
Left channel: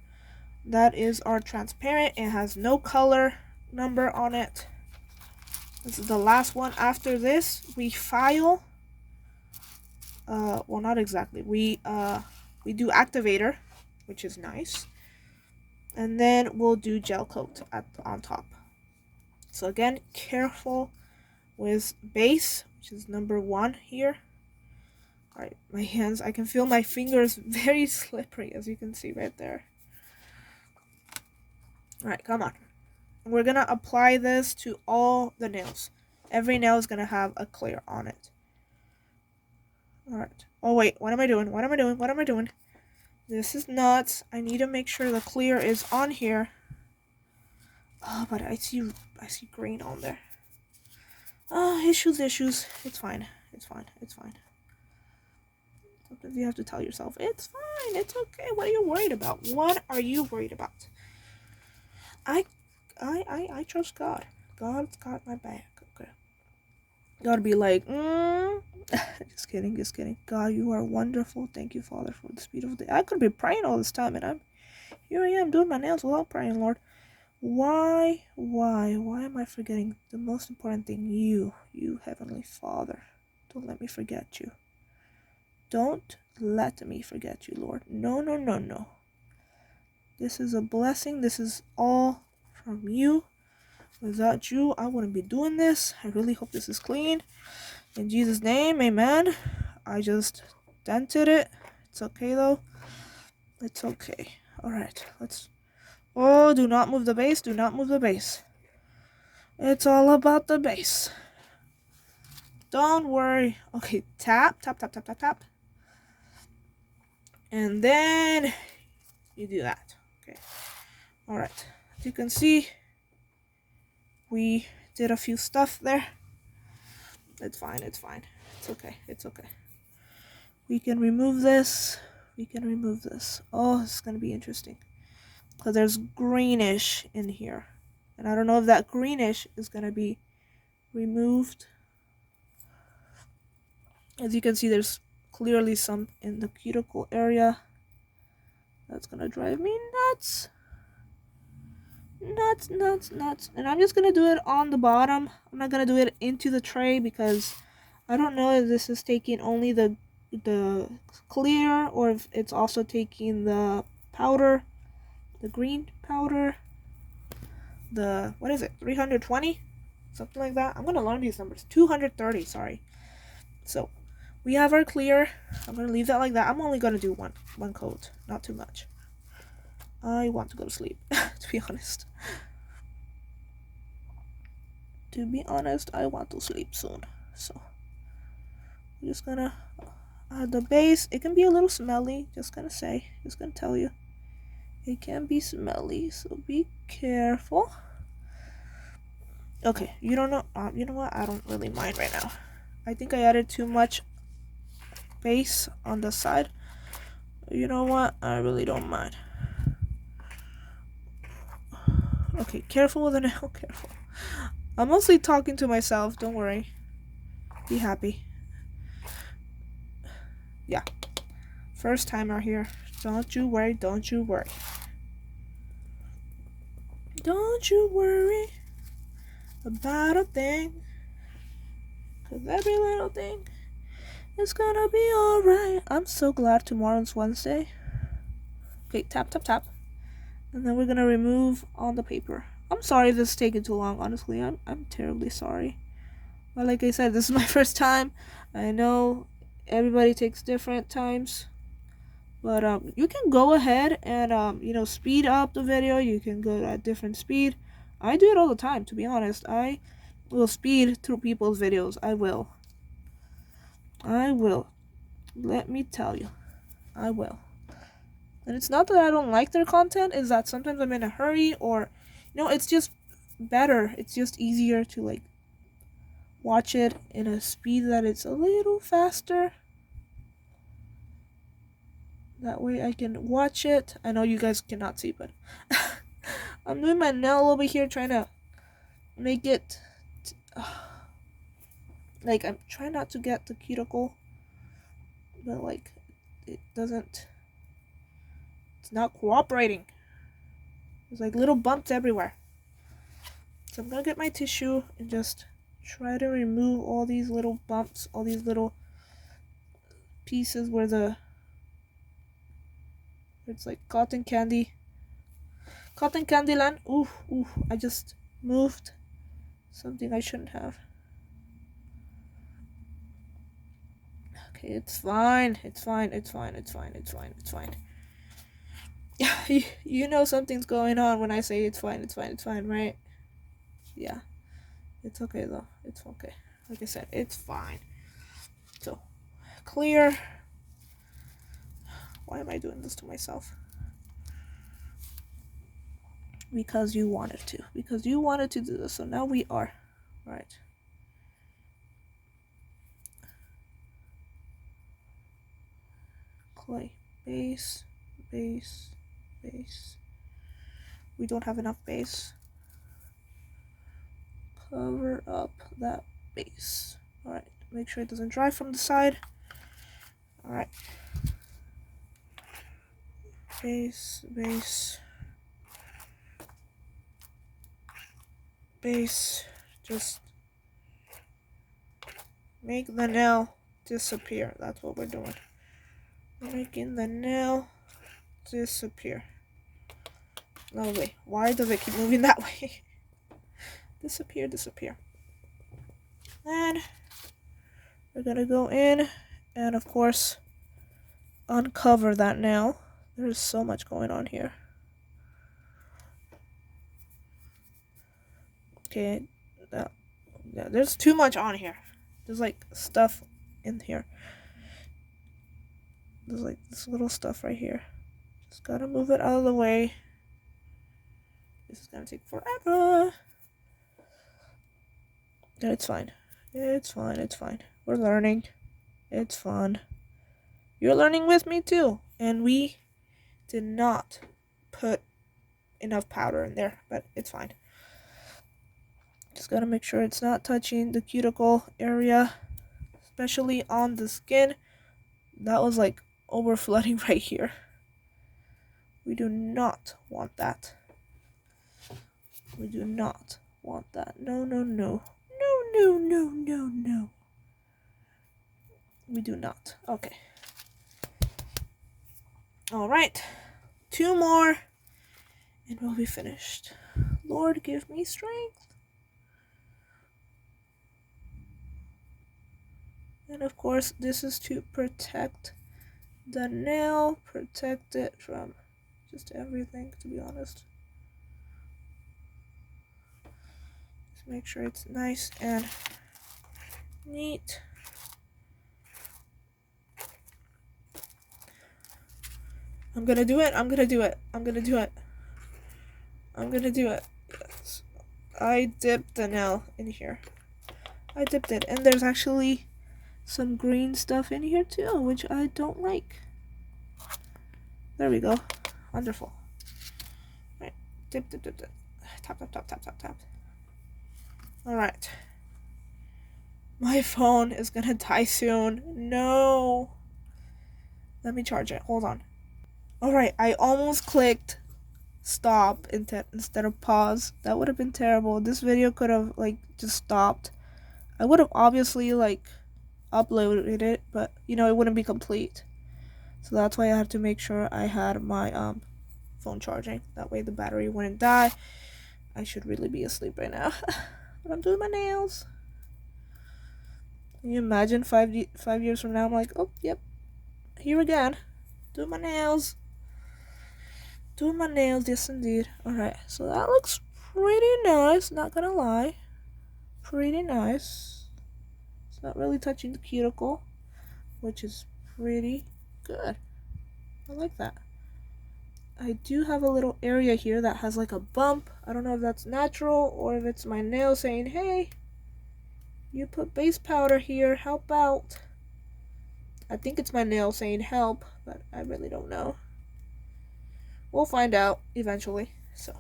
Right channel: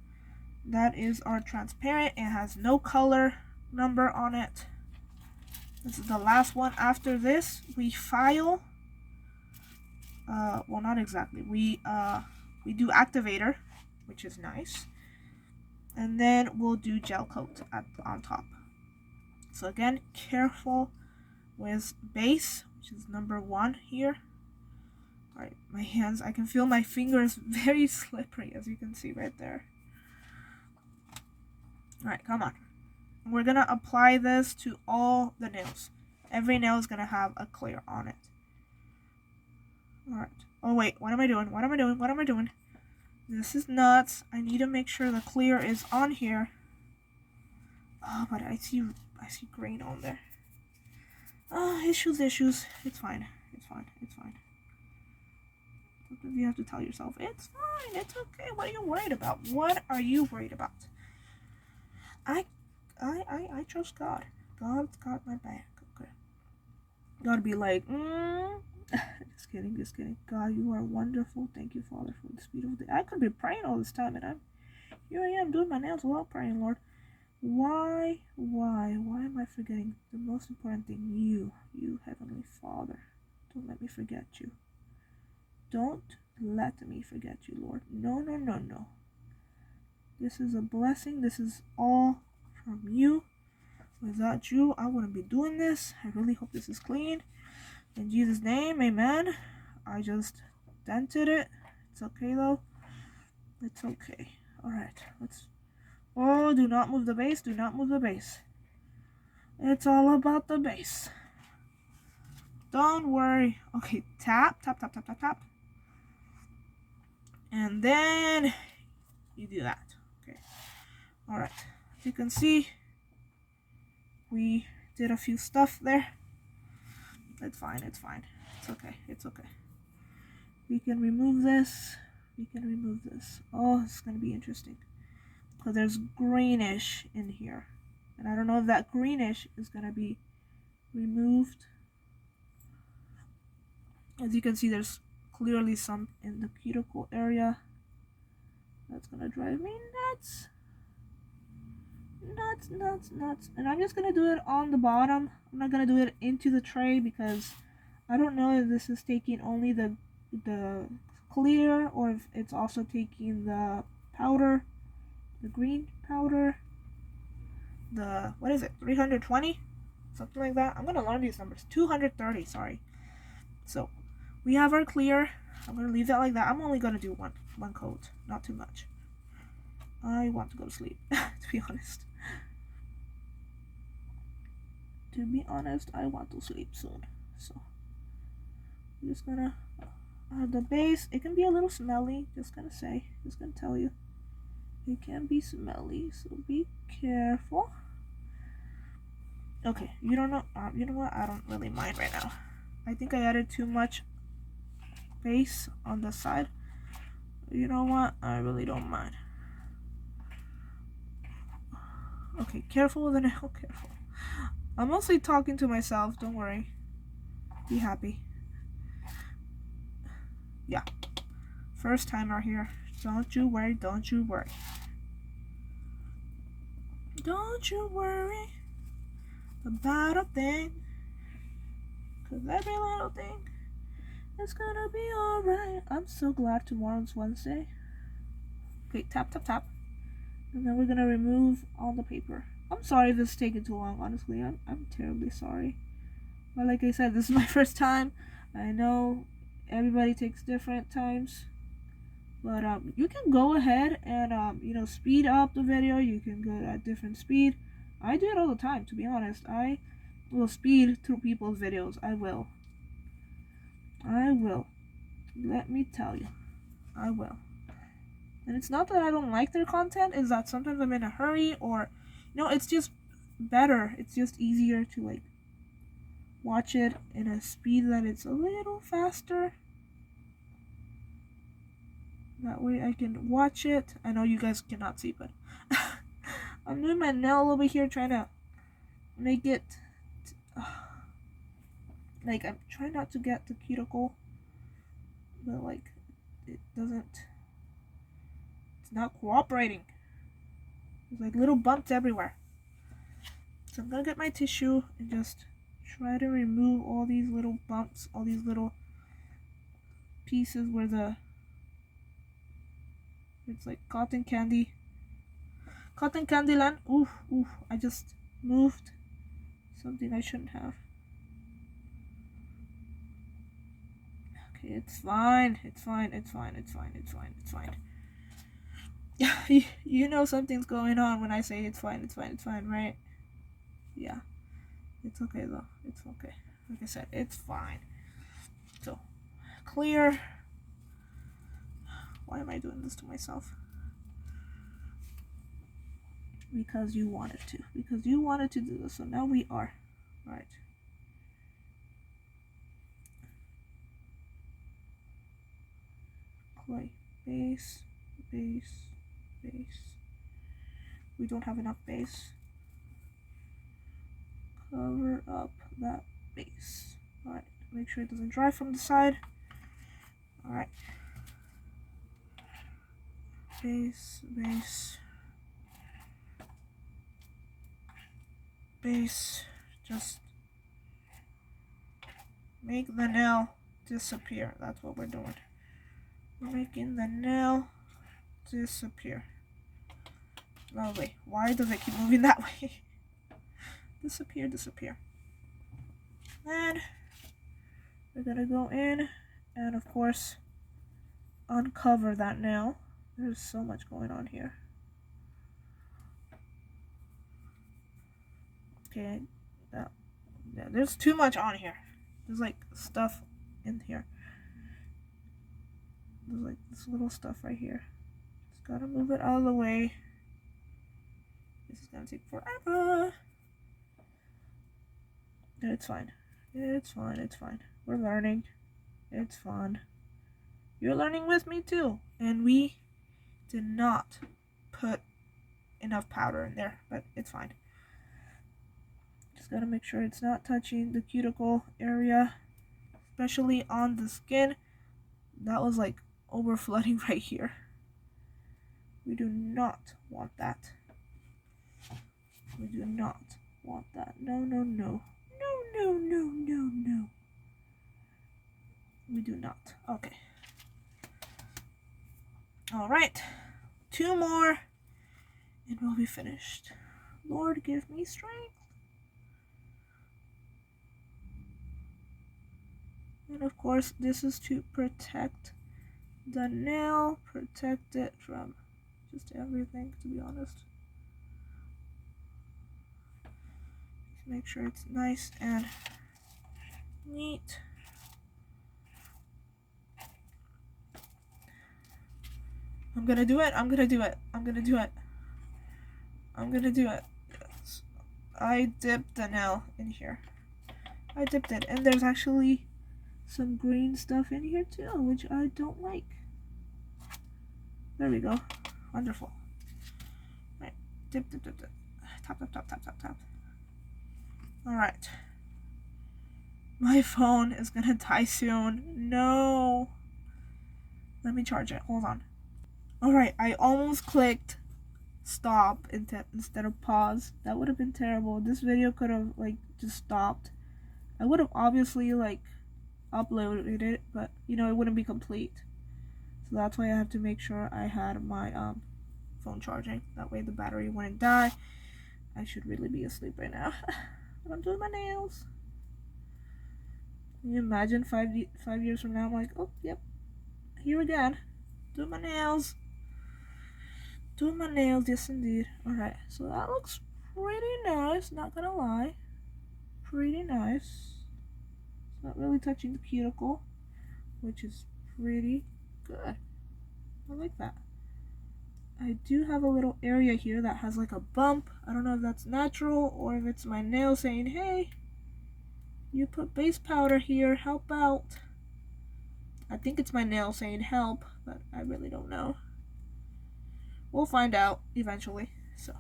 That is our transparent. It has no color number on it. This is the last one. After this, we file. Well, not exactly. We do activator, which is nice, and then we'll do gel coat on top. So again, careful with base, which is number 1 here. All right, my hands. I can feel my fingers very slippery, as you can see right there. All right, come on. We're gonna apply this to all the nails. Every nail is gonna have a clear on it. All right. Oh wait, what am I doing? What am I doing? What am I doing? This is nuts. I need to make sure the clear is on here. Oh, but I see green on there. Oh, issues. It's fine. It's fine. Sometimes you have to tell yourself, it's fine. It's okay. What are you worried about? What are you worried about? I trust God. God's got my back. Okay. Gotta be like, just kidding. God, you are wonderful. Thank you, Father, for this beautiful day. I could be praying all this time, and here I am doing my nails without praying, Lord. Why am I forgetting the most important thing? You Heavenly Father. Don't let me forget you. Don't let me forget you, Lord. No. This is a blessing. This is all from you. Without you, I wouldn't be doing this. I really hope this is clean. In Jesus' name, amen. I just dented it. It's okay though. It's okay. Alright, let's... Oh, do not move the base. Do not move the base. It's all about the base. Don't worry. Okay, tap. And then you do that. Okay. Alright. As you can see, we did a few stuff there. It's fine. It's okay. We can remove this. Oh, it's gonna be interesting. Because there's greenish in here. And I don't know if that greenish is gonna be removed. As you can see, there's clearly some in the cuticle area. That's gonna drive me nuts. Nuts. And I'm just gonna do it on the bottom. I'm not gonna do it into the tray because I don't know if this is taking only the clear or if it's also taking the powder, the green powder, the, what is it, 320, something like that. I'm gonna learn these numbers. 230, sorry. So we have our clear. I'm gonna leave that like that. I'm only gonna do one coat, not too much. I want to go to sleep, to be honest. I want to sleep soon. So I'm just gonna add the base. It can be a little smelly, just gonna tell you. It can be smelly, so be careful. Okay, you don't know. You know what? I don't really mind right now. I think I added too much base on the side. You know what? I really don't mind. Okay, careful with the nail. Careful. I'm mostly talking to myself. Don't worry. Be happy. Yeah. First timer here. Don't you worry. Don't you worry. Don't you worry about a thing. 'Cause every little thing is gonna be alright. I'm so glad tomorrow's Wednesday. Okay, tap, tap, tap. And then we're gonna remove all the paper. I'm sorry this is taking too long, honestly. I'm terribly sorry. But like I said, this is my first time. I know everybody takes different times. But you can go ahead and speed up the video. You can go at different speed. I do it all the time, to be honest. I will speed through people's videos. I will. Let me tell you. I will. And it's not that I don't like their content, is that sometimes I'm in a hurry, or it's just better. It's just easier to like watch it in a speed that it's a little faster. That way I can watch it. I know you guys cannot see, but I'm doing my nail over here, trying to make it like, I'm trying not to get the cuticle, but like it's not cooperating. There's like little bumps everywhere. So I'm gonna get my tissue and just try to remove all these little bumps, all these little pieces where it's like cotton candy land. Ooh, I just moved something I shouldn't have. Okay, it's fine. You know something's going on when I say it's fine, right? Yeah. It's okay though. It's okay. Like I said, it's fine. So, clear. Why am I doing this to myself? Because you wanted to. Because you wanted to do this. So now we are. Right. Clay. Base. We don't have enough base. Cover up that base. Alright. Make sure it doesn't dry from the side. Alright. Base. Just make the nail disappear. That's what we're doing. We're making the nail disappear. No way. Why does it keep moving that way? Disappear. And we're gonna go in and of course uncover that nail. There's so much going on here. Okay, yeah, there's too much on here. There's like stuff in here. There's like this little stuff right here. Just gotta move it out of the way. This is gonna take forever. No, it's fine. It's fine. We're learning. It's fun. You're learning with me too. And we did not put enough powder in there, but it's fine. Just gotta make sure it's not touching the cuticle area, especially on the skin. That was like over flooding right here. We do not want that. We do not want that. No. We do not. Okay. Alright. 2 more and we'll be finished. Lord, give me strength. And of course, this is to protect the nail, protect it from just everything, to be honest. Just make sure it's nice and neat. I'm gonna do it. I'm gonna do it. I'm gonna do it. I'm gonna do it. Yes. I dipped the nail in here. I dipped it. And there's actually some green stuff in here too, which I don't like. There we go. Wonderful. Right. Dip, dip, dip, dip. Tap, tap, tap, tap, tap, tap. Alright. My phone is gonna die soon. No. Let me charge it. Hold on. Alright, I almost clicked stop instead of pause. That would have been terrible. This video could have like just stopped. I would have obviously like uploaded it, but you know, it wouldn't be complete. So that's why I had to make sure I had my phone charging. That way the battery wouldn't die. I should really be asleep right now. But I'm doing my nails. Can you imagine 5 years from now I'm like, oh yep, here again, doing my nails. Doing my nails, yes indeed. Alright, so that looks pretty nice, not gonna lie. Pretty nice. It's not really touching the cuticle, which is pretty good. I like that. I do have a little area here that has like a bump. I don't know if that's natural or if it's my nail saying, hey, you put base powder here, help out. I think it's my nail saying help, but I really don't know. We'll find out eventually. So,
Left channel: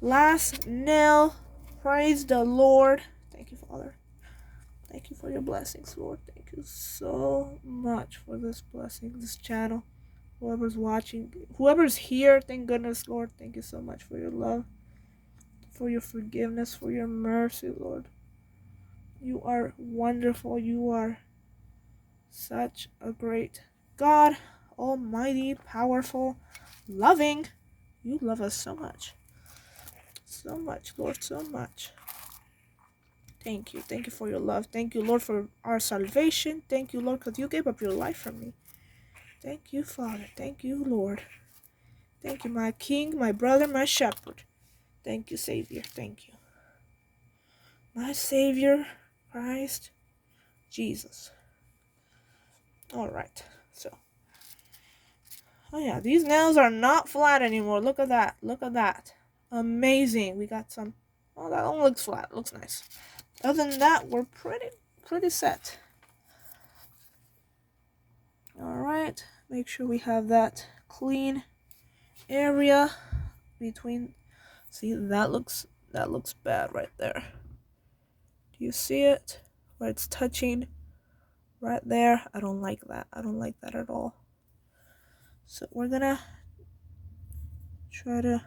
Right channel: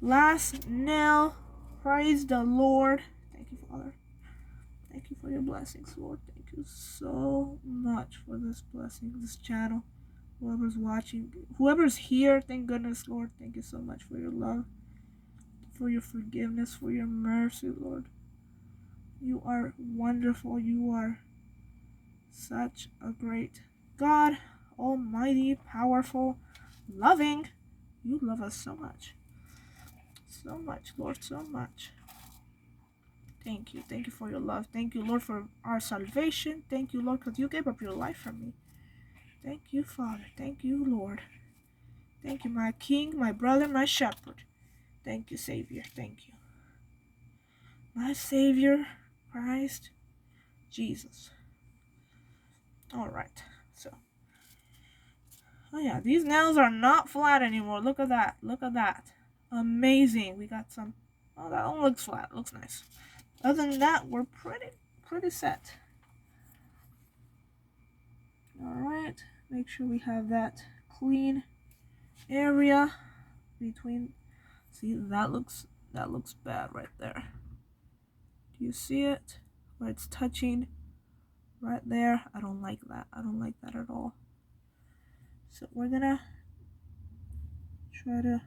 last nail. Praise the Lord. Thank you, Father. Thank you for your blessings, Lord. Thank you so much for this blessing, this channel. Whoever's watching, whoever's here, thank goodness, Lord. Thank you so much for your love, for your forgiveness, for your mercy, Lord. You are wonderful. You are such a great God, almighty, powerful, loving. You love us so much. So much, Lord, so much. Thank you. Thank you for your love. Thank you, Lord, for our salvation. Thank you, Lord, because you gave up your life for me. Thank you, Father. Thank you, Lord. Thank you, my King, my brother, my shepherd. Thank you, Savior. Thank you. My Savior, Christ, Jesus. All right. So, oh yeah, these nails are not flat anymore. Look at that. Look at that. Amazing. We got some. Oh, that one looks flat. Looks nice. Other than that, we're pretty set. All right. Make sure we have that clean area between. See, that looks bad right there. Do you see it? Where it's touching right there. I don't like that. I don't like that at all. So we're gonna try to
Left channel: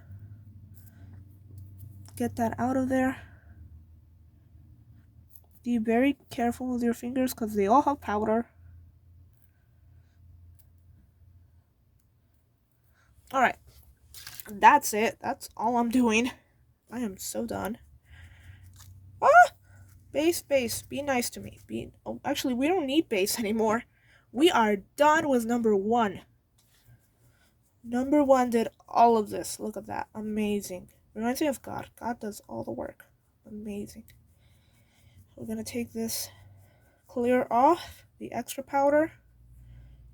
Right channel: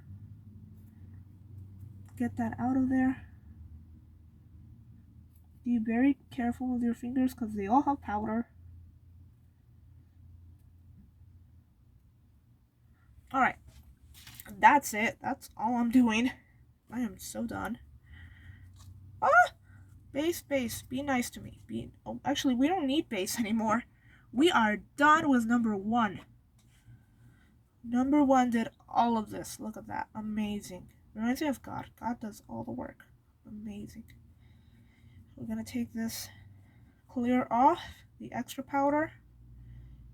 get that out of there. Be very careful with your fingers because they all have powder. Alright. That's it. That's all I'm doing. I am so done. Ah! Base. Be nice to me. Oh, actually, we don't need base anymore. We are done with number 1. Number 1 did all of this. Look at that. Amazing. Reminds me of God. God does all the work. Amazing. We're going to take this clear off. The extra powder.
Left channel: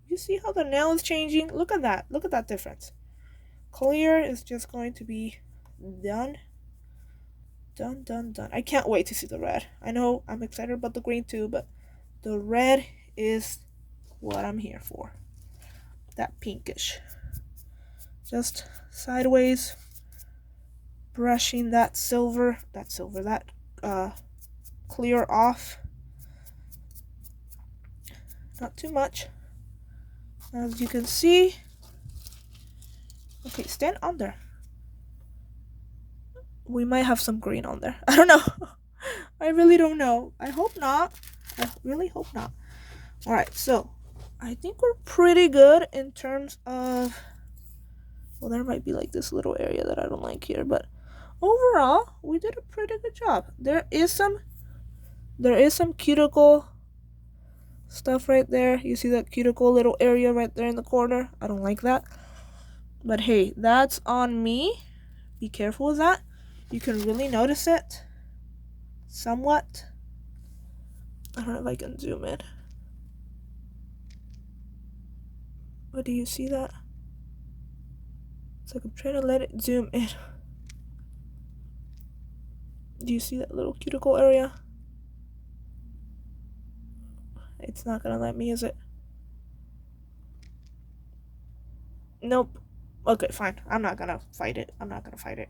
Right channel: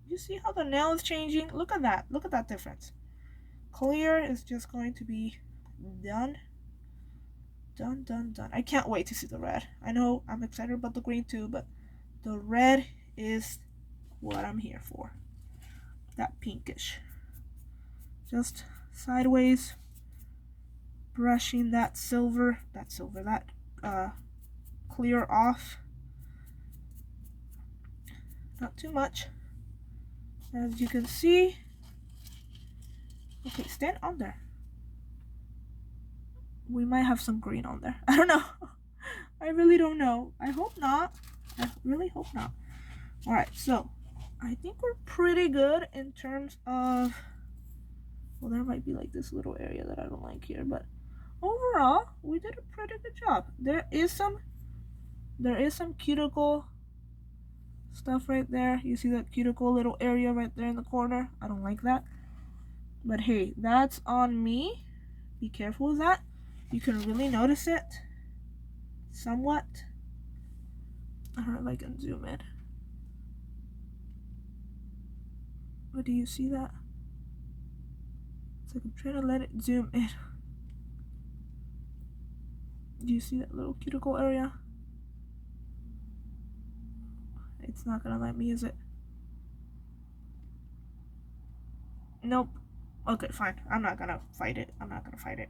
You see how the nail is changing? Look at that. Look at that difference. Clear is just going to be done. Done. I can't wait to see the red. I know I'm excited about the green too, but the red is what I'm here for. That pinkish. Just sideways, brushing that clear off. Not too much. As you can see. Okay, stand on there. We might have some green on there. I don't know. I really don't know. I hope not. I really hope not. Alright, so I think we're pretty good in terms of, well, there might be like this little area that I don't like here, but overall, we did a pretty good job. There is some cuticle stuff right there. You see that cuticle little area right there in the corner? I don't like that. But hey, that's on me. Be careful with that. You can really notice it somewhat. I don't know if I can zoom in. But do you see that? It's like I'm trying to let it zoom in. Do you see that little cuticle area? It's not gonna let me, is it? Nope. Okay, fine. I'm not gonna fight it.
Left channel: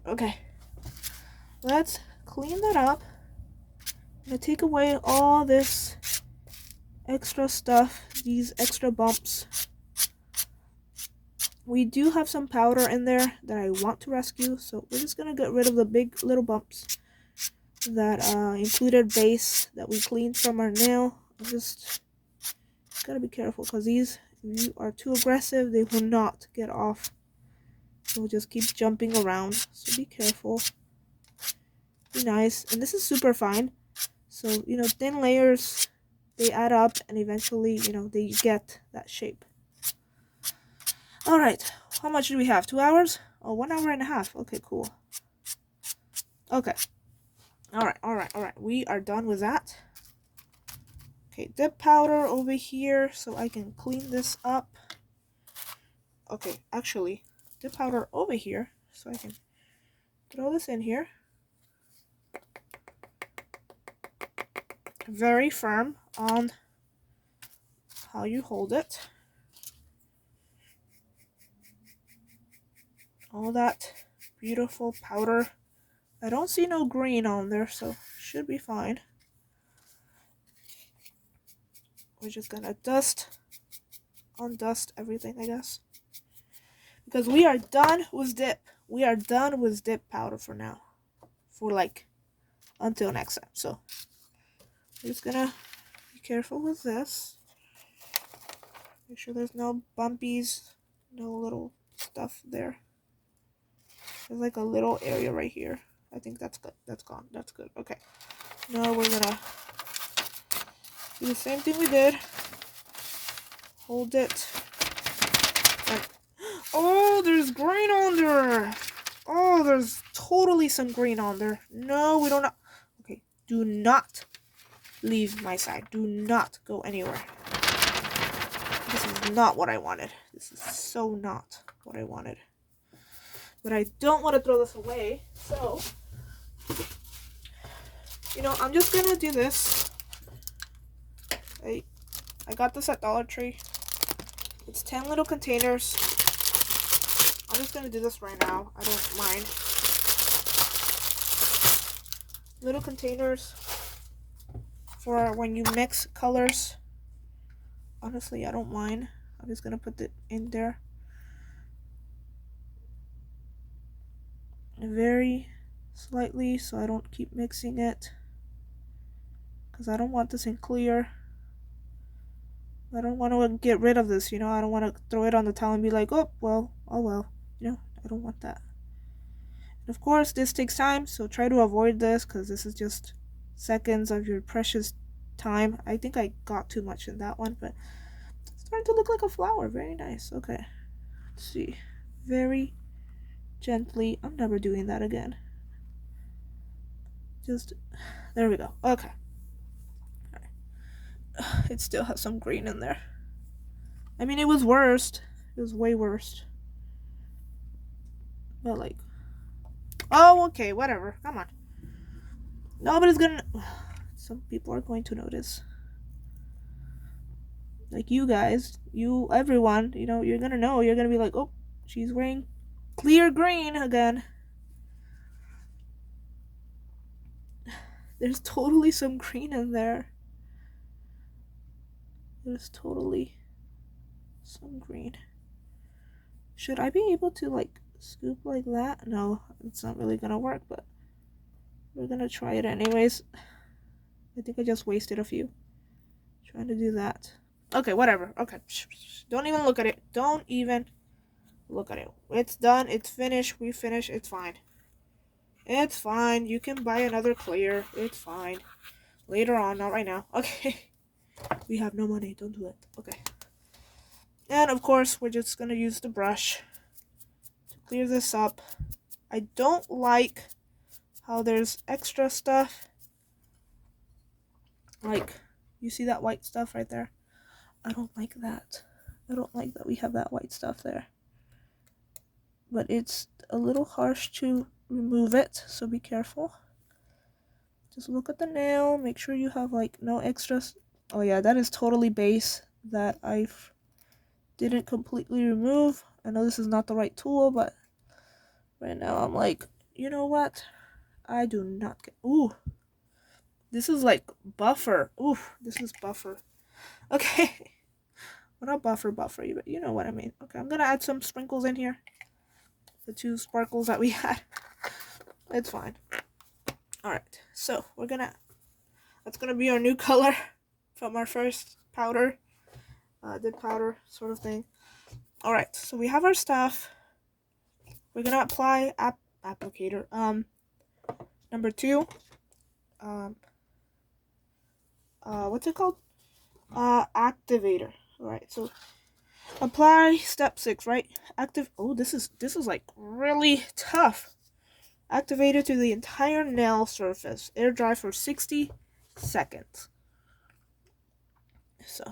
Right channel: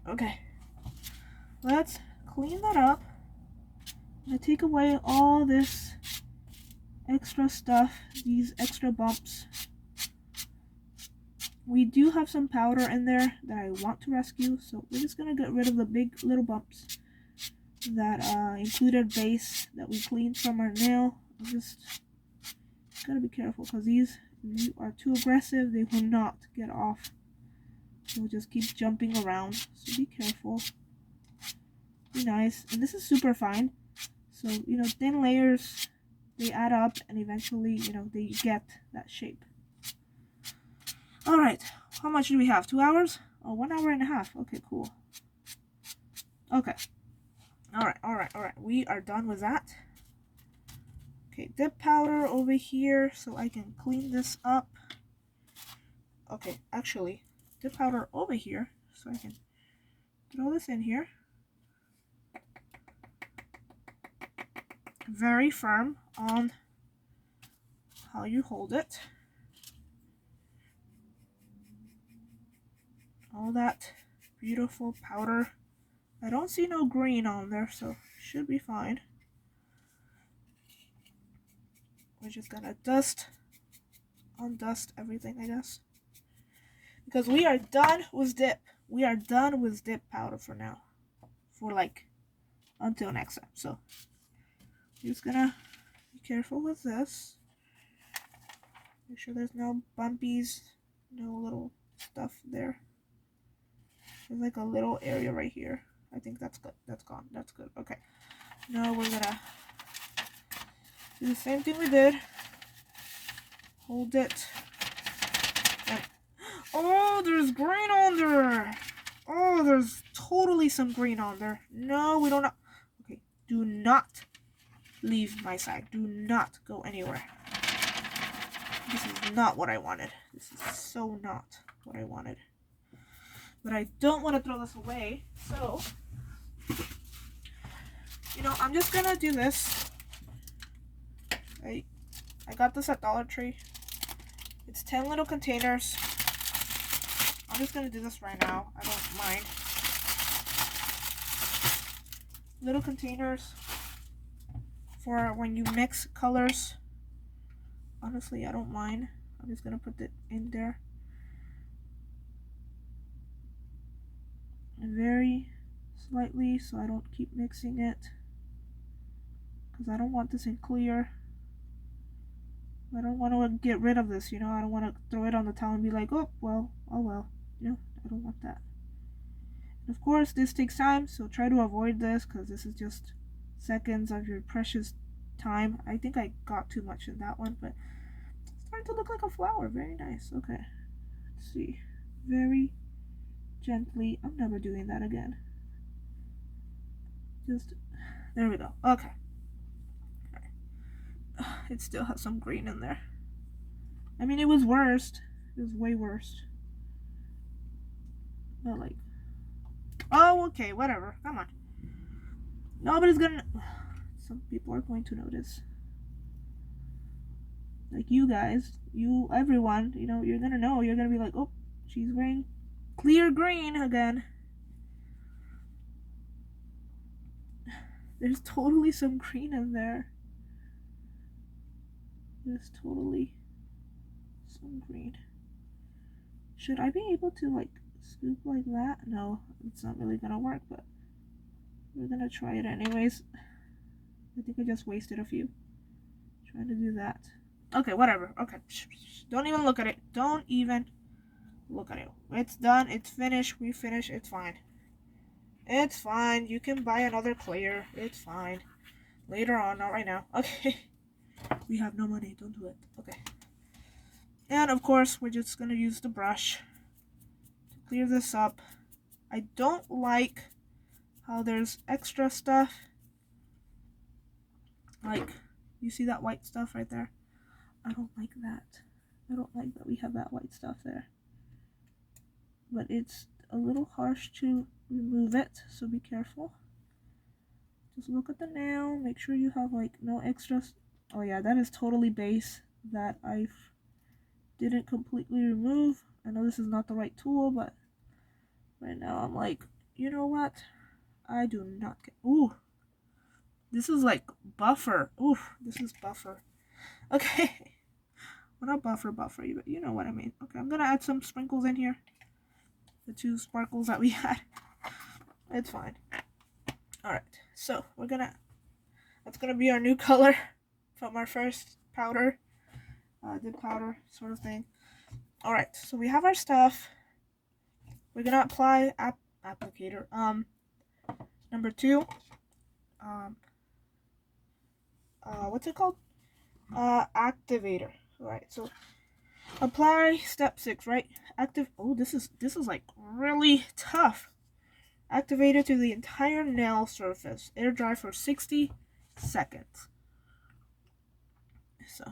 Okay. Let's clean that up. I'm gonna take away all this extra stuff, these extra bumps. We do have some powder in there that I want to rescue, so we're just gonna get rid of the big little bumps that included base that we cleaned from our nail. I'm just gotta be careful because these, if you are too aggressive, they will not get off. They'll just keep jumping around, so be careful. Be nice. And this is super fine, so you know, thin layers, they add up and eventually, you know, they get that shape. All right, how much do we have? 2 hours? Oh, 1 hour and a half. Okay, cool. Okay. All right. We are done with that. Okay, dip powder over here so I can clean this up. Okay, actually, dip powder over here so I can throw this in here. Very firm on how you hold it. All that beautiful powder. I don't see no green on there, so should be fine. We're just gonna undust everything, I guess. Because we are done with dip. We are done with dip powder for now. For like, until next time. So, we're just gonna be careful with this. Make sure there's no bumpies, no little stuff there. There's like a little area right here. I think that's good. That's gone. That's good. Okay. Now we're gonna do the same thing we did. Hold it. And, oh, there's green on there. Oh, there's totally some green on there. No, we don't know. Okay, do not leave my side. Do not go anywhere. This is not what I wanted. This is so not what I wanted. But I don't want to throw this away, so you know, I'm just gonna do this. I got this at Dollar Tree. It's 10 little containers. I'm just gonna do this right now. I don't mind. Little containers for when you mix colors. Honestly, I don't mind. I'm just gonna put it in there. Very slightly so I don't keep mixing it. Because I don't want this in clear. I don't want to get rid of this, you know. I don't want to throw it on the towel and be like, oh well, you know. I don't want that. And of course, this takes time, so try to avoid this because this is just seconds of your precious time. I think I got too much in that one, but it's starting to look like a flower. Very nice. Okay, let's see. Very gently. I'm never doing that again. Just, there we go. Okay. It still has some green in there. I mean, it was worst. It was way worse. But like, oh, okay, whatever. Come on. Nobody's gonna. Some people are going to notice. Like you guys, everyone. You know, you're gonna know. You're gonna be like, oh, she's wearing clear green again. There's totally some green in there. There's totally some green. Should I be able to like scoop like that? No, it's not really gonna work, but we're gonna try it anyways. I think I just wasted a few trying to do that. Okay, whatever. Okay, don't even look at it. Don't even look at it. It's done. It's finished. We finished. It's fine. It's fine. You can buy another clear. It's fine. Later on, not right now. Okay. We have no money. Don't do it. Okay. And of course, we're just gonna use the brush to clear this up. I don't like how there's extra stuff. Like, you see that white stuff right there? I don't like that. I don't like that we have that white stuff there. but it's a little harsh to remove it, so be careful. Just look at the nail, make sure you have like no extras. Oh yeah, that is totally base that I didn't completely remove. I know this is not the right tool, but right now I'm like, you know what? I do not get. Ooh, this is like buffer. Ooh, this is buffer. Okay. Well, not buffer, but you know what I mean. Okay, I'm gonna add some sprinkles in here. The 2 sparkles that we had. It's fine. Alright, so that's gonna be our new color from our first powder. Dip powder sort of thing. Alright, so we have our stuff. We're gonna apply applicator. Number 2. What's it called? Activator. Alright, so apply step 6, right? Oh, this is like really tough. Activate it to the entire nail surface. Air dry for 60 seconds. So,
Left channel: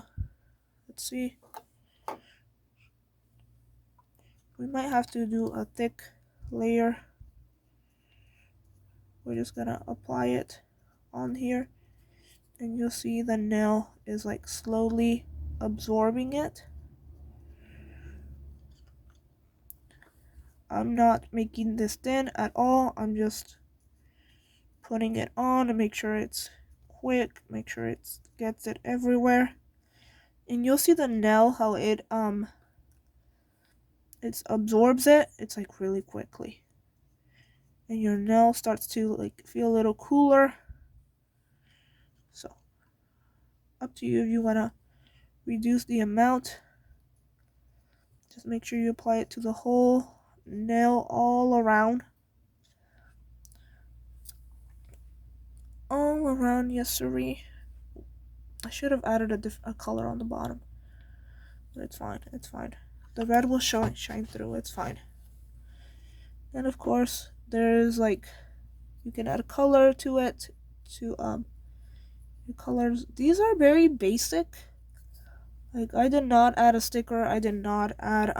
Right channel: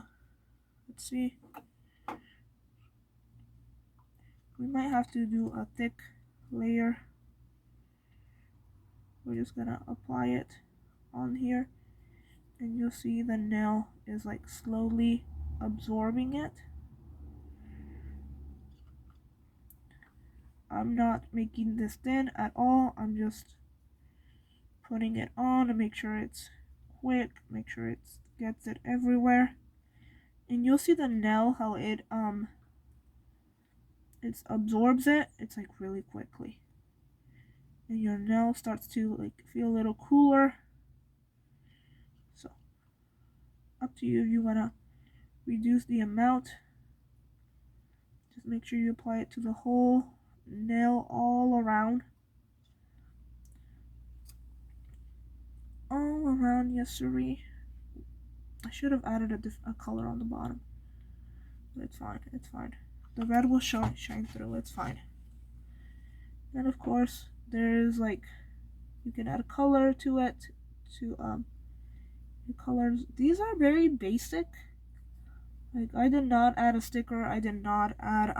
let's see. We might have to do a thick layer. We're just gonna apply it on here, and you'll see the nail is like slowly absorbing it. I'm not making this thin at all. I'm just putting it on to make sure it's quick, make sure it gets it everywhere. And you'll see the nail, how it absorbs it. It's like really quickly. And your nail starts to like feel a little cooler. So, up to you if you wanna reduce the amount. Just make sure you apply it to the whole nail all around. All around, yes sirree. I should have added a color on the bottom. But it's fine, it's fine. The red will shine through, it's fine. And of course, there's like, you can add a color to it, to your colors. These are very basic. Like, I did not add a sticker, I did not add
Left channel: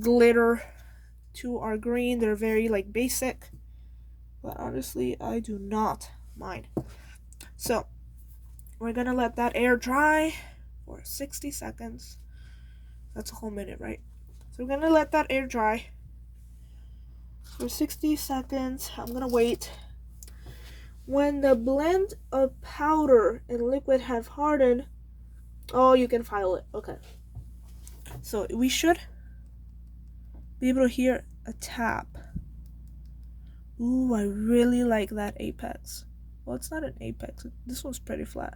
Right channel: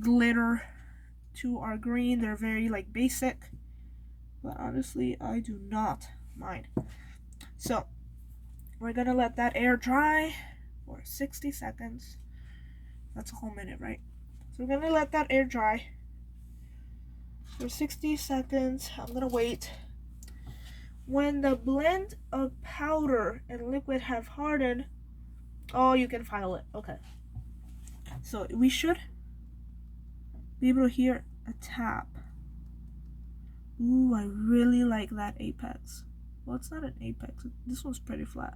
glitter to our green. They're very like basic, but honestly I do not mind. So we're gonna let that air dry for 60 seconds. That's a whole minute, right? So we're gonna let that air dry for 60 seconds. I'm gonna wait. When the blend of powder and liquid have hardened, oh, you can file it. Okay, so we should be able to hear a tap. Ooh, I really like that apex. Well, it's not an apex. This one's pretty flat.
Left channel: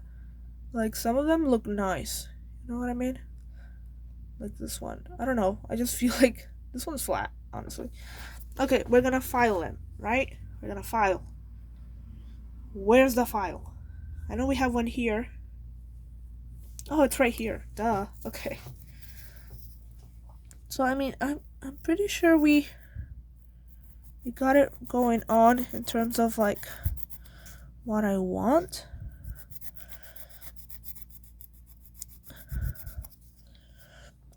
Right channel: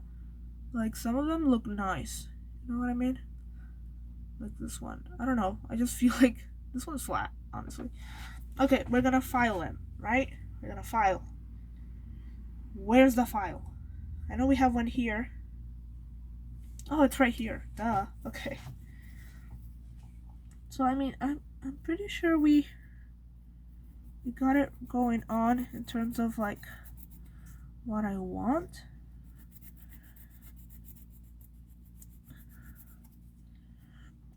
Like, some of them look nice. You know what I mean? Like this one. I don't know. I just feel like this one's flat, honestly. Okay, we're gonna file them, right? We're gonna file. Where's the file? I know we have one here. Oh, it's right here. Duh. Okay. So, I mean, I'm pretty sure we got it going on in terms of like what I want.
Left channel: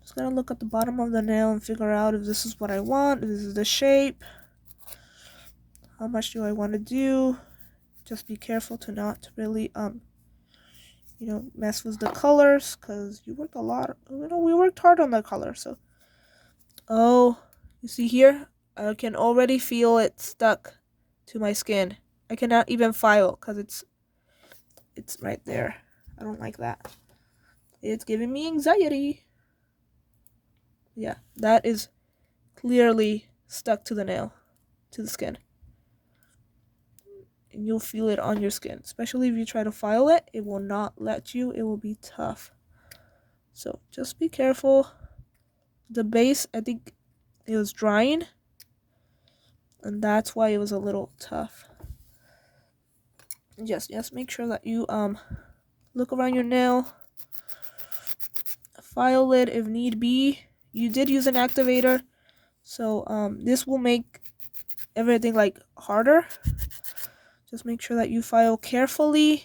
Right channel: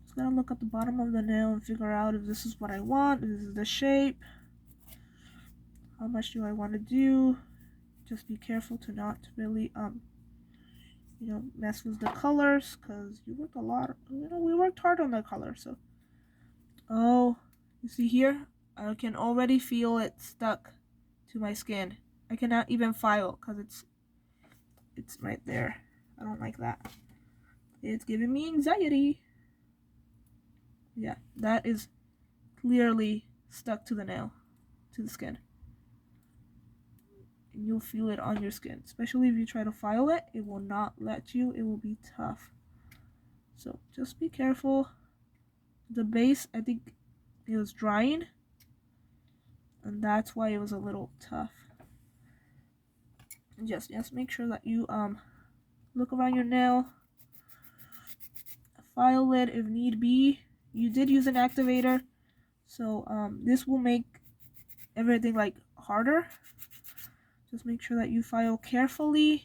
Just gonna look at the bottom of the nail and figure out if this is what I want, if this is the shape. How much do I want to do? Just be careful to not really mess with the colors, because you work a lot. We worked hard on the color. So, oh, you see here, I can already feel it stuck to my skin. I cannot even file because it's right there. I don't like that. It's giving me anxiety. Yeah, that is clearly stuck to the nail, to the skin. And you'll feel it on your skin. Especially if you try to file it, it will not let you. It will be tough. So just be careful. The base, I think it was drying, and that's why it was a little tough. Just make sure that you look around your nail, file it if need be. You did use an activator, so this will make everything like harder. Just make sure that you file carefully.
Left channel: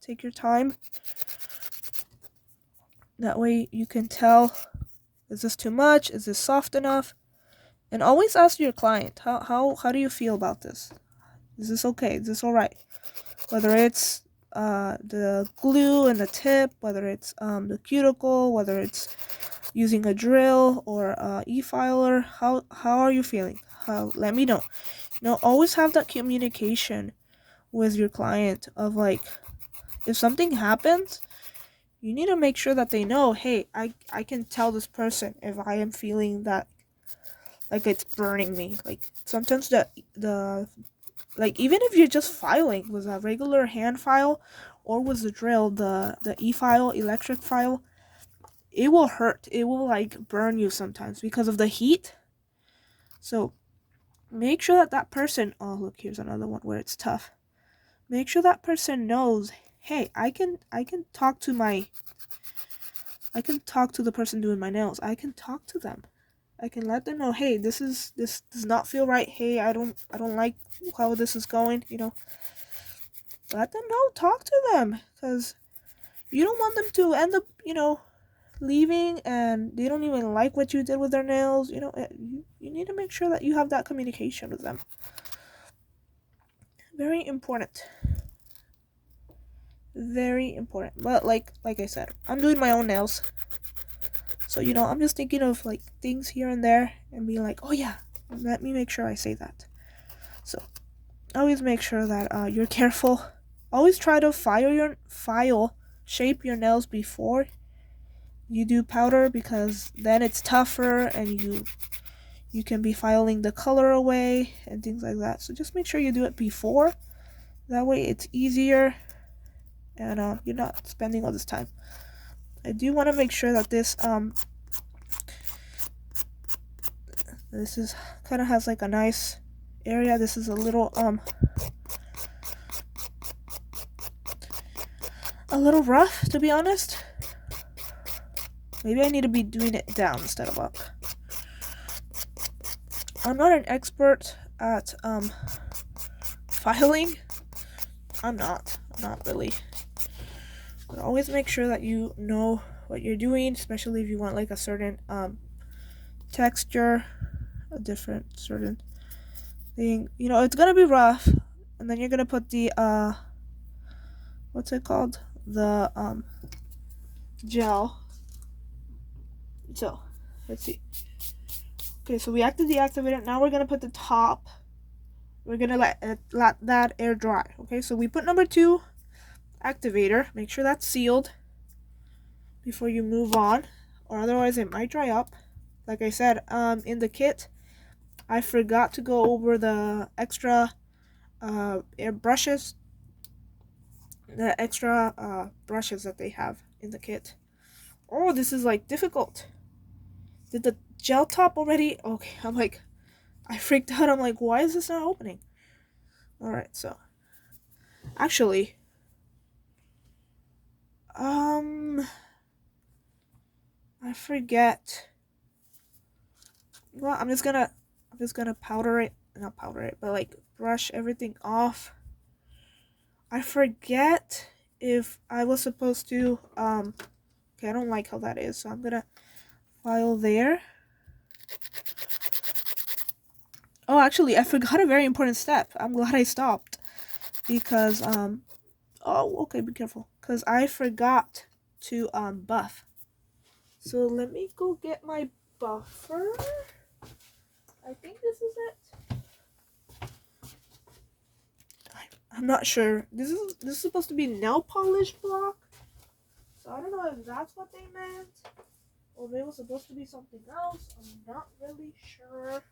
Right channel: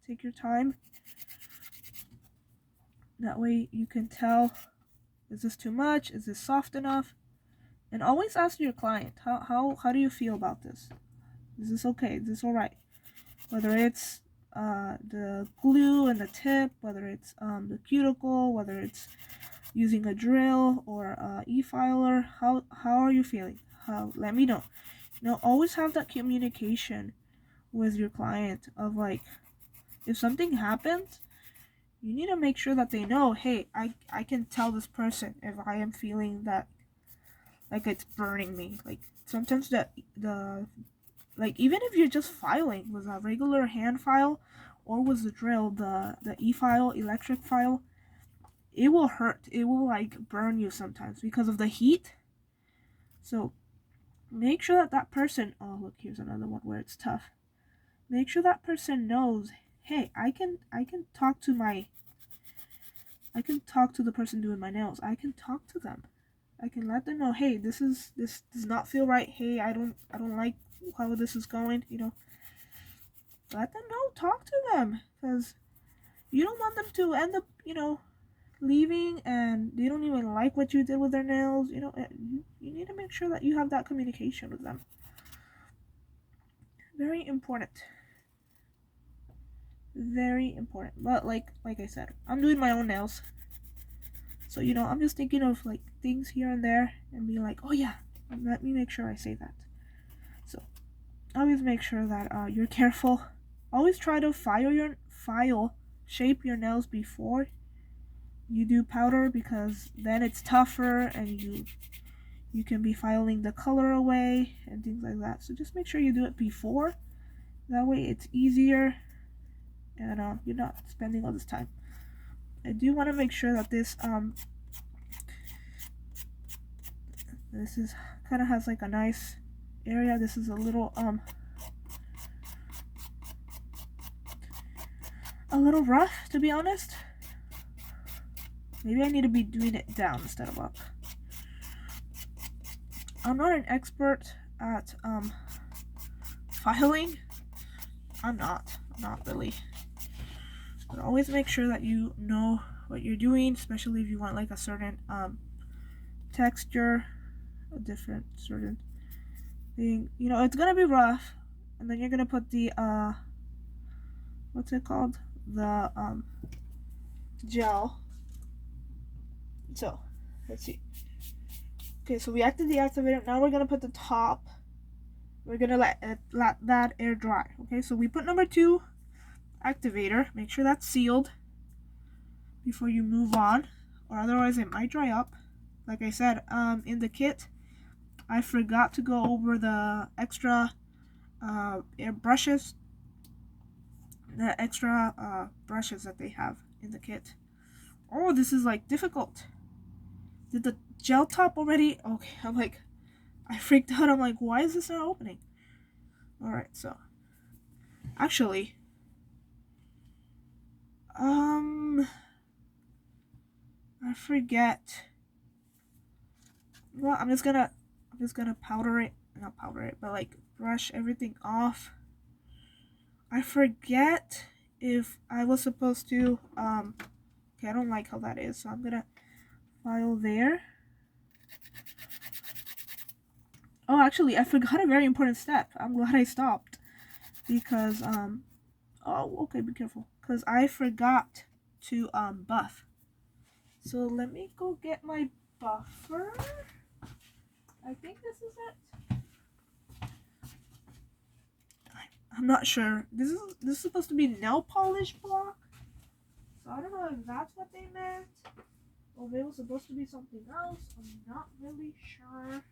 Take your time. That way you can tell, is this too much? Is this soft enough? And always ask your client, how do you feel about this? Is this okay? Is this all right? Whether it's the glue and the tip, whether it's the cuticle, whether it's using a drill or e-filer, how are you feeling? Let me know. Always have that communication with your client of like, if something happens, you need to make sure that they know, hey, I can tell this person if I am feeling that like it's burning me. Like sometimes the like even if you're just filing with a regular hand file or with the drill, the e-file, electric file, it will hurt. It will like burn you sometimes because of the heat. So make sure that person, oh look, here's another one where it's tough. Make sure that person knows, hey, I can talk to the person doing my nails. I can talk to them. I can let them know, hey, this does not feel right. Hey, I don't like how this is going, Let them know, talk to them, because you don't want them to end up, leaving and they don't even like what you did with their nails. You need to make sure that you have that communication with them. Very important. Very important. But like I said, I'm doing my own nails. So, I'm just thinking of like things here and there and being like, oh yeah, let me make sure I say that. So, always make sure that you're careful. Always try to shape your nails before you do powder, because then it's tougher and you can be filing the color away and things like that. So just make sure you do it before. That way it's easier and you're not spending all this time. I do want to make sure that this is kind of has like a nice area. This is a little rough, to be honest. Maybe I need to be doing it down instead of up. I'm not an expert at filing. I'm not really. But always make sure that you know what you're doing, especially if you want like a certain texture, a different certain thing. It's gonna be rough, and then you're gonna put the what's it called? The gel. So let's see. Okay, so we deactivated it. Now we're gonna put the top. We're gonna let that air dry. Okay, so we put number 2 activator. Make sure that's sealed before you move on, or otherwise it might dry up. Like I said, in the kit, I forgot to go over the extra air brushes, that they have in the kit. Oh, this is like difficult. Did the gel top already? Okay, I'm like, I freaked out. I'm like, why is this not opening? Alright, so actually, I forget. Well, I'm just gonna powder it, not powder it, but like brush everything off. I forget if I was supposed to okay, I don't like how that is, so I'm gonna file there. Oh, actually, I forgot a very important step. I'm glad I stopped, because oh, okay, be careful, because I forgot to buff. So let me go get my buffer. I think this is it. I'm not sure. This is supposed to be nail polish block. So I don't know if that's what they meant, or maybe it was supposed to be something else. I'm not really sure.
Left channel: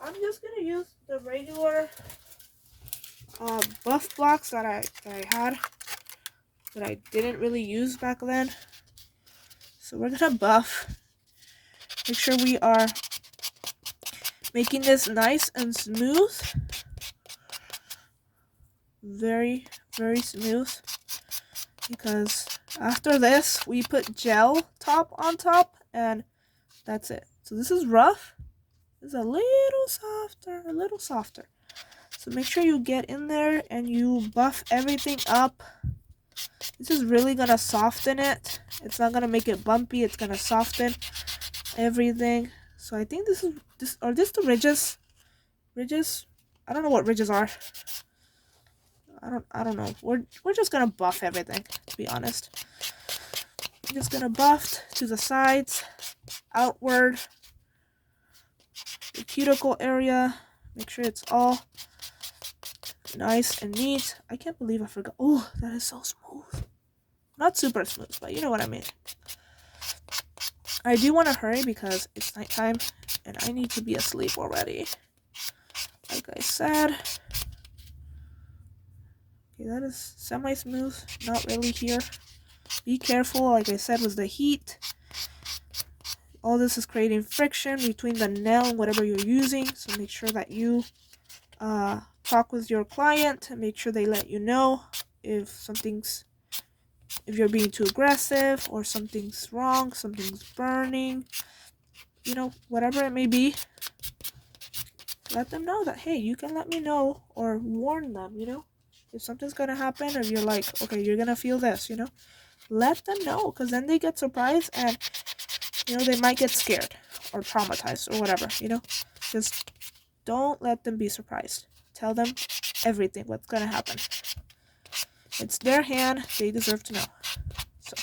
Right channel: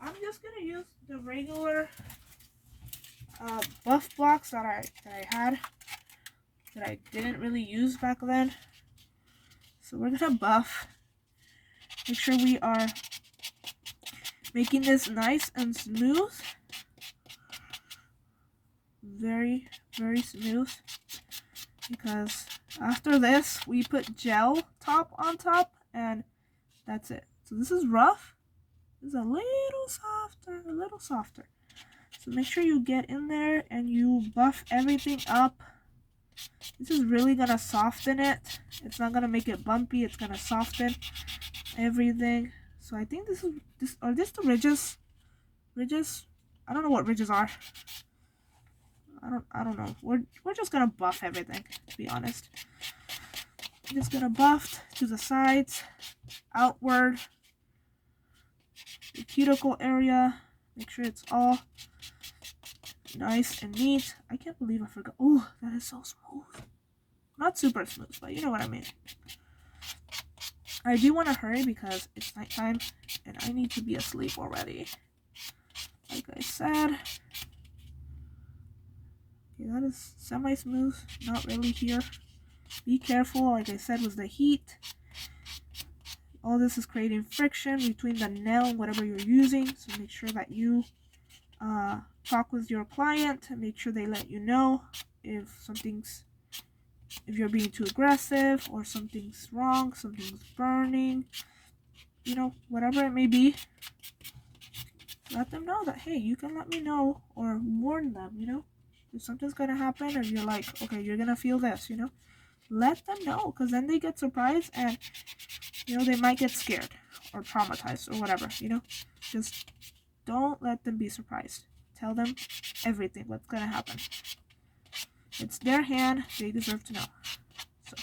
I'm just gonna use the regular buff blocks that I had, that I didn't really use back then. So we're gonna buff. Make sure we are making this nice and smooth. Very, very smooth. Because after this, we put gel top on top, and that's it. So this is rough. This is a little softer. So make sure you get in there and you buff everything up. This is really gonna soften it. It's not gonna make it bumpy. It's gonna soften everything. So I think this are this the ridges? Ridges? I don't know what ridges are. I don't know. We're just gonna buff everything, to be honest. I'm just gonna buff to the sides, outward, the cuticle area. Make sure it's all nice and neat. I can't believe I forgot. Oh, that is so smooth. Not super smooth, but you know what I mean. I do want to hurry because it's nighttime and I need to be asleep already. Like I said. Okay, that is semi-smooth. Not really here. Be careful, like I said, with the heat. All this is creating friction between the nail and whatever you're using. So make sure that you talk with your client and make sure they let you know if you're being too aggressive or something's wrong, something's burning, you know, whatever it may be. Let them know that, hey, you can let me know, or warn them, you know, if something's gonna happen, or you're like, okay, you're gonna feel this, you know, let them know, because then they get surprised and, you know, they might get scared or traumatized or whatever, you know. Just don't let them be surprised. Tell them everything, what's gonna happen. It's their hand, they deserve to know. So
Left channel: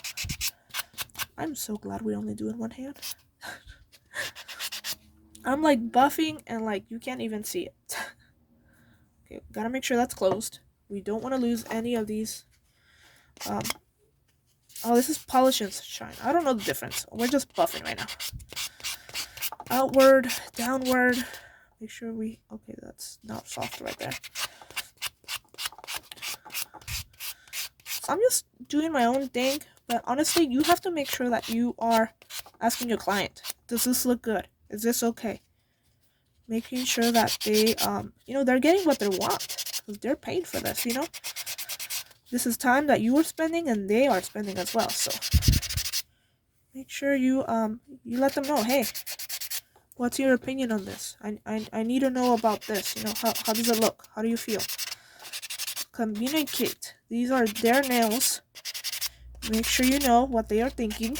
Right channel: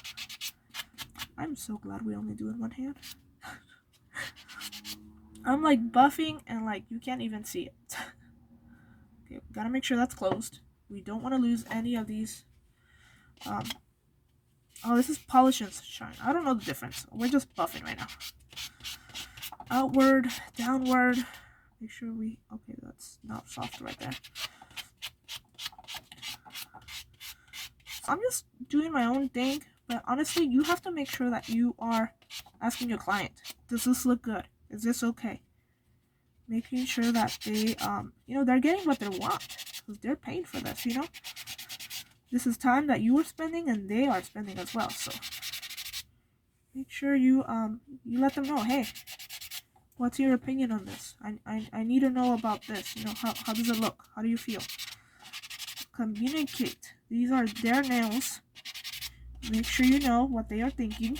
I'm so glad we only do it one hand. I'm like buffing and like you can't even see it. Okay, gotta make sure that's closed. We don't want to lose any of these. Oh, this is polish and shine. I don't know the difference. We're just buffing right now. Outward, downward. Make sure okay, that's not soft right there. So I'm just doing my own thing, but honestly, you have to make sure that you are asking your client, does this look good? Is this okay? Making sure that they, you know, they're getting what they want, because they're paid for this, you know? This is time that you are spending and they are spending as well, so make sure you let them know, hey, what's your opinion on this? I need to know about this, you know, how does it look? How do you feel? Communicate. These are their nails. Make sure you know what they are thinking,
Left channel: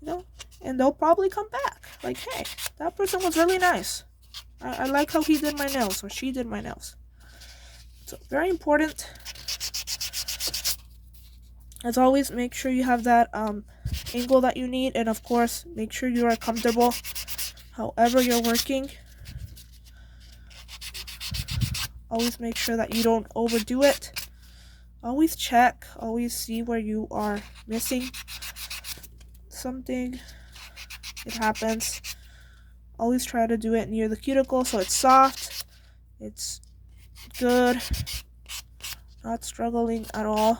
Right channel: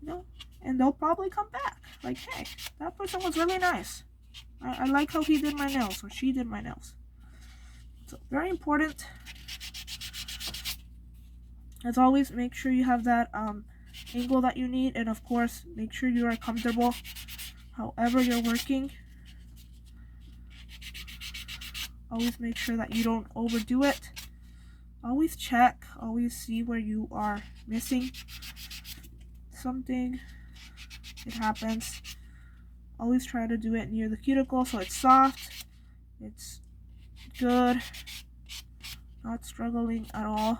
you know, and they'll probably come back like, hey, that person was really nice. I like how he did my nails or she did my nails. So very important. As always, make sure you have that angle that you need, and of course make sure you are comfortable however you're working. Always make sure that you don't overdo it. Always check, always see where you are missing something. It happens. Always try to do it near the cuticle so it's soft, it's good, not struggling at all.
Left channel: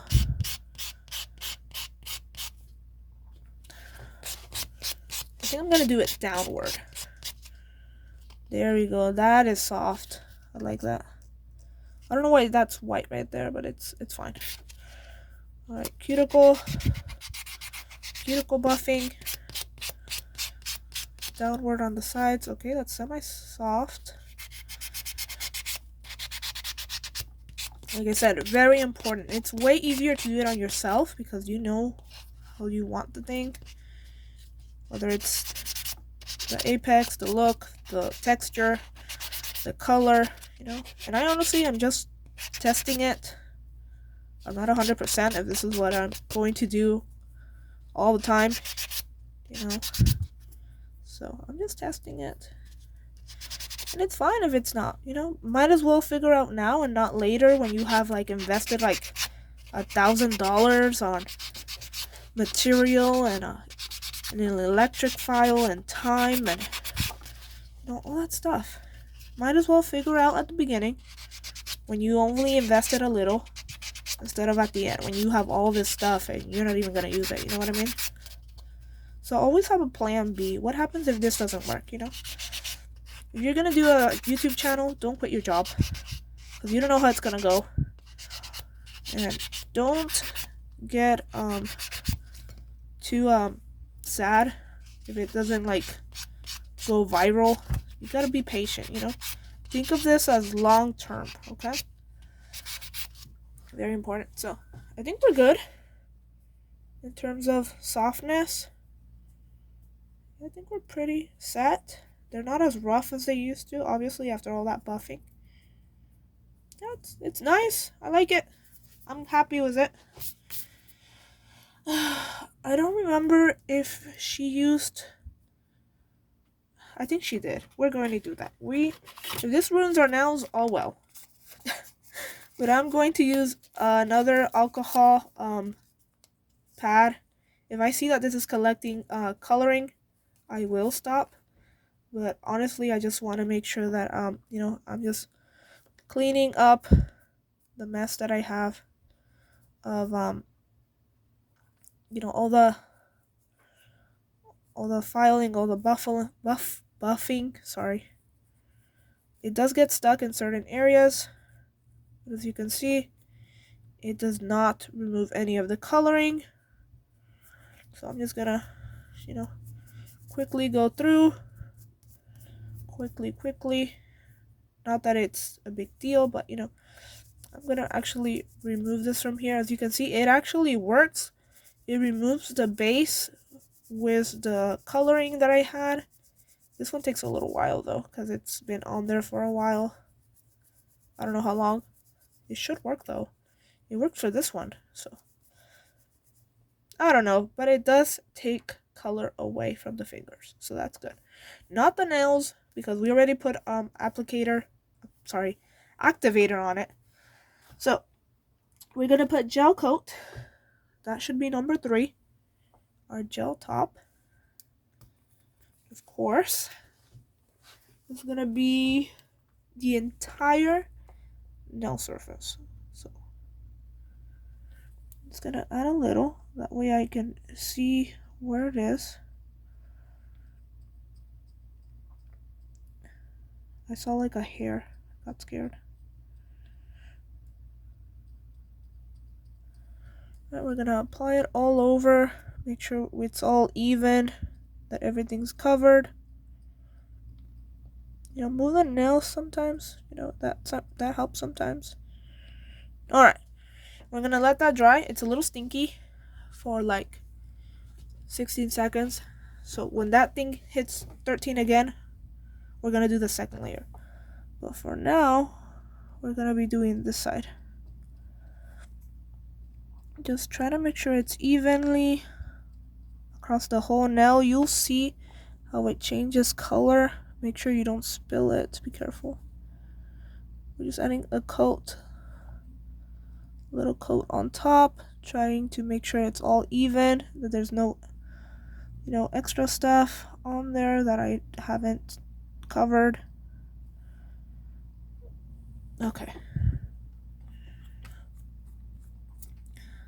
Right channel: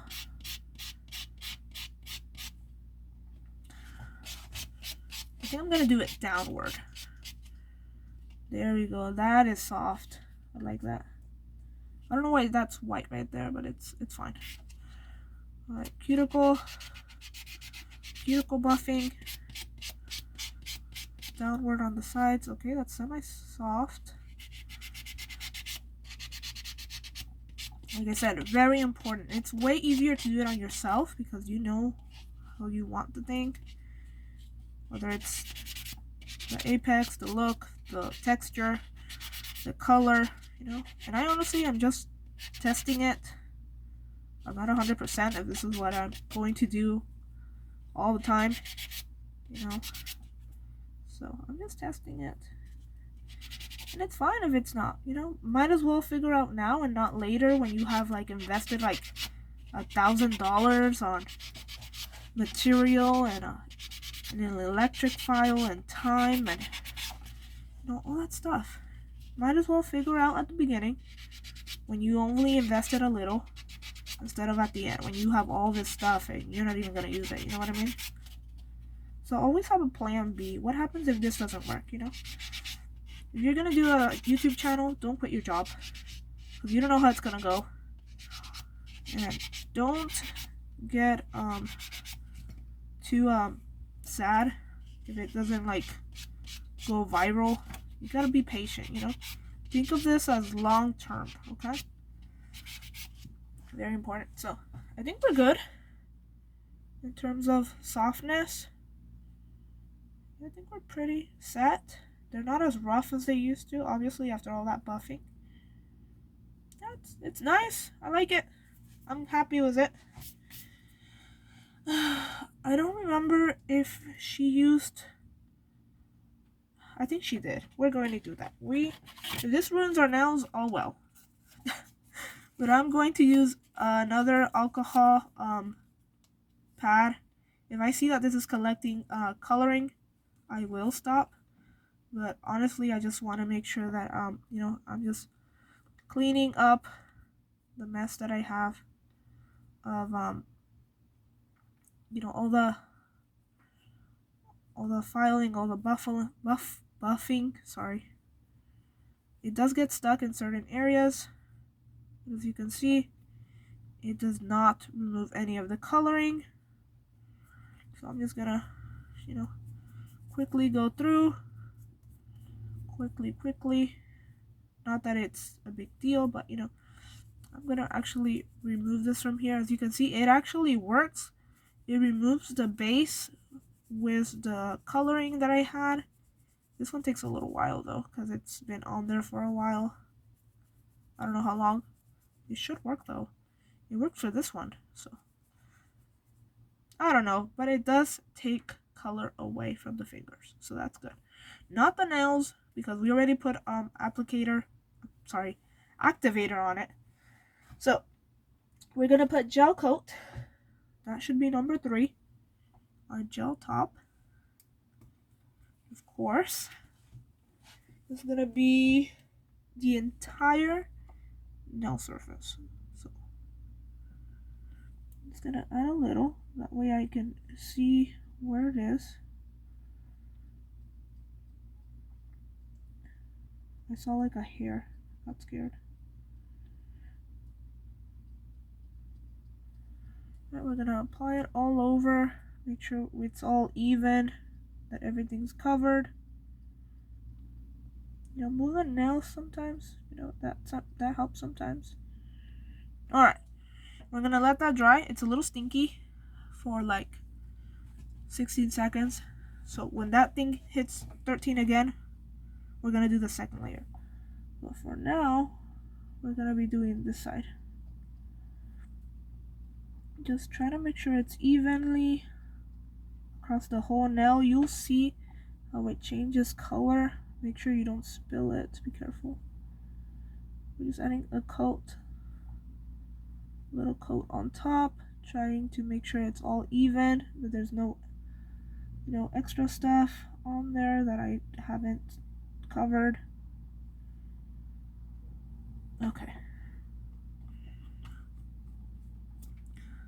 I think I'm gonna do it downward. There we go. That is soft. I like that. I don't know why that's white right there, but it's fine. All right, cuticle buffing. Downward on the sides. Okay, that's semi-soft. Like I said, very important. It's way easier to do it on yourself because you know how you want the thing. Whether it's the apex, the look, the texture, the color, you know. And I honestly am just testing it. I'm not 100% if this is what I'm going to do all the time, you know. So I'm just testing it. And it's fine if it's not, you know. Might as well figure out now and not later when you have like invested like $1,000 on material and an electric file and time and, you know, all that stuff. Might as well figure out at the beginning when you only invested a little instead of at the end when you have all this stuff and you're not even going to use it, you know what I mean? So always have a plan B. What happens if this doesn't work, you know? If you're going to do a YouTube channel, don't quit your job because you don't know how it's going to go. And don't get too sad if it doesn't like go viral. You got to be patient, you know? Think of this as long term, okay? Very important. So I think we're good in terms of softness. I think we're pretty set. They're not as rough as they used to, obviously, after all that buffing. Yeah, it's nice. I like it. I'm happy with it. I don't remember if she used... I think she did. We're going to do that. If this ruins our nails, oh well. But I'm going to use another alcohol pad. If I see that this is collecting coloring, I will stop. But honestly, I just want to make sure that I'm just cleaning up the mess that I have of all the filing, all the buffing. Sorry, it does get stuck in certain areas. As you can see, it does not remove any of the coloring. So I'm just gonna, quickly go through. Quickly. Not that it's a big deal, but I'm gonna actually remove this from here. As you can see, it actually works. It removes the base with the coloring that I had. This one takes a little while though, because it's been on there for a while. I don't know how long. It should work though. It worked for this one, so I don't know, but it does take color away from the fingers, so that's good. Not the nails, because we already put activator on it. So we're gonna put gel coat. That should be number 3. Our gel top, of course, is gonna be the entire nail surface. So I'm just gonna add a little, that way I can see where it is. I saw like a hair, got scared. Right, we're gonna apply it all over, make sure it's all even, that everything's covered. Move the nails sometimes, that helps sometimes. Alright, we're gonna let that dry. It's a little stinky for like 16 seconds. So when that thing hits 13 again, we're gonna do the second layer. But for now, we're gonna be doing this side. Just try to make sure it's evenly across the whole nail. You'll see how it changes color. Make sure you don't spill it. Be careful. We're just adding a little coat on top, trying to make sure it's all even, that there's no extra stuff on there that I haven't covered. Okay,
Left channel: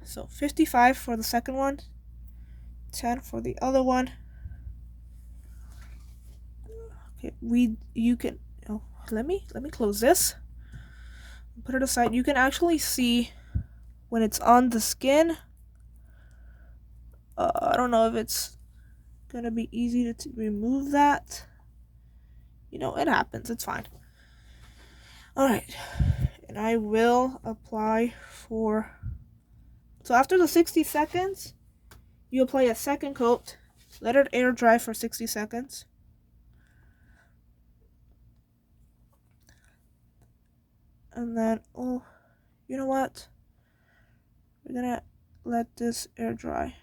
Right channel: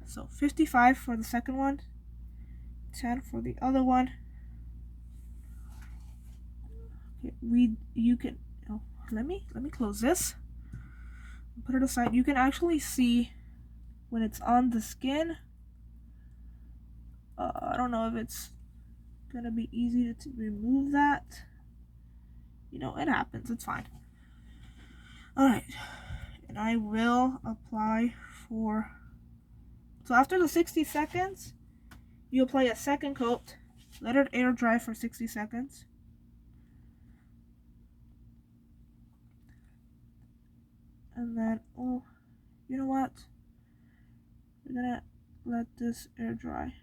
so 55 for the second one, 10 for the other one. Okay, let me close this, put it aside. You can actually see when it's on the skin. I don't know if it's gonna be easy to remove that. It happens, it's fine. Alright, and I will apply so after the 60 seconds, you apply a second coat, let it air dry for 60 seconds. And then, you know what? We're gonna let this air dry.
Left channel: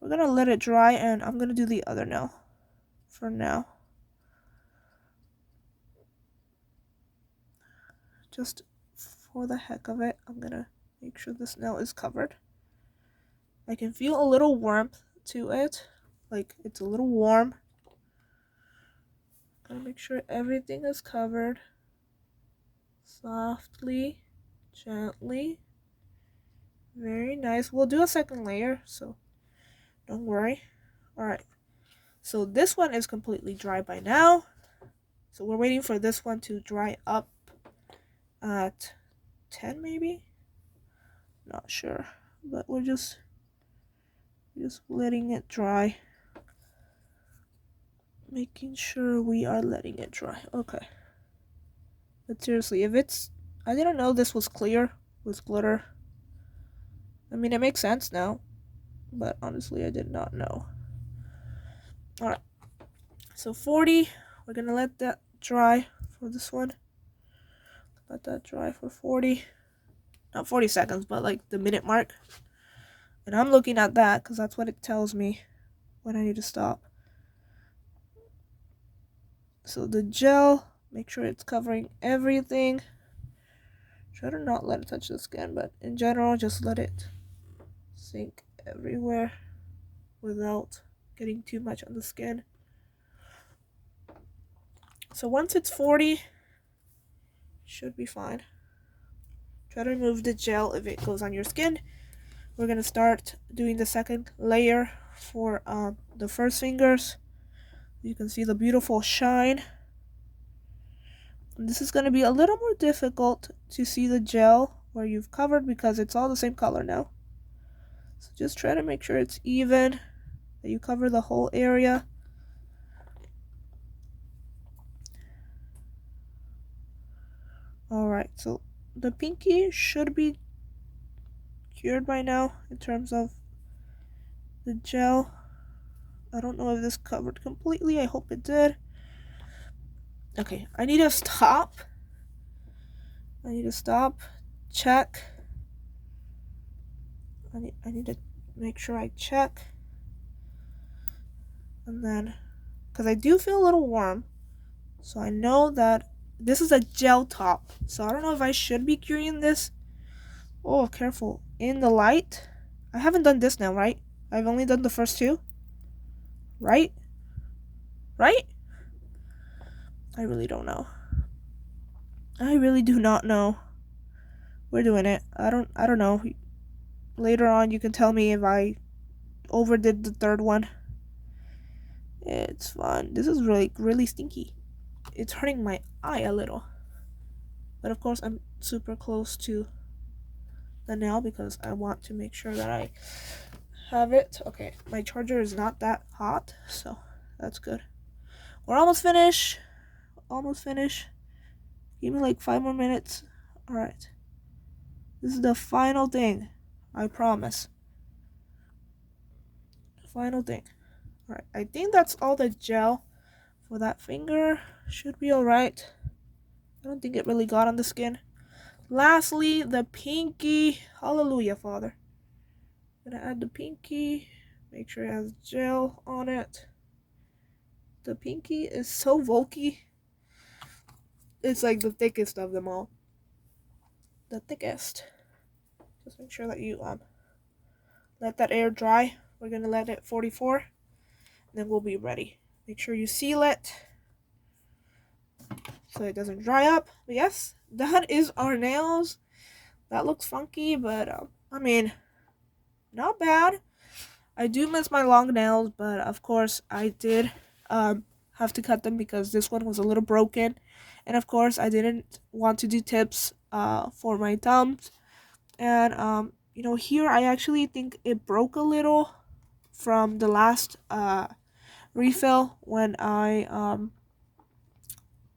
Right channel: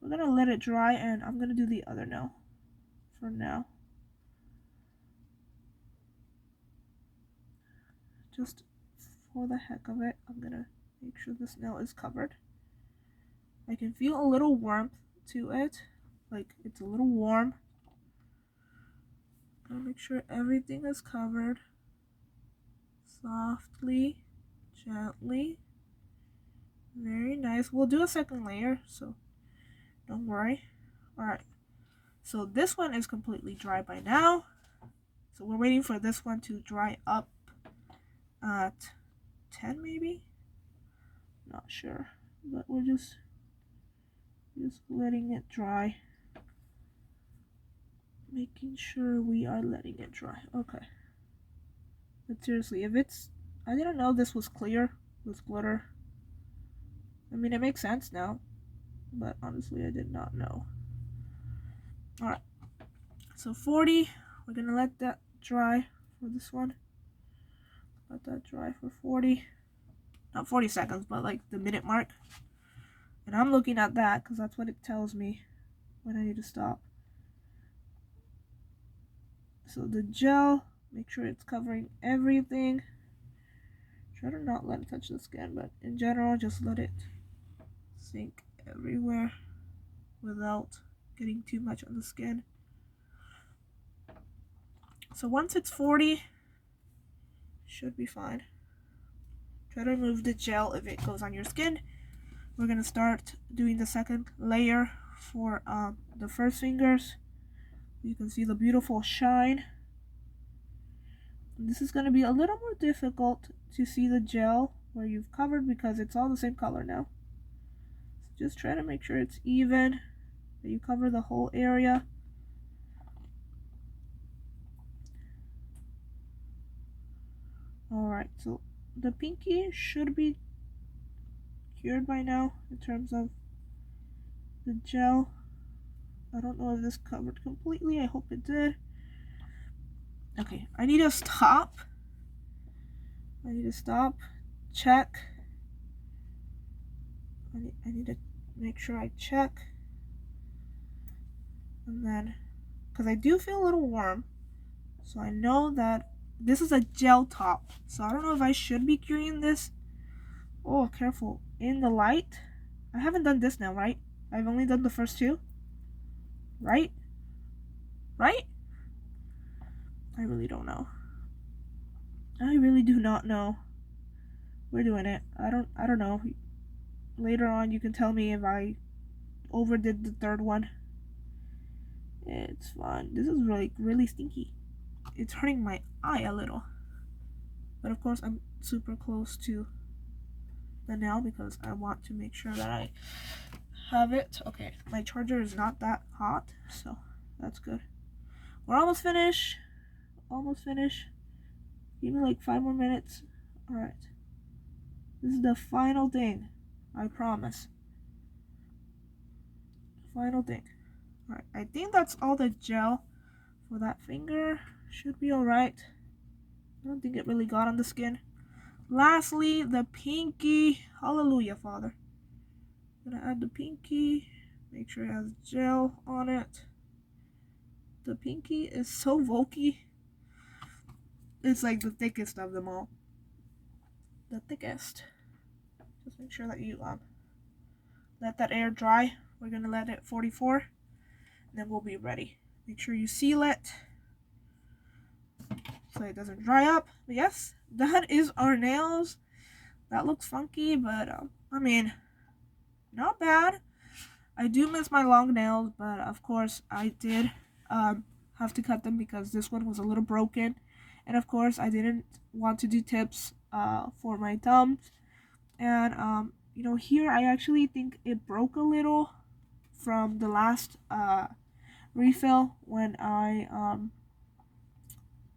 We're gonna let it dry, and I'm gonna do the other nail for now. Just for the heck of it, I'm gonna make sure this nail is covered. I can feel a little warmth to it, like it's a little warm. Gotta make sure everything is covered. Softly, gently. Very nice. We'll do a second layer, so don't worry. Alright, so this one is completely dry by now. So we're waiting for this one to dry up at 10 maybe? Not sure, but we're just letting it dry. Making sure we are letting it dry. Okay. But seriously, I didn't know this was clear with glitter. I mean, it makes sense now, but honestly, I did not know. Alright, so 40. We're gonna let that dry for this one. Let that dry for 40. Not 40 seconds, but like the minute mark. And I'm looking at that because that's what it tells me when I need to stop. So the gel, make sure it's covering everything. Try to not let it touch the skin, but in general, just let it sink everywhere without getting too much on the skin. So once it's 40, should be fine. Try to remove the gel if it goes on your skin. We're gonna start doing the second layer for the first fingers. You can see the beautiful shine. And this is gonna be a little more difficult to see the gel where you've covered because it's all the same color now. So just try to make sure it's even, that you cover the whole area. Alright, so the pinky should be cured by now in terms of the gel. I don't know if this covered completely. I hope it did. Okay, I need to stop. Check. I need to make sure I check. And then, because I do feel a little warm, so I know that this is a gel top. So I don't know if I should be curing this. Oh, careful. In the light. I haven't done this now, right? I've only done the first two. Right? Right? I really don't know. I really do not know. We're doing it. I don't know. Later on you can tell me if I overdid the third one. It's fun. This is really stinky. It's hurting my eye a little. But of course I'm super close to the nail because I want to make sure that I have it. Okay, my charger is not that hot, so that's good. We're almost finished. Give me like 5 more minutes. Alright. This is the final thing. I promise. Final thing. Alright, I think that's all the gel for that finger. Should be alright. I don't think it really got on the skin. Lastly, the pinky. Hallelujah, Father. I'm gonna add the pinky. Make sure it has gel on it. The pinky is so bulky. It's like the thickest of them all. The thickest. Just make sure that you let that air dry. We're gonna let it 44. Then we'll be ready. Make sure you seal it so it doesn't dry up. But yes, that is our nails. That looks funky, but I mean, not bad. I do miss my long nails, but of course I did have to cut them because this one was a little broken. And of course I didn't want to do tips for my thumbs. And you know, here I actually think it broke a little from the last refill when I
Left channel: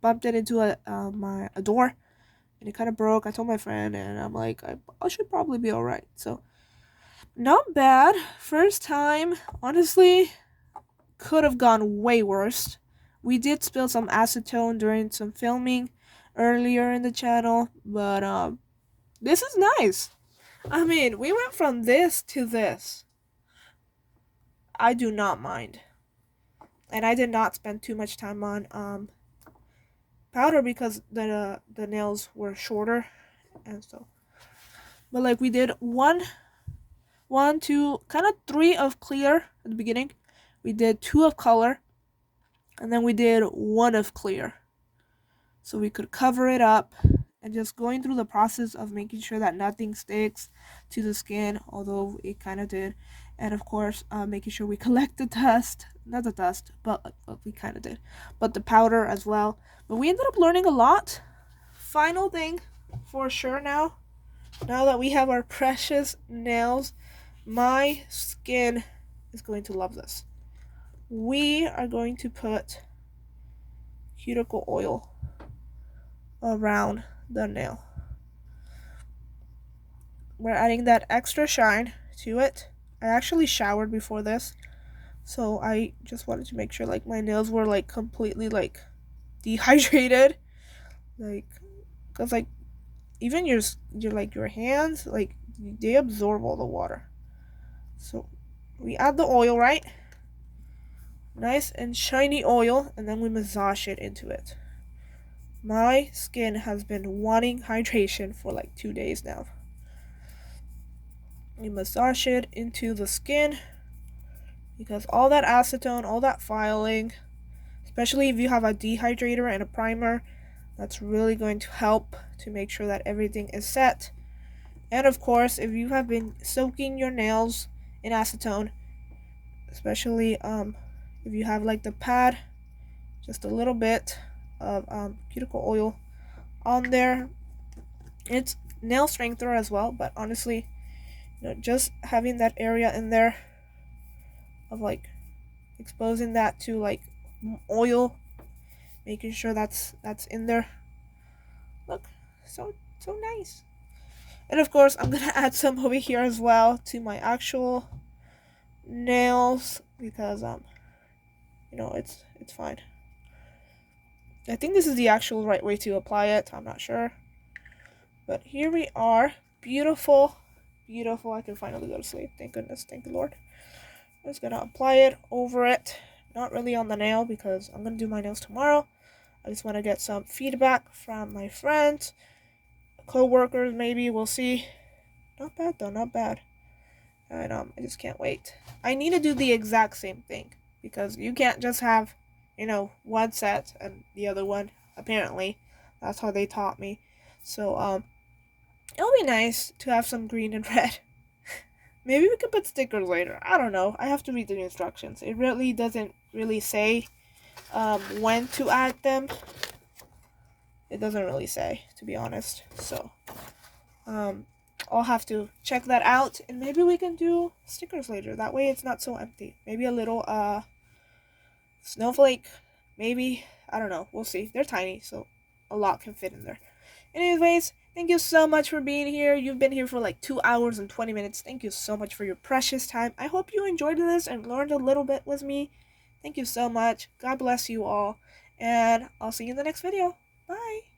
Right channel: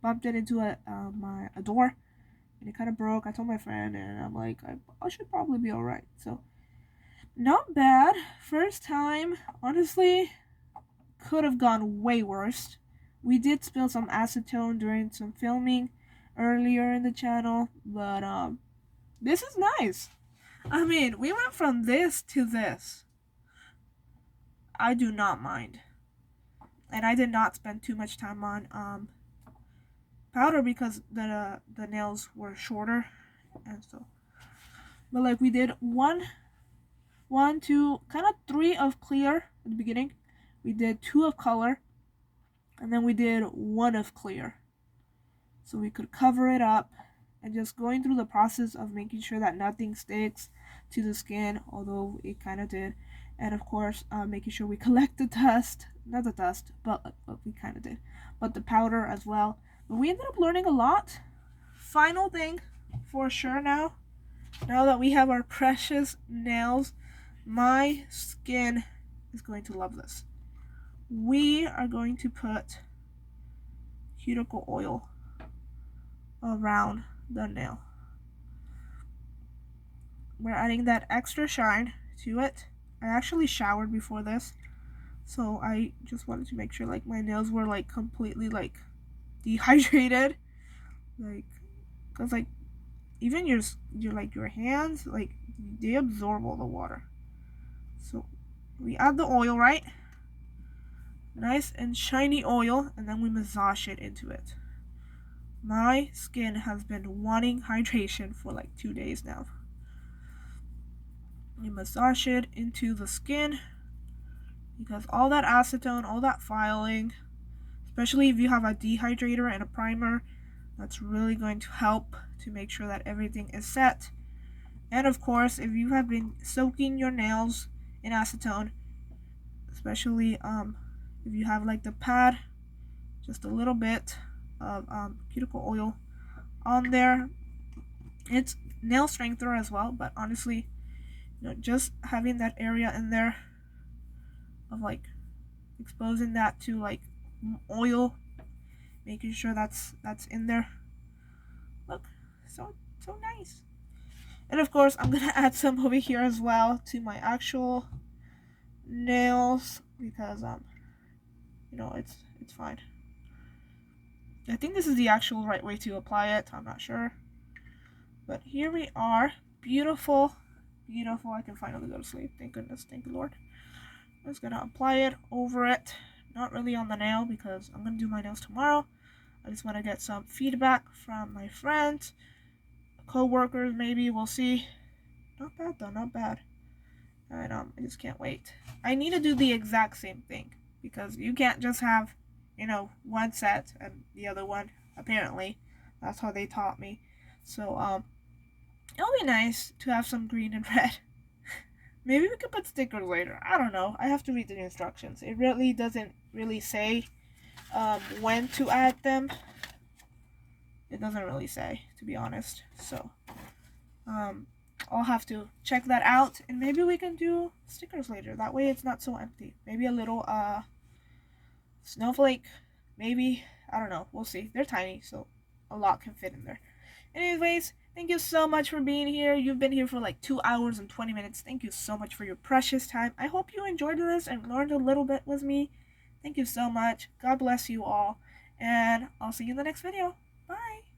bumped it into a door, and it kind of broke. I told my friend, and I'm like, I should probably be all right. So not bad. First time, honestly, could have gone way worse. We did spill some acetone during some filming earlier in the channel, but this is nice. I mean, we went from this to this. I do not mind. And I did not spend too much time on powder because the nails were shorter, and so. But like we did one, two, kind of 3 of clear at the beginning. We did 2 of color, and then we did 1 of clear. So we could cover it up and just going through the process of making sure that nothing sticks to the skin, although it kind of did. And of course, making sure we collect the dust, not the dust, but we kind of did, but the powder as well. But we ended up learning a lot. Final thing for sure now that we have our precious nails, my skin is going to love this. We are going to put cuticle oil around the nail. We're adding that extra shine to it. I actually showered before this, So I just wanted to make sure like my nails were like completely like dehydrated, like because like even your hands like they absorb all the water. So we add the oil, right? Nice and shiny oil, and then we massage it into it. My skin has been wanting hydration for like 2 days now. We massage it into the skin because all that acetone, all that filing, especially if you have a dehydrator and a primer, that's really going to help to make sure that everything is set. And of course, if you have been soaking your nails in acetone, especially if you have like the pad, just a little bit of cuticle oil on there. It's nail strengthener as well, but honestly, just having that area in there of like exposing that to like oil, making sure that's in there. Look, so nice. And of course, I'm gonna add some over here as well to my actual nails because it's fine. I think this is the actual right way to apply it. I'm not sure, but here we are. Beautiful, beautiful. I can finally go to sleep. Thank goodness. Thank the Lord. I'm just gonna apply it over it. Not really on the nail because I'm gonna do my nails tomorrow. I just want to get some feedback from my friends, co-workers maybe. We'll see. Not bad though, not bad. And I just can't wait. I need to do the exact same thing because you can't just have, one set and the other one. Apparently, that's how they taught me. So it'll be nice to have some green and red. Maybe we could put stickers later. I don't know. I have to read the instructions. It really doesn't really say when to add them. It doesn't really say, to be honest. So I'll have to check that out, and maybe we can do stickers later. That way it's not so empty. Maybe a little snowflake. Maybe, I don't know. We'll see. They're tiny, so a lot can fit in there. Anyways, thank you so much for being here. You've been here for like 2 hours and 20 minutes. Thank you so much for your precious time. I hope you enjoyed this and learned a little bit with me. Thank you so much. God bless you all, and I'll see you in the next video. Bye.